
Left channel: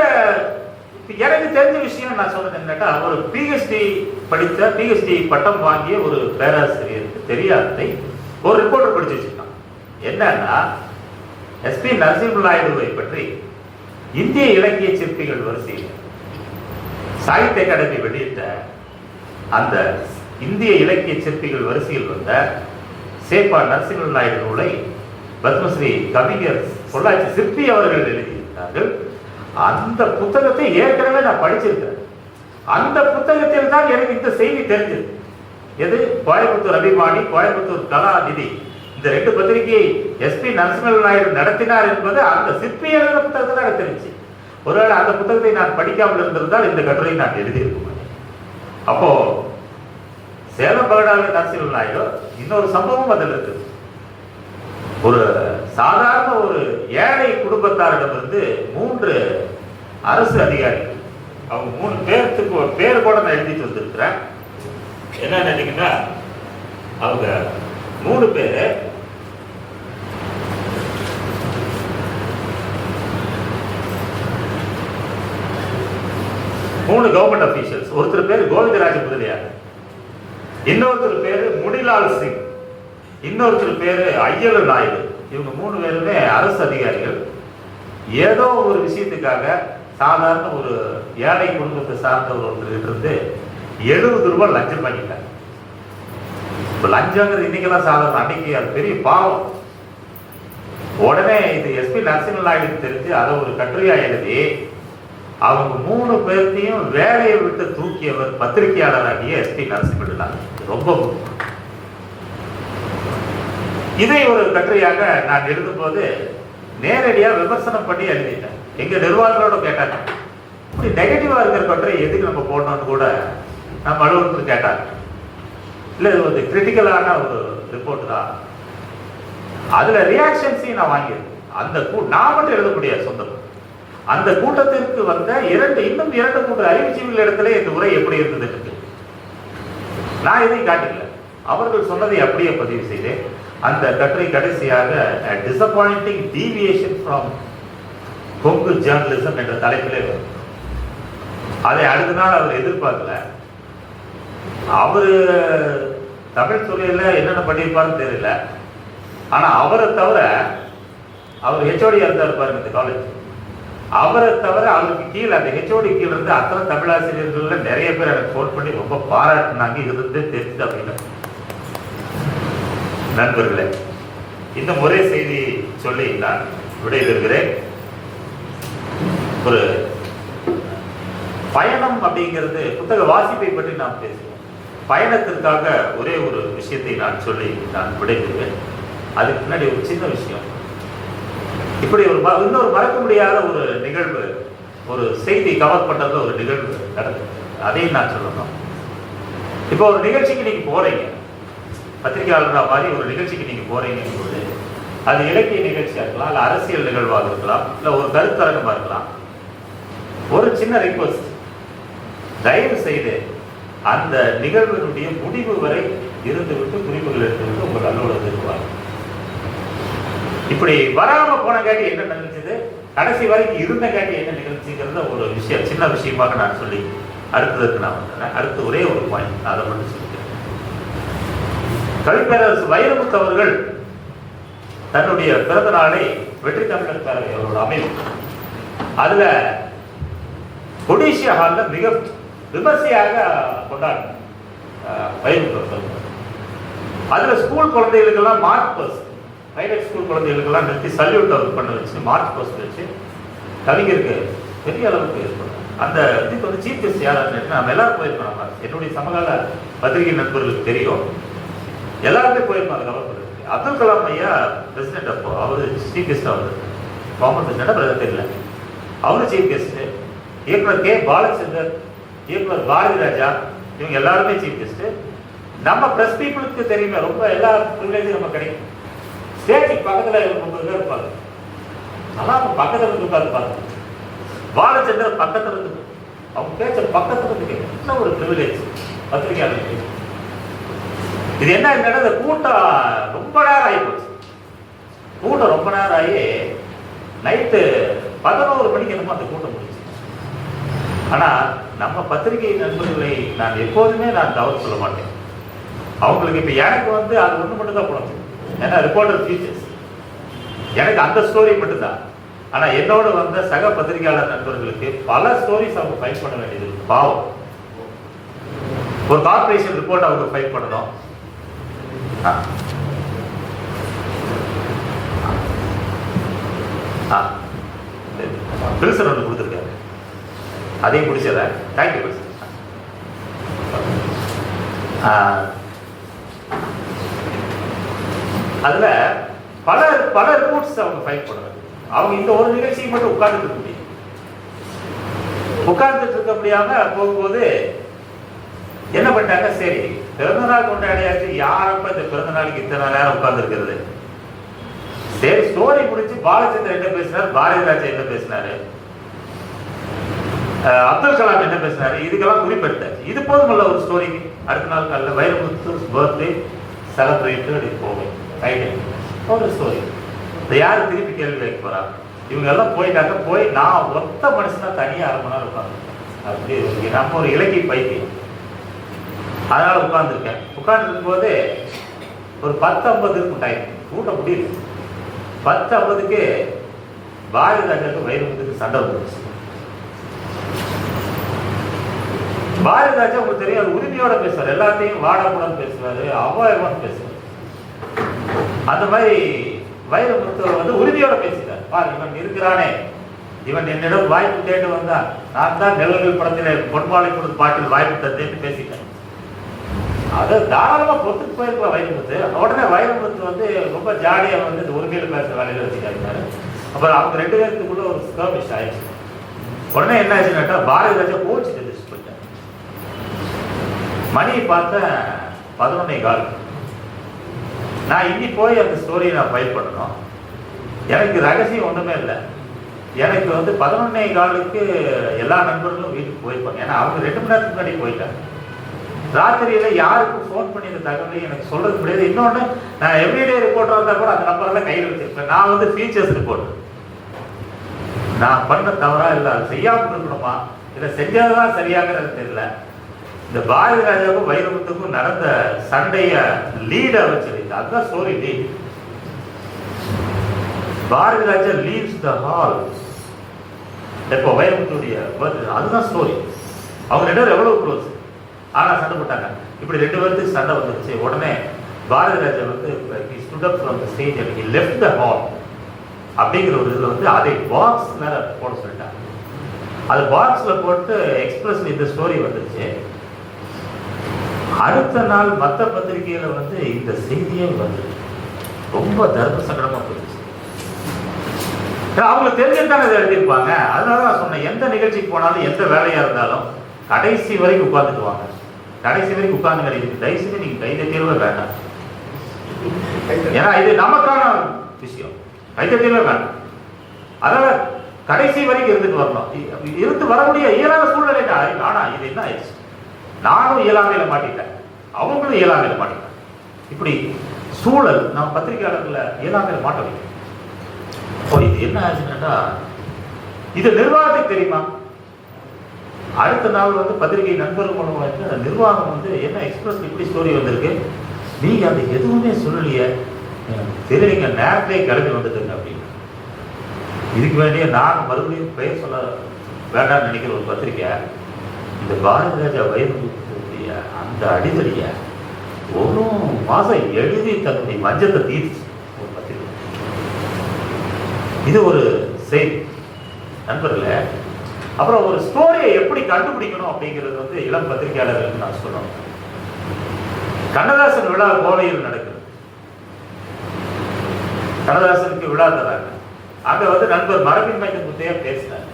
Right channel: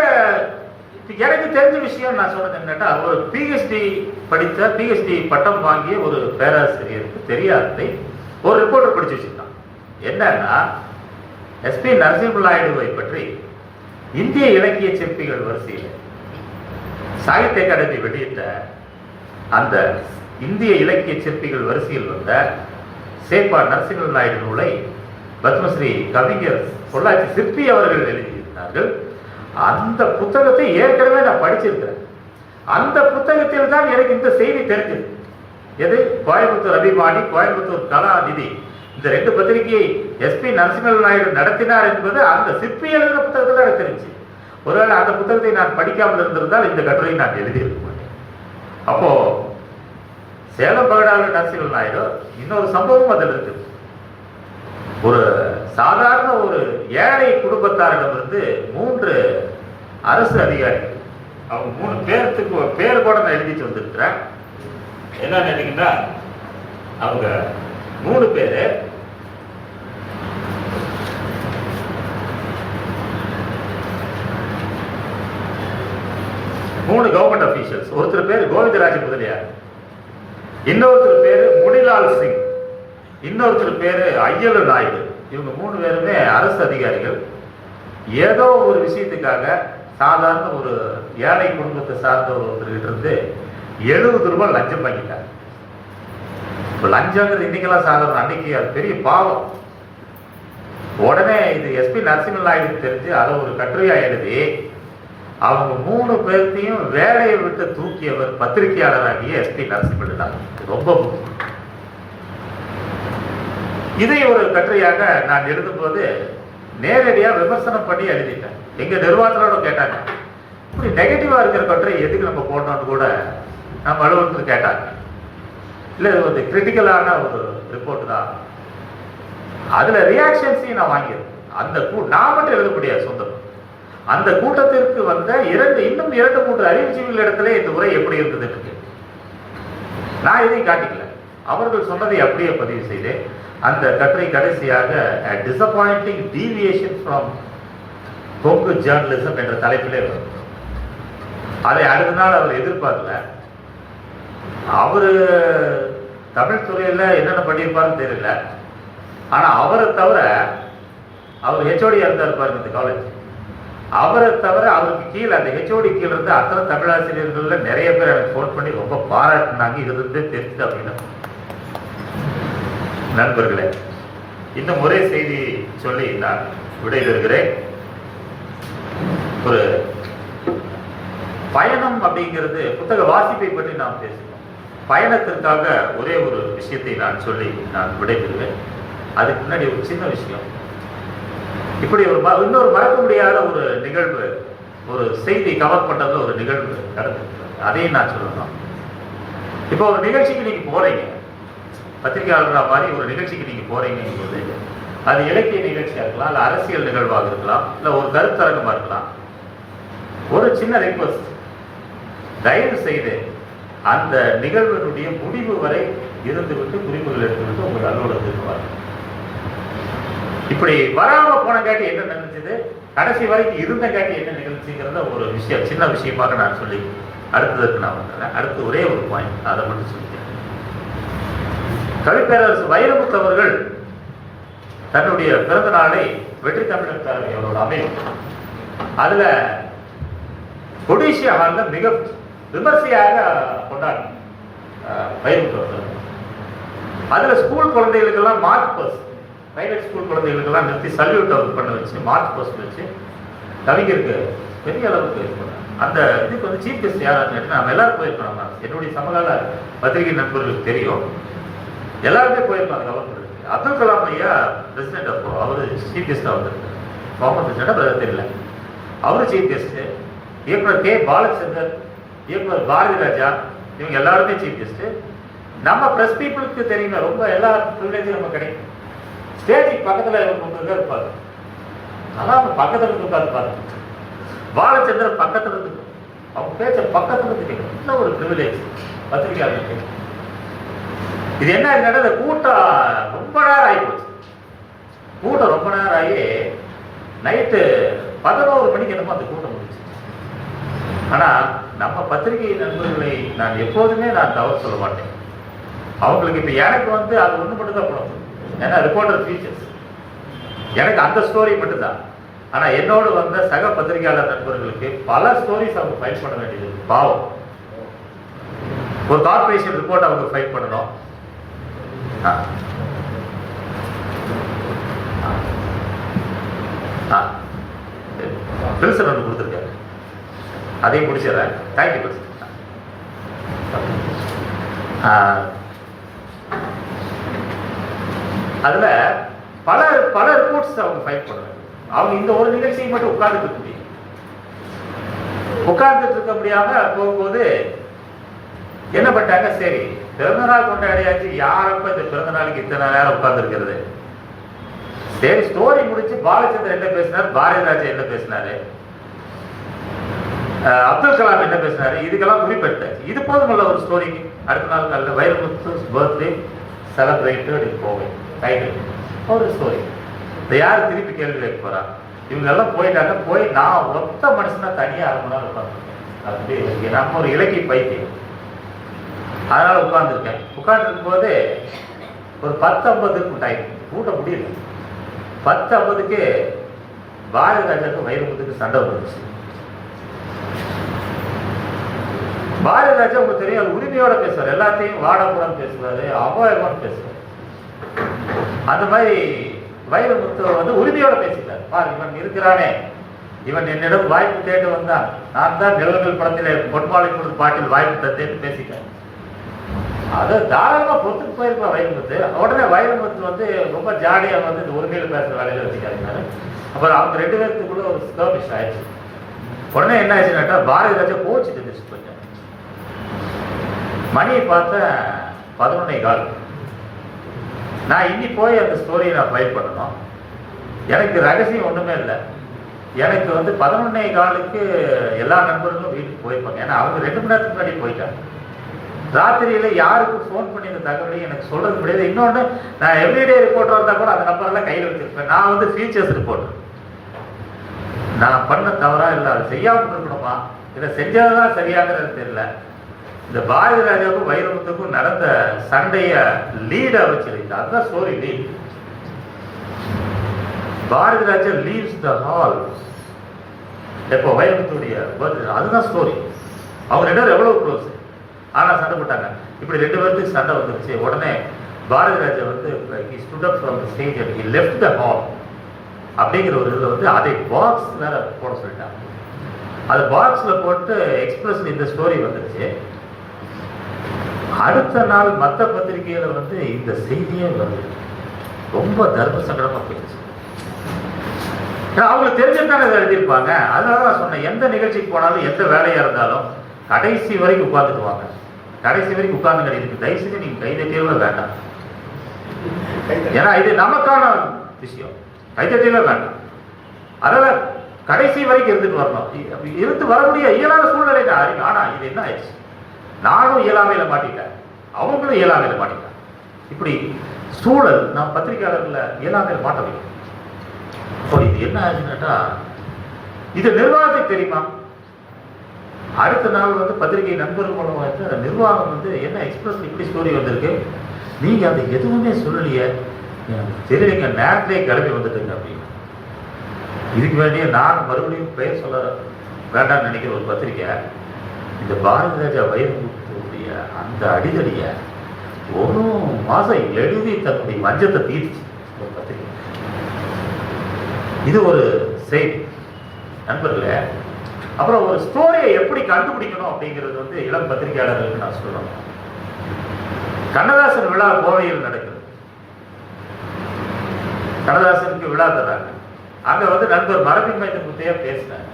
எனக்கு தெரிஞ்ச விஷயம் நான் சொன்னது என்னட்டா, ஒரு PhD படித்த PhD பட்டம் வாங்கிய ஒரு பேராசிரியருக்கு தெரியாததை ஒரு ரிப்போர்ட்டர் படிச்சு வச்சிருக்கான். என்னன்னா, SP நரசிம்ம நாயுடுவை பற்றி இந்திய இலக்கிய சிற்பிகள் வரிசையில் சாகித்ய அகாடமி வெளியிட்ட அந்த இந்திய இலக்கிய சிற்பிகள் வரிசையில் வந்த சேப்பா நரசிம்ம நாயுடு நூலை பத்மஸ்ரீ கவிஞர் பொள்ளாச்சி சிற்பி அவர்கள் எழுதியிருக்கிறார்கள். அந்த புத்தகத்தை ஏற்கனவே நான் படிச்சிருக்கேன். அந்த புத்தகத்தில் தான் எனக்கு இந்த செய்தி தெரிஞ்சது. எது? கோயம்புத்தூர் அபிமானி, கோயம்புத்தூர் கலாநிதி, இந்த 2 பத்திரிகையை எஸ்பி நரசிம்ம நாயுடு நடத்தினார் என்பது அந்த சிற்பி எழுதின புத்தகத்தில் எனக்கு தெரிஞ்சு. ஒருவேளை அந்த புத்தகத்தை நான் படிக்காமல் இருந்திருந்தால் இந்த கட்டுரை நான் எழுதியிருக்கேன். அப்போ சேலம் பகடாவில் நரசிம்ம நாயுடு இன்னொரு சம்பவம் அதில் இருக்கு. ஒரு சாதாரண ஒரு ஏழை குடும்பத்தாரிடமிருந்து 3 அரசு அதிகாரிகள், அவங்க 3 பேருக்கு ஒரு பேர் கூட நான் எழுதிட்டு வந்திருக்கிறேன். என்ன நினைக்கிறீங்கன்னா, அவங்க 3 பேரு கவர்மெண்ட் அபிஷியல்ஸ். ஒருத்தர் பேர் கோவிந்தராஜ முதலியார், இன்னொருத்தர் பேரு முடிலால் சிங், இன்னொருத்தர் பேரு ஐயரு நாயுடு. இவங்க 3 பேருமே அரசு அதிகாரிகள். ஏதோ ஒரு விஷயத்துக்காக சாதாரண ஒரு ஏழை குடும்பத்தை சார்ந்த ஒருத்தர்கிட்ட இருந்து 70 ரூபாய் லஞ்சம் பண்ணிட்டார். லஞ்சங்கிறது இன்னைக்கெல்லாம் சாதாரண, அன்னைக்கு அது பெரிய பாவம். உடனே இது எஸ்பி நரசிம்ம நாயுடு தெரிஞ்சு அதை ஒரு கட்டுரையா எழுதி அவங்க 3 பேர்த்தையும் வேலையை விட்டு தூக்கியவர் பத்திரிகையாளராகிய எஸ்பி நரசிம்ம நாயுடு. ரொம்ப இதை ஒரு கட்டுரையாக நான் எழுதும்போது நேரடியாக விமர்சனம் பண்ணி எழுதிட்டேன். எங்க நிர்வாகங்களோட கேட்டாங்க, இப்படி நெகட்டிவா இருக்கிற கட்டுரை எதுக்கு நம்ம போடணும்னு கூட நம்ம அலுவலகத்தில் கேட்டாங்க. இல்லை, இது வந்து கிரிட்டிக்கலான ஒரு ரிப்போர்ட் தான். அதுல ரியாக்ஷன்ஸையும் நான் வாங்கியிருக்கேன். அந்த நான் மட்டும் எழுத முடியாது சொந்தம். அந்த கூட்டத்திற்கு வந்த இன்னும் 2 3 அறிவிச்சிகள் இடத்துல இந்த உரை எப்படி இருந்தது நான் இதை காட்டிக்கல. அவர்கள் சொன்னதை அப்படியே பதிவு செய்தேன். அந்த கட்டுரை கடைசியாக disappointing deviation from Kongu journalism என்ற தலைப்பிலே வரும். அதை அடுத்த நாள் அவர் எதிர்பார்க்கல. அவரு தமிழ் துறையில என்னென்ன பண்ணியிருப்பாருன்னு தெரியல. ஆனா அவரை தவிர, அவர் ஹெச்ஓடி இருந்தார் பாருங்க இந்த காலேஜ், அவரை தவிர அவருக்கு கீழே அந்த ஹெச்ஓடி கீழே இருந்து அத்தனை தமிழாசிரியர்கள் நிறைய பேர் எனக்கு ஃபோன் பண்ணி ரொம்ப பாராட்டினாங்க. இது வந்து தெரிஞ்சு அப்படின்னா நண்பர்களே, இந்த முறை செய்தி சொல்லி நான் விடைபெறுகிறேன். ஒரு பயணம் அப்படிங்கிறது, புத்தக வாசிப்பை பற்றி நாம் பேசுவோம். பயணத்திற்காக ஒரே ஒரு விஷயத்தை நான் சொல்லி நான் விடைபெறுவேன். அதுக்கு முன்னாடி ஒரு சின்ன விஷயம். இப்படி இன்னொரு மறக்க முடியாத ஒரு நிகழ்வு, ஒரு செய்தி கவர் பண்றது ஒரு நிகழ்வு நடக்குது. அதையும் நான் சொல்லணும். இப்போ ஒரு நிகழ்ச்சிக்கு நீங்க போறீங்க, பத்திரிகையாளர்களா மாதிரி ஒரு நிகழ்ச்சிக்கு நீங்க போறீங்க, அது இலக்கிய நிகழ்ச்சியா இருக்கலாம், இல்ல அரசியல் நிகழ்வாக இருக்கலாம், இல்ல ஒரு கருத்தரங்கமா இருக்கலாம். ஒரு சின்ன ரிக்வெஸ்ட், தயவு செய்து அந்த நிகழ்வினுடைய முடிவு வரை இருந்துவிட்டு குறிப்புகள் எடுத்துவிட்டு உங்கள் அலுவலகத்துக்கு வாங்க. இப்படி வராம போன காட்டி என்ன நிகழ்ச்சிது, கடைசி வரைக்கும் இருந்த காட்டி என்ன நிகழ்ச்சிங்கிறத ஒரு விஷயம், சின்ன விஷயமாக நான் சொல்லி அடுத்ததுக்கு நான் வந்தேன். அடுத்து ஒரே ஒரு பாயிண்ட், அதை மட்டும் சொல்லிட்டேன். கவிப்பேரரசு வைரமுத்து அவர்கள் தன்னுடைய பிறந்த நாளை வெற்றி தமிழர் அவரோட அமைப்பு, அதுல கொடிசியா ஹால்ல மிக விமர்சையாக கொண்டாடினார் வைரமுத்து அவர்கள். அதுல ஸ்கூல் குழந்தைகளுக்கெல்லாம் மார்க் பர்ஸ், பிரைவேட் ஸ்கூல் குழந்தைகளுக்கெல்லாம் நிறுத்தி சல்யூட் அவர் பண்ண வச்சு மார்க் பர்ஸ் வச்சு கவிஞருக்கு பெரிய அளவுக்கு அந்த இதுக்கு வந்து சீஃப் கெஸ்ட் யாருன்னு நம்ம எல்லாரும் போயிருக்கோம். என்னுடைய சமகால பத்திரிகை நண்பர்களுக்கு தெரியும், எல்லாருமே போயிருக்காங்க. அப்துல் கலாம் ஐயா பிரசிடென்ட், அப்போ அவரு சீஃப் கெஸ்ட், அவரு முகமது பிரசிடென்ட் தெரியல, அவரு சீஃப் கெஸ்ட். இயக்குனர் கே பாலச்சந்தர், இயக்குனர் பாரதி ராஜா, இவங்க எல்லாருமே சீஃப் கெஸ்ட். நம்ம பிரஸ் பீப்புளுக்கு தெரியுமே, ரொம்ப எல்லா ப்ரிவிலேஜும் நம்ம கிடைக்கும். ஸ்டேஜுக்கு பக்கத்தில் இவங்க 3 பேர் இருப்பாங்க, அதான் பக்கத்தில் இருந்து உட்காந்து பாலச்சந்தர் பக்கத்தில் இருந்து அவங்க பேச்ச பக்கத்தில் இருந்து கேட்கும். ஒரு ப்ரிவிலேஜ் பத்திரிகையாளர்களுக்கு. இது என்ன நடந்த கூட்டம் ரொம்ப நேரம் ஆகி போச்சு. கூட்டம் ரொம்ப நேரம் ஆகி நைட்டு 11 மணிக்கு என்னமோ அந்த கூட்டம் முடிச்சு. ஆனா நம்ம பத்திரிகை நண்பர்களை நான் எப்போதுமே நான் தவறு சொல்ல மாட்டேன். அவங்களுக்கு இப்ப எனக்கு வந்து அது ஒண்ணு மட்டும் தான் போகணும், ஏன்னா ரிப்போர்ட்டர் ஃபீச்சர்ஸ் எனக்கு அந்த ஸ்டோரி மட்டும்தான். ஆனால் என்னோடு வந்த சக பத்திரிகையாளர் நண்பர்களுக்கு பல ஸ்டோரிஸ் அவங்க ஃபைல் பண்ண வேண்டியது பாவம். ஒரு கார்பரேஷன் ரிப்போர்ட் அவங்க ஃபைல் பண்ணணும். பில்சர் வந்து கொடுத்துருக்காரு, அதையும் முடிச்சிடறேன். தேங்க்யூ பில்சர். அதுல பல பல ரிப்போர்ட்ஸ் அவங்க ஃபைல் பண்ணாங்க. அவங்க இந்த ஒரு நிகழ்ச்சிக்கு மட்டும் உட்கார்ந்துட்டு இருக்க முடியும். உட்கார்ந்துட்டு இருக்க முடியாம போகும்போது என்ன பண்ணிட்டாங்க, சரி பிறந்தநாள் கொண்டாடியாச்சு, யாரப்ப இந்த பிறந்த நாளுக்கு இத்தனை நேரம் உட்கார்ந்து இருக்கிறது. சரி ஸ்டோரி முடிச்சு பாலச்சந்திரன் என்ன பேசினார், பாரதிராஜா என்ன பேசினாரு, அப்துல் கலாம் என்ன பேசினாரு, இதுக்கெல்லாம் குறிப்பிட்டார். இது போதுமல்ல ஒரு ஸ்டோரிக்கு. அடுத்த நாள் நல்ல வைரமுத்து பர்த்டே செலிப்ரேட் போகும் ஒரு ஸ்டோரி. இந்த யாரு திருப்பி கேள்வி கேட்க போறா, இவங்க எல்லாம் போயிட்டாங்க. போய் நான் ஒத்த மனுஷனா தனியா 1/2 மணி நேரம் உட்காந்துருக்கேன். அப்படி நம்ம ஒரு இலக்கிய பைத்தியம், அதனால உட்கார்ந்துருக்கேன். உட்கார்ந்துருக்கும் போது ஒரு 10:50 டைம் கூட்ட முடியல. 10:50க்கு பாரதிராஜாவுக்கு வைரமுத்துக்கு சண்டை வந்துருச்சு. பாரதிராஜா உங்களுக்கு தெரியும், உரிமையோட பேசுறாரு, எல்லாத்தையும் வாடாப்படான்னு பேசுறாரு, அவாயமான்னு பேசுறாரு. அந்த மாதிரி வைரமுத்து வந்து உரிமையோட பேசிட்டார். பாரு இவன் இருக்கிறானே, இவன் என்னிடம் வாய்ப்பு தேடி வந்தான், நான் தான் நிலங்கள் படத்திலே பொன்மாலை கொடுத்து பாட்டில் வாய்ப்பு தந்தேன்னு பேசிட்டேன். அதை தாராளமா பொறுத்துட்டு போயிருப்பா வைரமுத்து. உடனே வைரமுத்து வந்து ரொம்ப ஜாலியா வந்து உரிமையில பேசுற வேலையில வச்சுக்காரு. அப்புறம் அவங்க 2 பேருக்கு கூட ஒரு ஸ்கர்மிஷ் ஆயிடுச்சு. உடனே என்ன ஆச்சுன்னாக்கா பாரதிராஜா கோச்சிட்டு போயிட்டேன். மணியை பார்த்த 11:15. நான் இன்னி போய் அந்த ஸ்டோரியை நான் ஃபைல் பண்ணணும். எனக்கு ரகசியம் ஒன்றுமே இல்லை. எனக்கு வந்து 11:15க்கு எல்லா நண்பர்களும் வீட்டுக்கு போயிருப்பாங்க. ஏன்னா அவங்க 2 மணி நேரத்துக்கு முன்னாடி போயிட்டாங்க. ராத்திரியில யாருக்கும் ஃபோன் பண்ணி இந்த தகவலையும் எனக்கு சொல்றது முடியாது. இன்னொன்று, நான் எவ்ரிடே ரிப்போர்ட்டர் இருந்தால் கூட அந்த நம்பர் தான் கையில் வச்சிருப்பேன். நான் வந்து ஃபீச்சர்ஸ் ரிப்போர்ட். நான் பண்ண தவறா இல்லை, அது செய்யாமல் இருக்கணுமா இல்லை செஞ்சாதான் சரியாகிறது தெரியல. இந்த பாரதிராஜாவுக்கும் வைரமுத்துக்கும் நடந்த சண்டைய லீட வச்சிருக்கு. அதுதான் ஸ்டோரி லீட். பாரதிராஜா லீவ்ஸ் த ஹால் எப்போ வைரமுத்துடைய அதுதான் ஸ்டோரி. அவங்க 2 பேரும் எவ்வளவு க்ளோஸ், ஆனா சண்டை போட்டாங்க. இப்படி 2 பேருக்கு சண்டை வந்துருச்சு. உடனே பாரதிராஜா வந்து he stood up from the stage and he left the hall அப்படிங்கிற ஒரு இதில் வந்து அதை பாக்ஸ்ல போட சொல்லிட்டாங்க. அது பாக்ஸ்ல போட்டு எக்ஸ்பிரஸ் இந்த ஸ்டோரி வந்துருச்சு. அடுத்த நாள் மற்ற பத்திரிகையில வந்து இந்த செய்தியே வந்து ரொம்ப தர்ம சங்கடமா போயிடுச்சு. அவங்களுக்கு தெரிஞ்சுதான் இதை எழுதியிருப்பாங்க. அதனால நான் சொன்னேன், எந்த நிகழ்ச்சிக்கு போனாலும் எந்த வேலையா இருந்தாலும் கடைசி வரைக்கும் உட்கார்ந்துக்குவாங்க. கடைசி வரைக்கும் உட்கார்ந்து கிடையாது. தயவுசெய்து நீங்க கைதட்டியவே வேண்டாம். ஏன்னா இது நமக்கான விஷயம், கைதட்டியவே வேண்டாம். அதனால கடைசி வரைக்கும் இருந்துட்டு வரணும். இருந்து வரக்கூடிய இயலாத சூழ்நிலை. ஆனா இது என்ன ஆயிடுச்சு, நானும் இயலாமையில மாட்டிட்டேன், அவங்களும் இயலாமையில மாட்டிட்டேன். இப்படி சூழல் நம்ம பத்திரிகையாளர்களை இயலாமையில மாட்ட வைக்கும். இது என்ன ஆச்சுன்னா, இது நிர்வாகத்துக்கு தெரியுமா? அடுத்த நாள் வந்து பத்திரிகை நண்பர்கள் மூலமா வந்து நிர்வாகம் வந்து என்ன எக்ஸ்பிரஸ் இப்படி ஸ்டோரி வந்திருக்கு, நீங்க அது எதுவுமே சொல்லலையே, தெரியலைங்க, நேரத்தையே கிளம்பி வந்துட்டுங்க அப்படின்னு. இதுக்கு வேண்டிய நான் மறுபடியும் பெயர் சொல்ல வேண்டாம்னு நினைக்கிற ஒரு பத்திரிகை இந்த பாரதிராஜா வைரமுத்துடைய அந்த அடிதடிய 1 மாசம் எழுதி தன்னுடைய மஞ்சத்தை தீர்ச்சு ஒரு பத்திரிகை. இது ஒரு செய்தி நண்பர்களே. அப்புறம் ஒரு ஸ்டோரியை எப்படி கண்டுபிடிக்கணும் அப்படிங்கிறது வந்து இளம் பத்திரிகையாளர்களுக்கு நான் சொல்லணும். கண்ணதாசன் விழா கோவையில் நடக்குது. கண்ணதாசனுக்கு விழா தராங்க. அங்க வந்து நண்பர் மரபின் மையத்தை பேசினாங்க.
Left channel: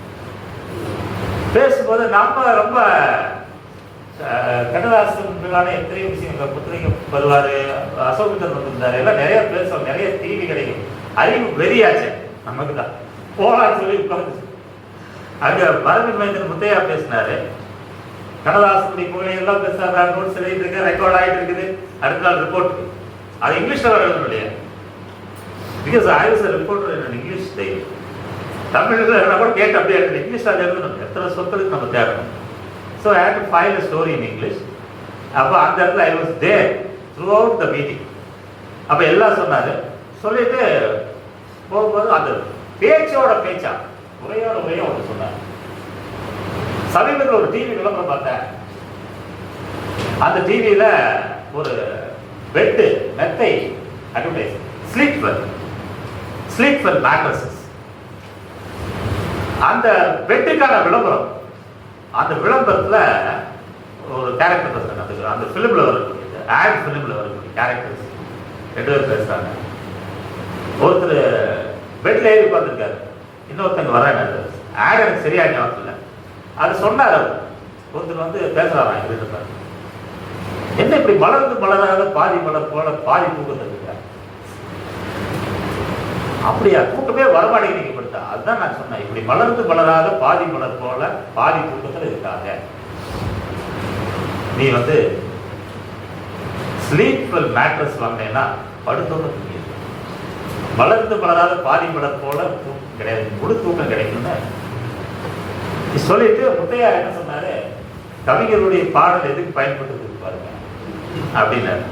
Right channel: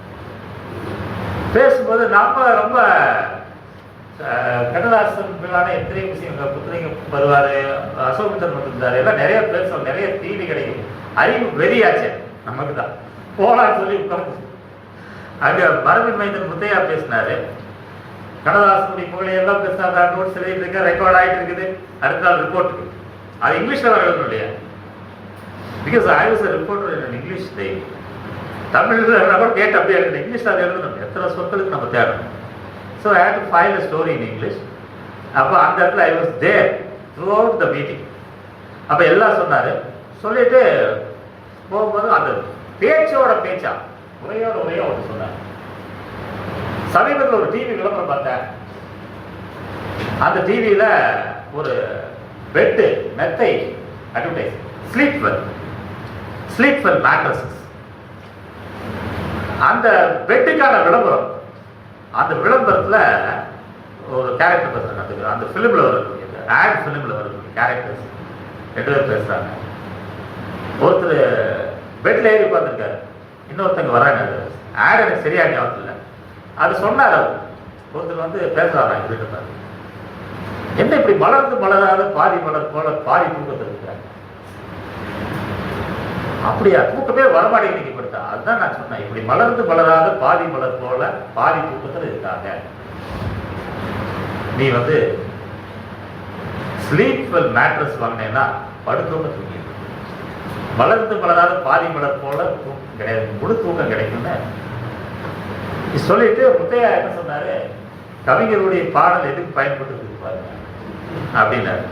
பேசும்போது நம்ம ரொம்ப கண்ணதாசன் விழான எத்தனை விஷயங்கள் புத்தக வருவாரு, அசோகந்தன் வந்திருந்தாரு, எல்லாம் நிறைய பேசுவோம், நிறைய தீனி கிடைக்கும். அறிவு வெறியாச்சு நமக்கு தான் போலான்னு சொல்லி உட்காந்து அங்க மரபின் மையத்தின் முத்தையா பேசினாரு. கண்ணதாசனுடைய புகழையெல்லாம் பேசுறாங்க, நோட்ஸ் எழுதிட்டு இருக்க, ரெக்கார்ட் ஆகிட்டு இருக்குது. அடுத்த நாள் ரிப்போர்ட் அது இங்கிலீஷ்ல வரணும் இல்லையா? Because I was a reporter in English day. தமிழ்ல கூட கேட்டு அப்படியே இங்கிலீஷ்ல அது எழுதணும். எத்தனை சொற்களுக்கு நம்ம தேடணும். So I hate to file a story in English. அப்போ அந்த இடத்துல I was there throughout the meeting. அப்போ எல்லாம் சொன்னாரு. சொல்லிட்டு போகும்போது அந்த பேச்சோட பேச்சா, உரையோட உரையோ அவர் சொன்னார். சமீபத்தில் ஒரு டிவி விளம்பரம் பார்த்தேன். அந்த டிவியில ஒரு பெட்டு, மெத்தை அட்வர்டைஸ், ஸ்லீப்பர் மேட்ரஸஸ். அந்த பெட்டுக்கான விளம்பரம். அந்த விளம்பரத்துல ஒரு கேரக்டர் சொன்னாங்க. அந்த பிலிம்ல வரும், ஆட் பிலிம்ல வரும் கேரக்டர்ஸ் 2 பேர் பேசுறாங்க. ஒருத்தர் பெட்ல ஏறி உட்காந்துருக்காரு, இன்னொருத்தங்க வராங்க. ஆட் எனக்கு சரியா ஞாபகம் இல்லை. அது சொன்னார். ஒருத்தர் பேசுறாங்க, என்ன இப்படி மலர்ந்து மலராத பாதி மலர் போல பாதி தூக்கத்தில் இருக்காங்க. அப்படியா, தூக்கமே வரமாட்டேங்க படுத்தா. அதுதான் நான் சொன்னேன், இப்படி மலர்ந்து மலராத பாதி மலர் போல பாதி தூக்கத்தில் இருக்காங்க. நீ ஸ்லீப்பர் மேட்ரஸ் வாங்கினேன்னா படுத்தோட தூங்கி, மலர்ந்து மலராத பாதி மலர் போல தூக்கம் கிடையாது, முழு தூக்கம் கிடைக்கும்னு சொல்லிட்டு முத்தையா என்ன சொன்னாரு, கவிஞருடைய பாடல் எதுக்கு பயன்பட்டு பாருங்க அப்படின்னாரு.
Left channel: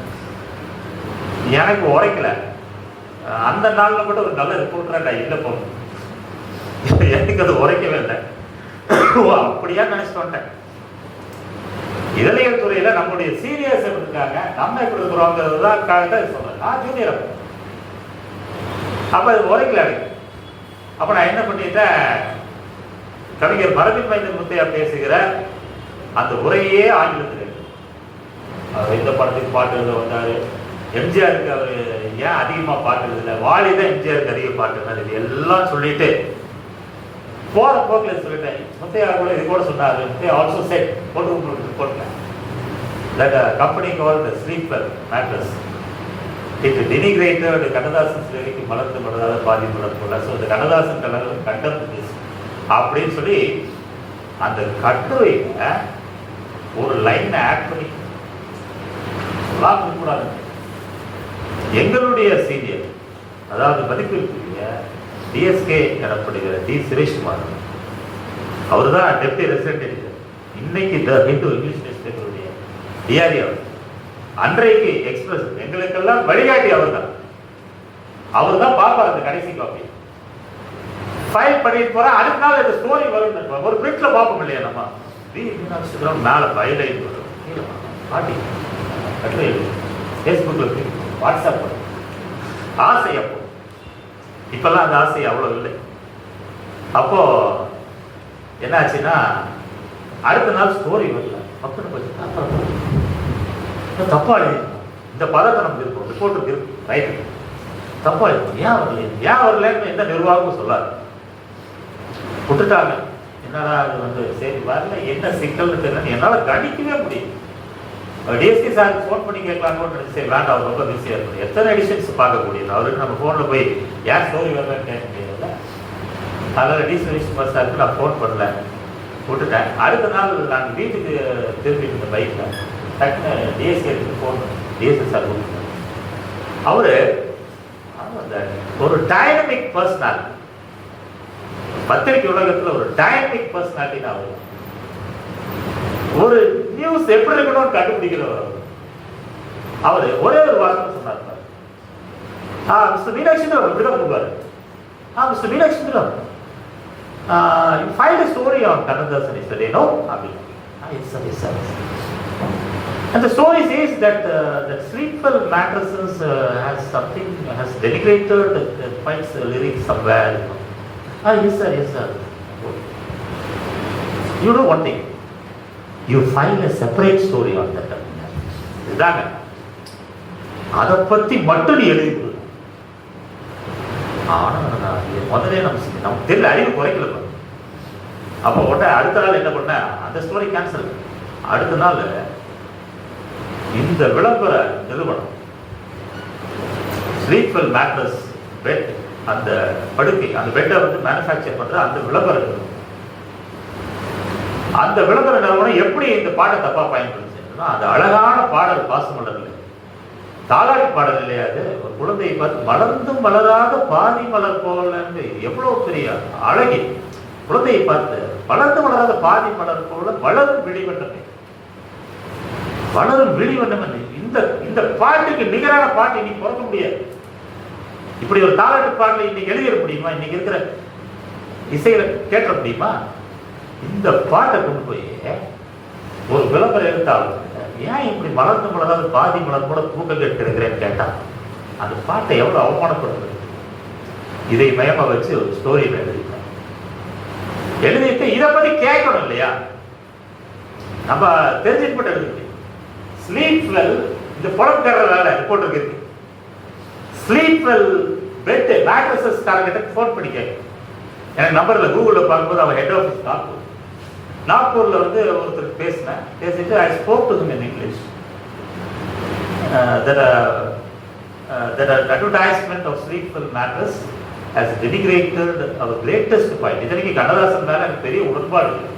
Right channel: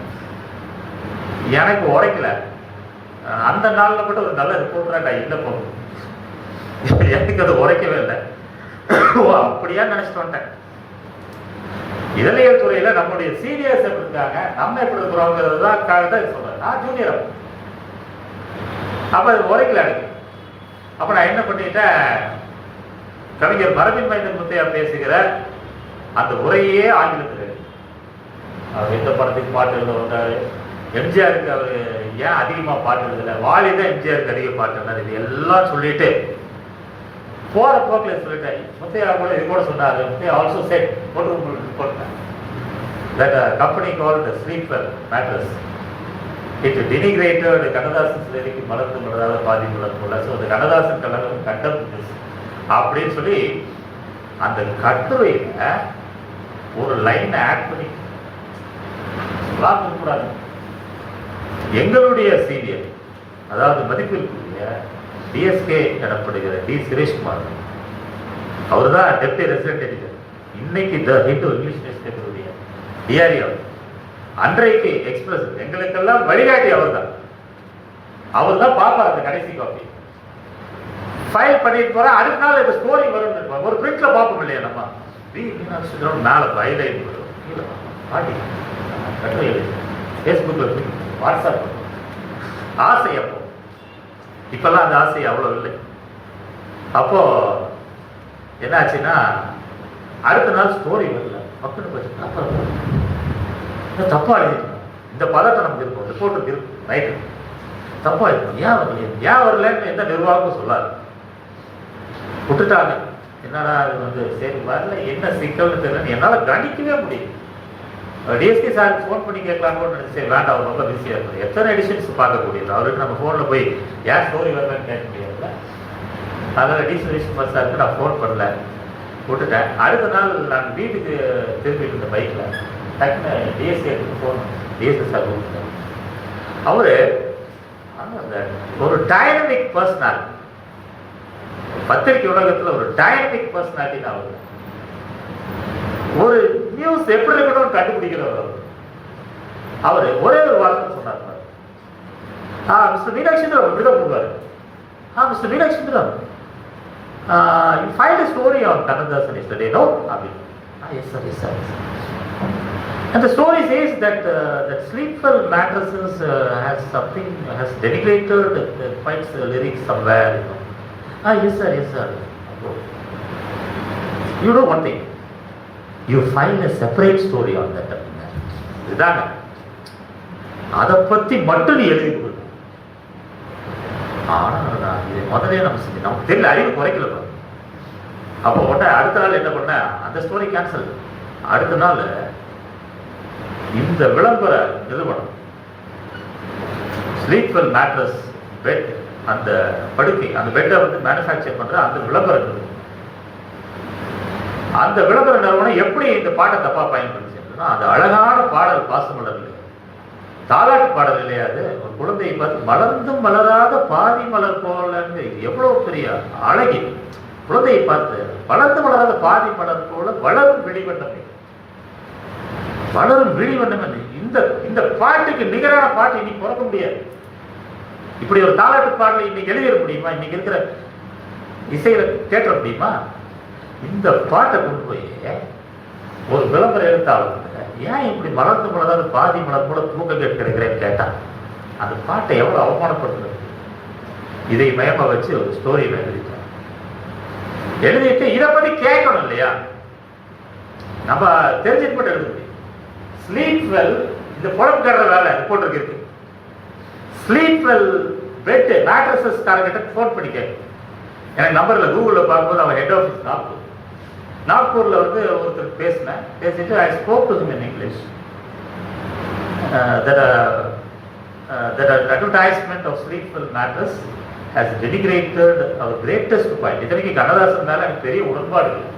எனக்கு உரைக்கல. அந்த நாள்ல கூட ஒரு நல்ல ரிப்போர்ட்டரா நான் இல்லை போகணும். எனக்கு அது உரைக்கவே இல்லை. அப்படியா நினைச்சிட்டு வந்தேன். இதழியல் துறையில நம்முடைய சீரியஸ் எப்படி இருக்காங்க, நம்ம எப்படி இருக்கிறோங்கிறதுதான் சொல்றேன். நான் ஜூனியர். அப்ப அது உரைக்கல எனக்கு. அப்ப நான் என்ன பண்ணிட்டேன், கவிஞர் மரபின் மைந்தன் முத்தையா பேசுகிற அந்த உரையே ஆங்கிலத்தில். அவர் எந்த படத்துக்கு பாட்டு எழுத வந்தாரு, எம்ஜிஆருக்கு அவர் ஏன் அதிகமா பாட்டு எழுதல, வாலிதான் எம்ஜிஆருக்கு அதிக பாட்டு எழுதாரு, இது எல்லாம் சொல்லிட்டு போற போக்கில் சொல்லிட்டேன். முத்தையா கூட இது கூட சொன்னாரு. முத்தையா ஆல்சோ செட் போட்டேன். That a company called the Sleeper Mattress, it denigrated Kannadasan சிலைக்கு மலர்ந்து மலராத பாதி மலர் போல. ஸோ இந்த கண்ணதாசன் கலர் கண்டம் அப்படின்னு சொல்லி அந்த கட்டுரையில ஒரு லைன் ஆட் பண்ணி கூடாது. எங்களுடைய சீனியர், அதாவது மதிப்பிற்குரிய டிஎஸ்கே எனப்படுகிற டி சுரேஷ்குமார், அவர் தான் டெப்டி ரெசிடென்ட் எடிட்டர். இன்னைக்கு த ஹிந்து இங்கிலீஷ் நியூஸ் பேப்பருடைய டிஆர்இ அவர். அன்றைக்கு எக்ஸ்பிரஸ் எங்களுக்கெல்லாம் வழிகாட்டி அவர் தான். அவர் தான் பார்ப்பார் அந்த கடைசி காப்பி. ஃபைல் பண்ணிட்டு போற அடுத்த நாள் இந்த ஸ்டோரி வரும். ஒரு பிரிண்ட்ல பார்ப்போம் இல்லையா நம்ம, மேல வயலை பாட்டி கட்டுரை, ஃபேஸ்புக்ல வாட்ஸ்அப் ஆசை. அப்போ இப்பெல்லாம் அந்த ஆசை அவ்வளவு இல்லை. அப்போ என்னாச்சுன்னா அடுத்த நாள் ஸ்டோரி வரல. தப்பா எழுதிருக்கோம், இந்த பதட்டம் நமக்கு இருக்கும், ரிப்போர்ட் இருக்கு, ரைட், தப்பா இருக்கு, ஏன் வரல ஏன் வரலன்னு எந்த நிர்வாகமும் சொல்லாது, விட்டுட்டாங்க. என்னடா அது சரி வரல, என்ன சிக்கல் தெரியல, என்னால் கணிக்கவே முடியும். டிஎஸ்கி சாருக்கு ஃபோன் பண்ணி கேட்கலான்னு சரி வேண்டாம், அவர் ரொம்ப பிஸியாக இருக்குது. எத்தனை எடிஷன்ஸ் பார்க்கக்கூடியது, அவருக்கு நம்ம ஃபோனில் போய் ஏன் ஸ்டோரி வரலன்னு கேட்க முடியாதுல்ல. அதனால் டி சுரேஷ்குமார் சாருக்கு நான் ஃபோன் பண்ணல, விட்டுட்டேன். அடுத்த நாள் நான் வீட்டுக்கு திருப்பிட்டு இருந்த பைக்கில் டக்குன்னு டிஎஸ்கேக்கு ஃபோன், டிஎஸ்கி சார் கொடுத்தார். அவர் ஒரு டைனமிக் பர்சனாலிட்டி, பத்திரிகை உலகத்தில் ஒரு டைனமிக் பர்சனாலிட்டி தான் அவர். ஒரு நியூஸ் எப்படி இருக்கணும் கண்டுபிடிக்கிறவர் அவர். ஒரே ஒரு வார்த்தை சொன்னார், மிஸ்டர் மீனாட்சி விடுவார். Mister Meenakshi you find a story on Kannadasan yesterday, no? Yes sir, yes sir. And the story says that that sleeper mattresses has something, has denigrated quite lyrics somewhere. Yes sir, yes sir. You know one thing, you find a separate story on that. இதாங்க அதை பத்தி மட்டும் நீ எழுதி கொடுங்க. முதலே நம்ம தெரியல, அறிவு குறைக்கல. அப்போ உடனே அடுத்த நாள் என்ன பண்ண, அந்த ஸ்டோரி கேன்சல். அடுத்த நாள் இந்த விளம்பர நிறுவனம் ஸ்லீப்பர் மேட்ரஸ் பெட், அந்த படுக்கை, அந்த பெட்டை மேனுஃபேக்சர் பண்ற அந்த விளம்பர நிறுவனம், அந்த விளம்பர நிறுவனம் எப்படி இந்த பாட்டை தப்பா பயன்படுத்தினா, அந்த அழகான பாடல் பாசமலர் தாலாட்டு பாடல் இல்லையா, அது ஒரு குழந்தையை பார்த்து மலர்ந்தும் மலராத பாதி மலர் போல, எவ்வளவு பெரிய அழகி குழந்தையை பார்த்து வளர்ந்து வளராத பாதி மலர் போல வளரும் விழிவண்ணமே, வளரும் விழிவண்ணமே. இந்த பாட்டுக்கு நிகரான பாட்டு நீ பிறக்க முடியாது. இப்படி ஒரு தாலாட்டு பாடலை இன்னைக்கு எழுதிட முடியுமா? இன்னைக்கு இருக்கிற இசையில கேட்ட முடியுமா? இந்த பாட்டை கொண்டு போய் ஒரு விளம்பரம் எடுத்தாலும் ஏன் இப்படி மலர்ந்து மலராது பாதி மலர் போல தூக்கம் கேட்கிறேன்னு கேட்டா அந்த பாட்டை எவ்வளவு அவமானப்படுத்துறது. இதை மயமா வச்சு ஒரு ஸ்டோரி எழுதிட்டு இதை பத்தி கேட்கணும் இல்லையா? நம்ம தெரிஞ்சுட்டு எழுதுது. ஸ்லீப் வெல், இந்த புறக்கார வேலை ரிப்போர்ட் இருக்கு. ஸ்லீப் வெல் பெட் மேட்ரஸஸ் காரங்கிட்ட ஃபோன் பண்ணி கேட்கும். என் நம்பர்ல கூகுளில் பார்க்கும்போது அவன் ஹெட் ஆஃபீஸ் நாக்பூர்ல வந்து ஒருத்தர் பேசிட்டு I spoke to him in English. That advertisement of Sleepwell mattress has denigrated our greatest point. இதனைக்கு கண்ணதாசன் மேல எனக்கு பெரிய உடன்பாடு இல்லை.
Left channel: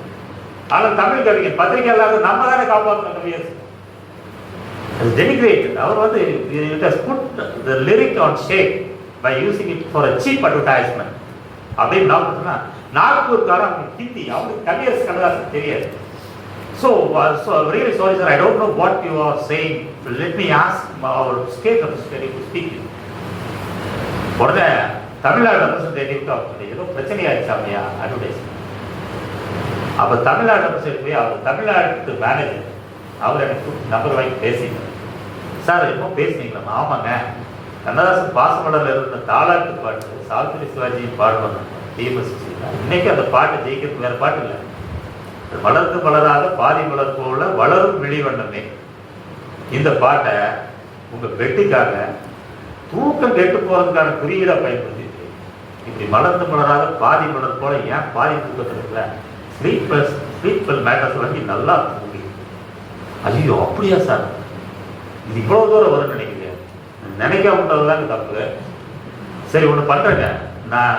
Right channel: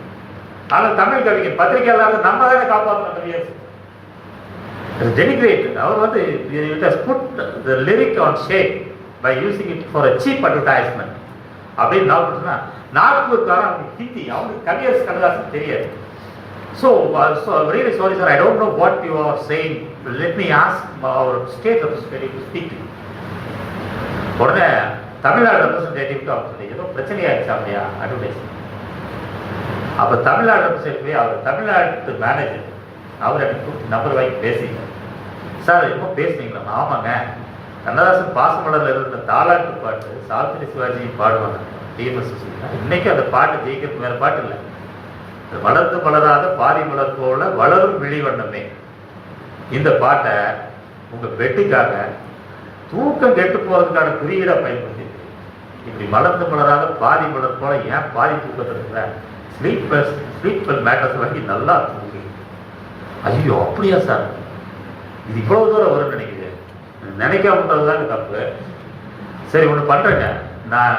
ஆனால் தமிழ் கவிஞர் பத்திரிகையாளர் நம்ம தானே காப்பாற்றணும் கவியர். Denigrated. அவர் வந்து it has put the lyric on shake by using it for a cheap advertisement. அப்படின்னு நாக்பூர்காரன் ஹிந்தி, அவங்க கவியர் கண்ணதாசன் தெரியாது. So really sorry sir, I don't know what you are saying. Let me ask our state representative to speak to you. உடனே தமிழ்நாடு ரெப்ரஸன்டேட்டிவ் ஏதோ பிரச்சனையாச்சு அப்படியா அட்வர்டைஸ்மெண்ட். அப்போ தமிழ்நாடு ரெப்ரஸன்டேட்டிவ் அவர் தமிழ்நாட்டு மேனேஜர் அவர் எனக்கு நம்பர் வாங்கி பேசினார். சார் எப்போ பேசுனீங்களா? ஆமாங்க, கண்ணதாசன் பாசமலரில் இருந்த தாலாட்டு பாட்டு சாவித்திரி சிவாஜியும் பாடுவாங்க டிஎம்எஸ். இன்னைக்கு அந்த பாட்டு ஜெயிக்கிறது வேற பாட்டு இல்லை. வளர்ந்து வளராத பாதி மலர் போல வளரும் விழிவண்ணமே. இந்த பாட்டை உங்க பெட்டுக்காக தூக்கம் கெட்டு போறதுக்கான குறியீடா பயன்படுத்தி இப்படி வளர்ந்து வளராத பாதி மலர் போல ஏன் பாதி தூக்கத்தில் இருக்கிற ஸ்லீப்பர் மேட்டர்ஸ் வாங்கி நல்லா இருக்கு. ஐயோ அப்படியா சார், இது இவ்வளவு தூரம் வரும்னு நினைக்கிறேன். நினைக்காம விட்டதுதாங்க தப்பு. சரி ஒன்று பண்றேங்க, நான்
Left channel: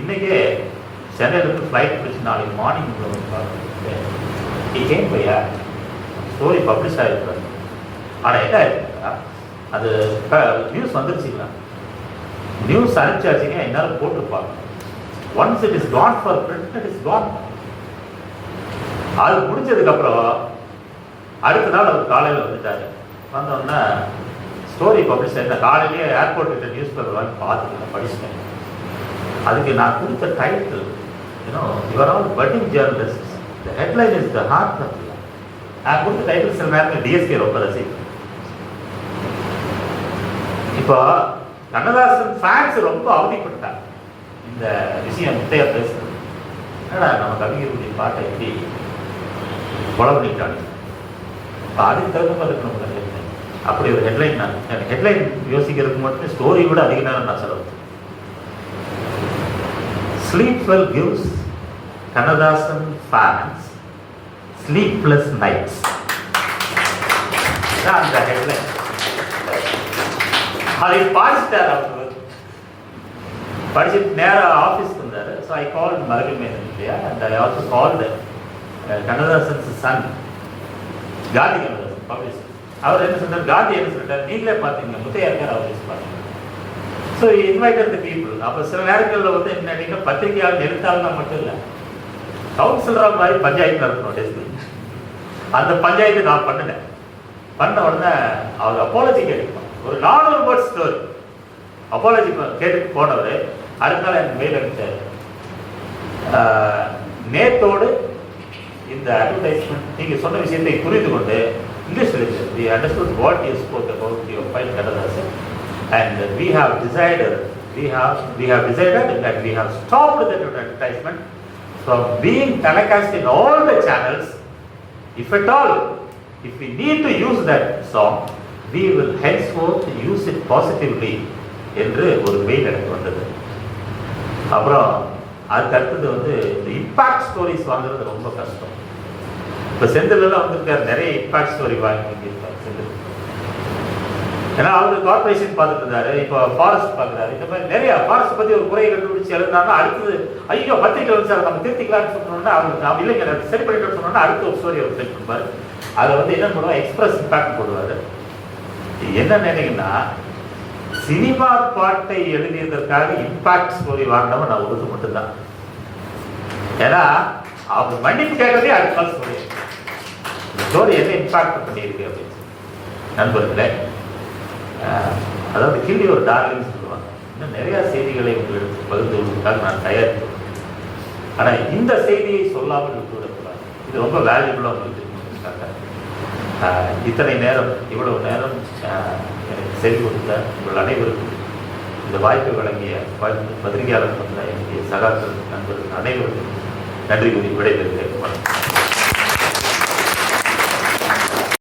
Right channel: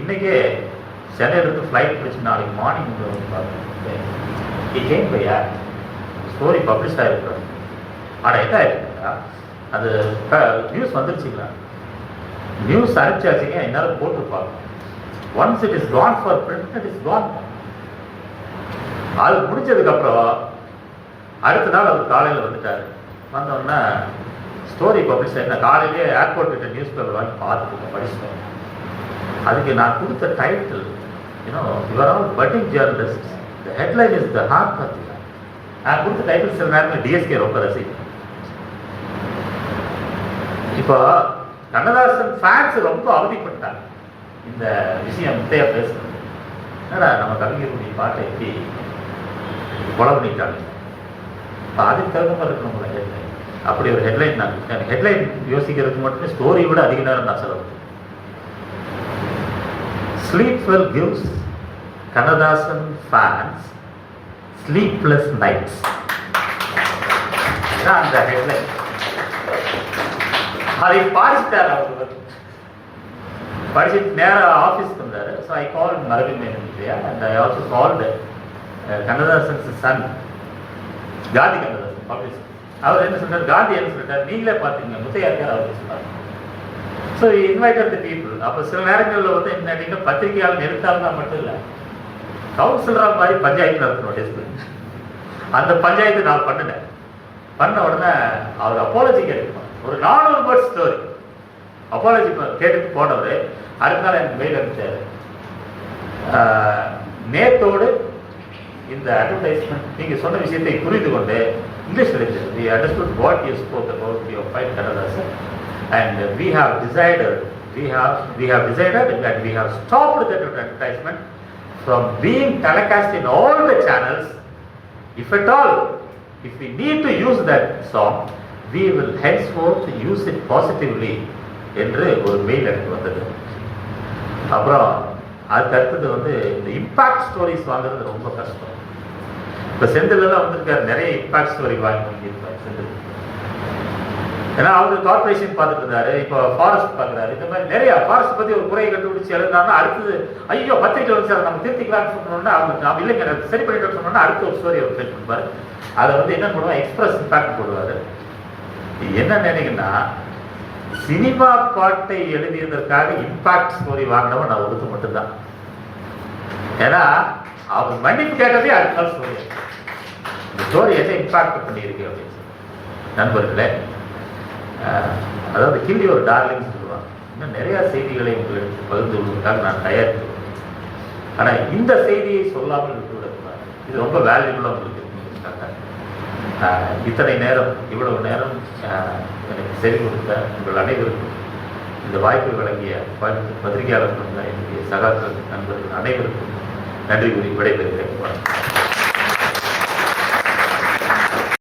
இன்னைக்கே சென்னையிலிருந்து ஃப்ளைட் பிடிச்சி நாளைக்கு மார்னிங் வந்து பார்த்தேன். பையா ஸ்டோரி பப்ளிஷ் ஆகிருப்பாரு. ஆனால் என்ன ஆயிருக்குங்களா, அது நியூஸ் வந்துருச்சுங்களா, நியூஸ் அனுப்பிச்சாச்சுங்க, என்னாலும் போட்டுருப்பாங்க. Once it is gone for print, it is gone. அது முடிஞ்சதுக்கப்புறம் அடுத்த நாள் அவர் காலையில் வந்துட்டார். வந்தோடனே ஸ்டோரி பப்ளிஷ் ஆகிருந்தா காலையிலேயே ஏர்போர்ட் கிட்ட நியூஸ் பேப்பர் வாங்கி பார்த்துட்டு படிச்சுட்டோம். அதுக்கு நான் கொடுத்த title, you are all budding journalists. The headline is the heart of the. நான் கொடுத்த டைட்டில் சில நேரத்தில் டிஎஸ்கே ரொம்ப ரசிக்கிறேன். இப்போ கண்ணதாசன் ஃபேன்ஸ் ரொம்ப அவதிப்பட்டாங்க இந்த விஷயம் முத்தையா பேசுறது. என்னடா நம்ம கவிஞருடைய பாட்டை எப்படி கொலை பண்ணிட்டாங்க, அதுக்கு தகுந்த மாதிரி இருக்கணும் ஹெட்லைன். அப்படி ஒரு ஹெட்லைன் நான் ஹெட்லைன் யோசிக்கிறதுக்கு மட்டும் ஸ்டோரி விட அதிக நேரம் நான் சொல்லுவேன். Sleepwell gives Kannadasan fans sleepless nights. That's the headline. I passed that out. படிச்சுட்டு நேராக ஆஃபீஸ்க்கு வந்தார். ஸோ ஐ கால் மறுபடியும் இல்லையா, and I also call Kannadasan's son Gandhi Kannadasan publisher. அவர் என்ன சொன்னார், காந்தி என்ன சொல்லிட்டார், நீங்களே பார்த்தீங்க முத்தையாருக்கார் அவர் சொன்னார். So invited the people. அப்போ சில நேரங்களில் வந்து என்ன பத்திரிகையாளர் எழுத்தாளர் மட்டும் இல்லை, கவுன்சிலராக மாதிரி பஞ்சாயத்து நடத்தணும் டெஸ்ட். அந்த பஞ்சாயத்து நான் பண்ணினேன். பண்ண உடனே அவர் அப்பாலஜி கேட்டுருப்பான். ஒரு 400 வேர்ட் ஸ்டோரி அப்பாலஜி கேட்டு போனது. அடுத்த நாள் எனக்கு மெயில் அனுப்பிச்சாரு, நேத்தோடு இந்த அட்வர்டைஸ்மெண்ட் நீங்கள் சொன்ன விஷயத்தை புரிந்து கொண்டு English literature we understood what you spoke about your fight Kannadasan, and we have decided that we have stopped that advertisement from being telecast in all the channels. If at all, if we need to use that song, we will henceforth use it positively என்று ஒரு மெயில் எனக்கு வந்தது. அப்புறம் அதுக்கு அடுத்தது வந்து இந்த இம்பாக்ட் ஸ்டோரிஸ் வாங்குறது ரொம்ப கஷ்டம். இப்போ செந்திலெல்லாம் வந்திருக்காரு, நிறைய இம்பாக்ட் ஸ்டோரி வாங்கியிருக்காரு செந்தில். ஏன்னா அவரு கார்பரேஷன் பார்த்துட்டு இருந்தாரு, இப்போ ஃபாரஸ்ட் பார்க்குறாரு. இந்த மாதிரி நிறைய ஃபாரஸ்ட் பற்றி ஒரு குறையை கண்டுபிடிச்சி எழுந்தாங்கன்னா அடுத்தது ஐயோ பத்திரிக்கை வந்து சார் நம்ம திருத்திக்கலாம்னு சொன்னோம்னா அவங்க இல்லைங்க சரி பண்ணிட்டு சொன்னோம்னா அடுத்த ஒரு ஸ்டோரி அவர் கேட்டுருப்பார். அதை வந்து என்ன பண்ணுவோம், எக்ஸ்பிரஸ் இம்பாக்ட் போடுவார். என்ன நினைங்கன்னா சினிமா பாட்டை எழுதியதற்காக இம்பாக்ட் ஸ்டோரி வாங்கினவன் நான் ஒருத்தர் மட்டும்தான். ஏன்னா அவங்க மன்னிப்பு கேட்டதே அடுத்த நாள் ஸ்டோரி. இந்த ஸ்டோரி என்ன இம்பாக்ட் பண்ணியிருக்கு அப்படின்னு நண்பர்களே. அதாவது கிள்ளி ஒரு டார்லிங் சொல்லுவாங்க. இன்னும் நிறையா செய்திகளை உங்களுக்கு பகிர்ந்து கொள்வதற்காக நான் தயார். ஆனால் இந்த செய்தியை சொல்லாமல் விட்டுவிடக்கூடாது. இது ரொம்ப வேல்யூபுளாக உங்களுக்கு இத்தனை நேரம், இவ்வளவு நேரம் எனக்கு செய்து கொடுத்த உங்கள் அனைவருக்கும், இந்த வாய்ப்பை வழங்கிய பத்திரிகையாளர் என்னுடைய சகாக்கள் நண்பர்கள் அனைவருக்கும் நன்றி கூறி விடைபெறுகிறேன்.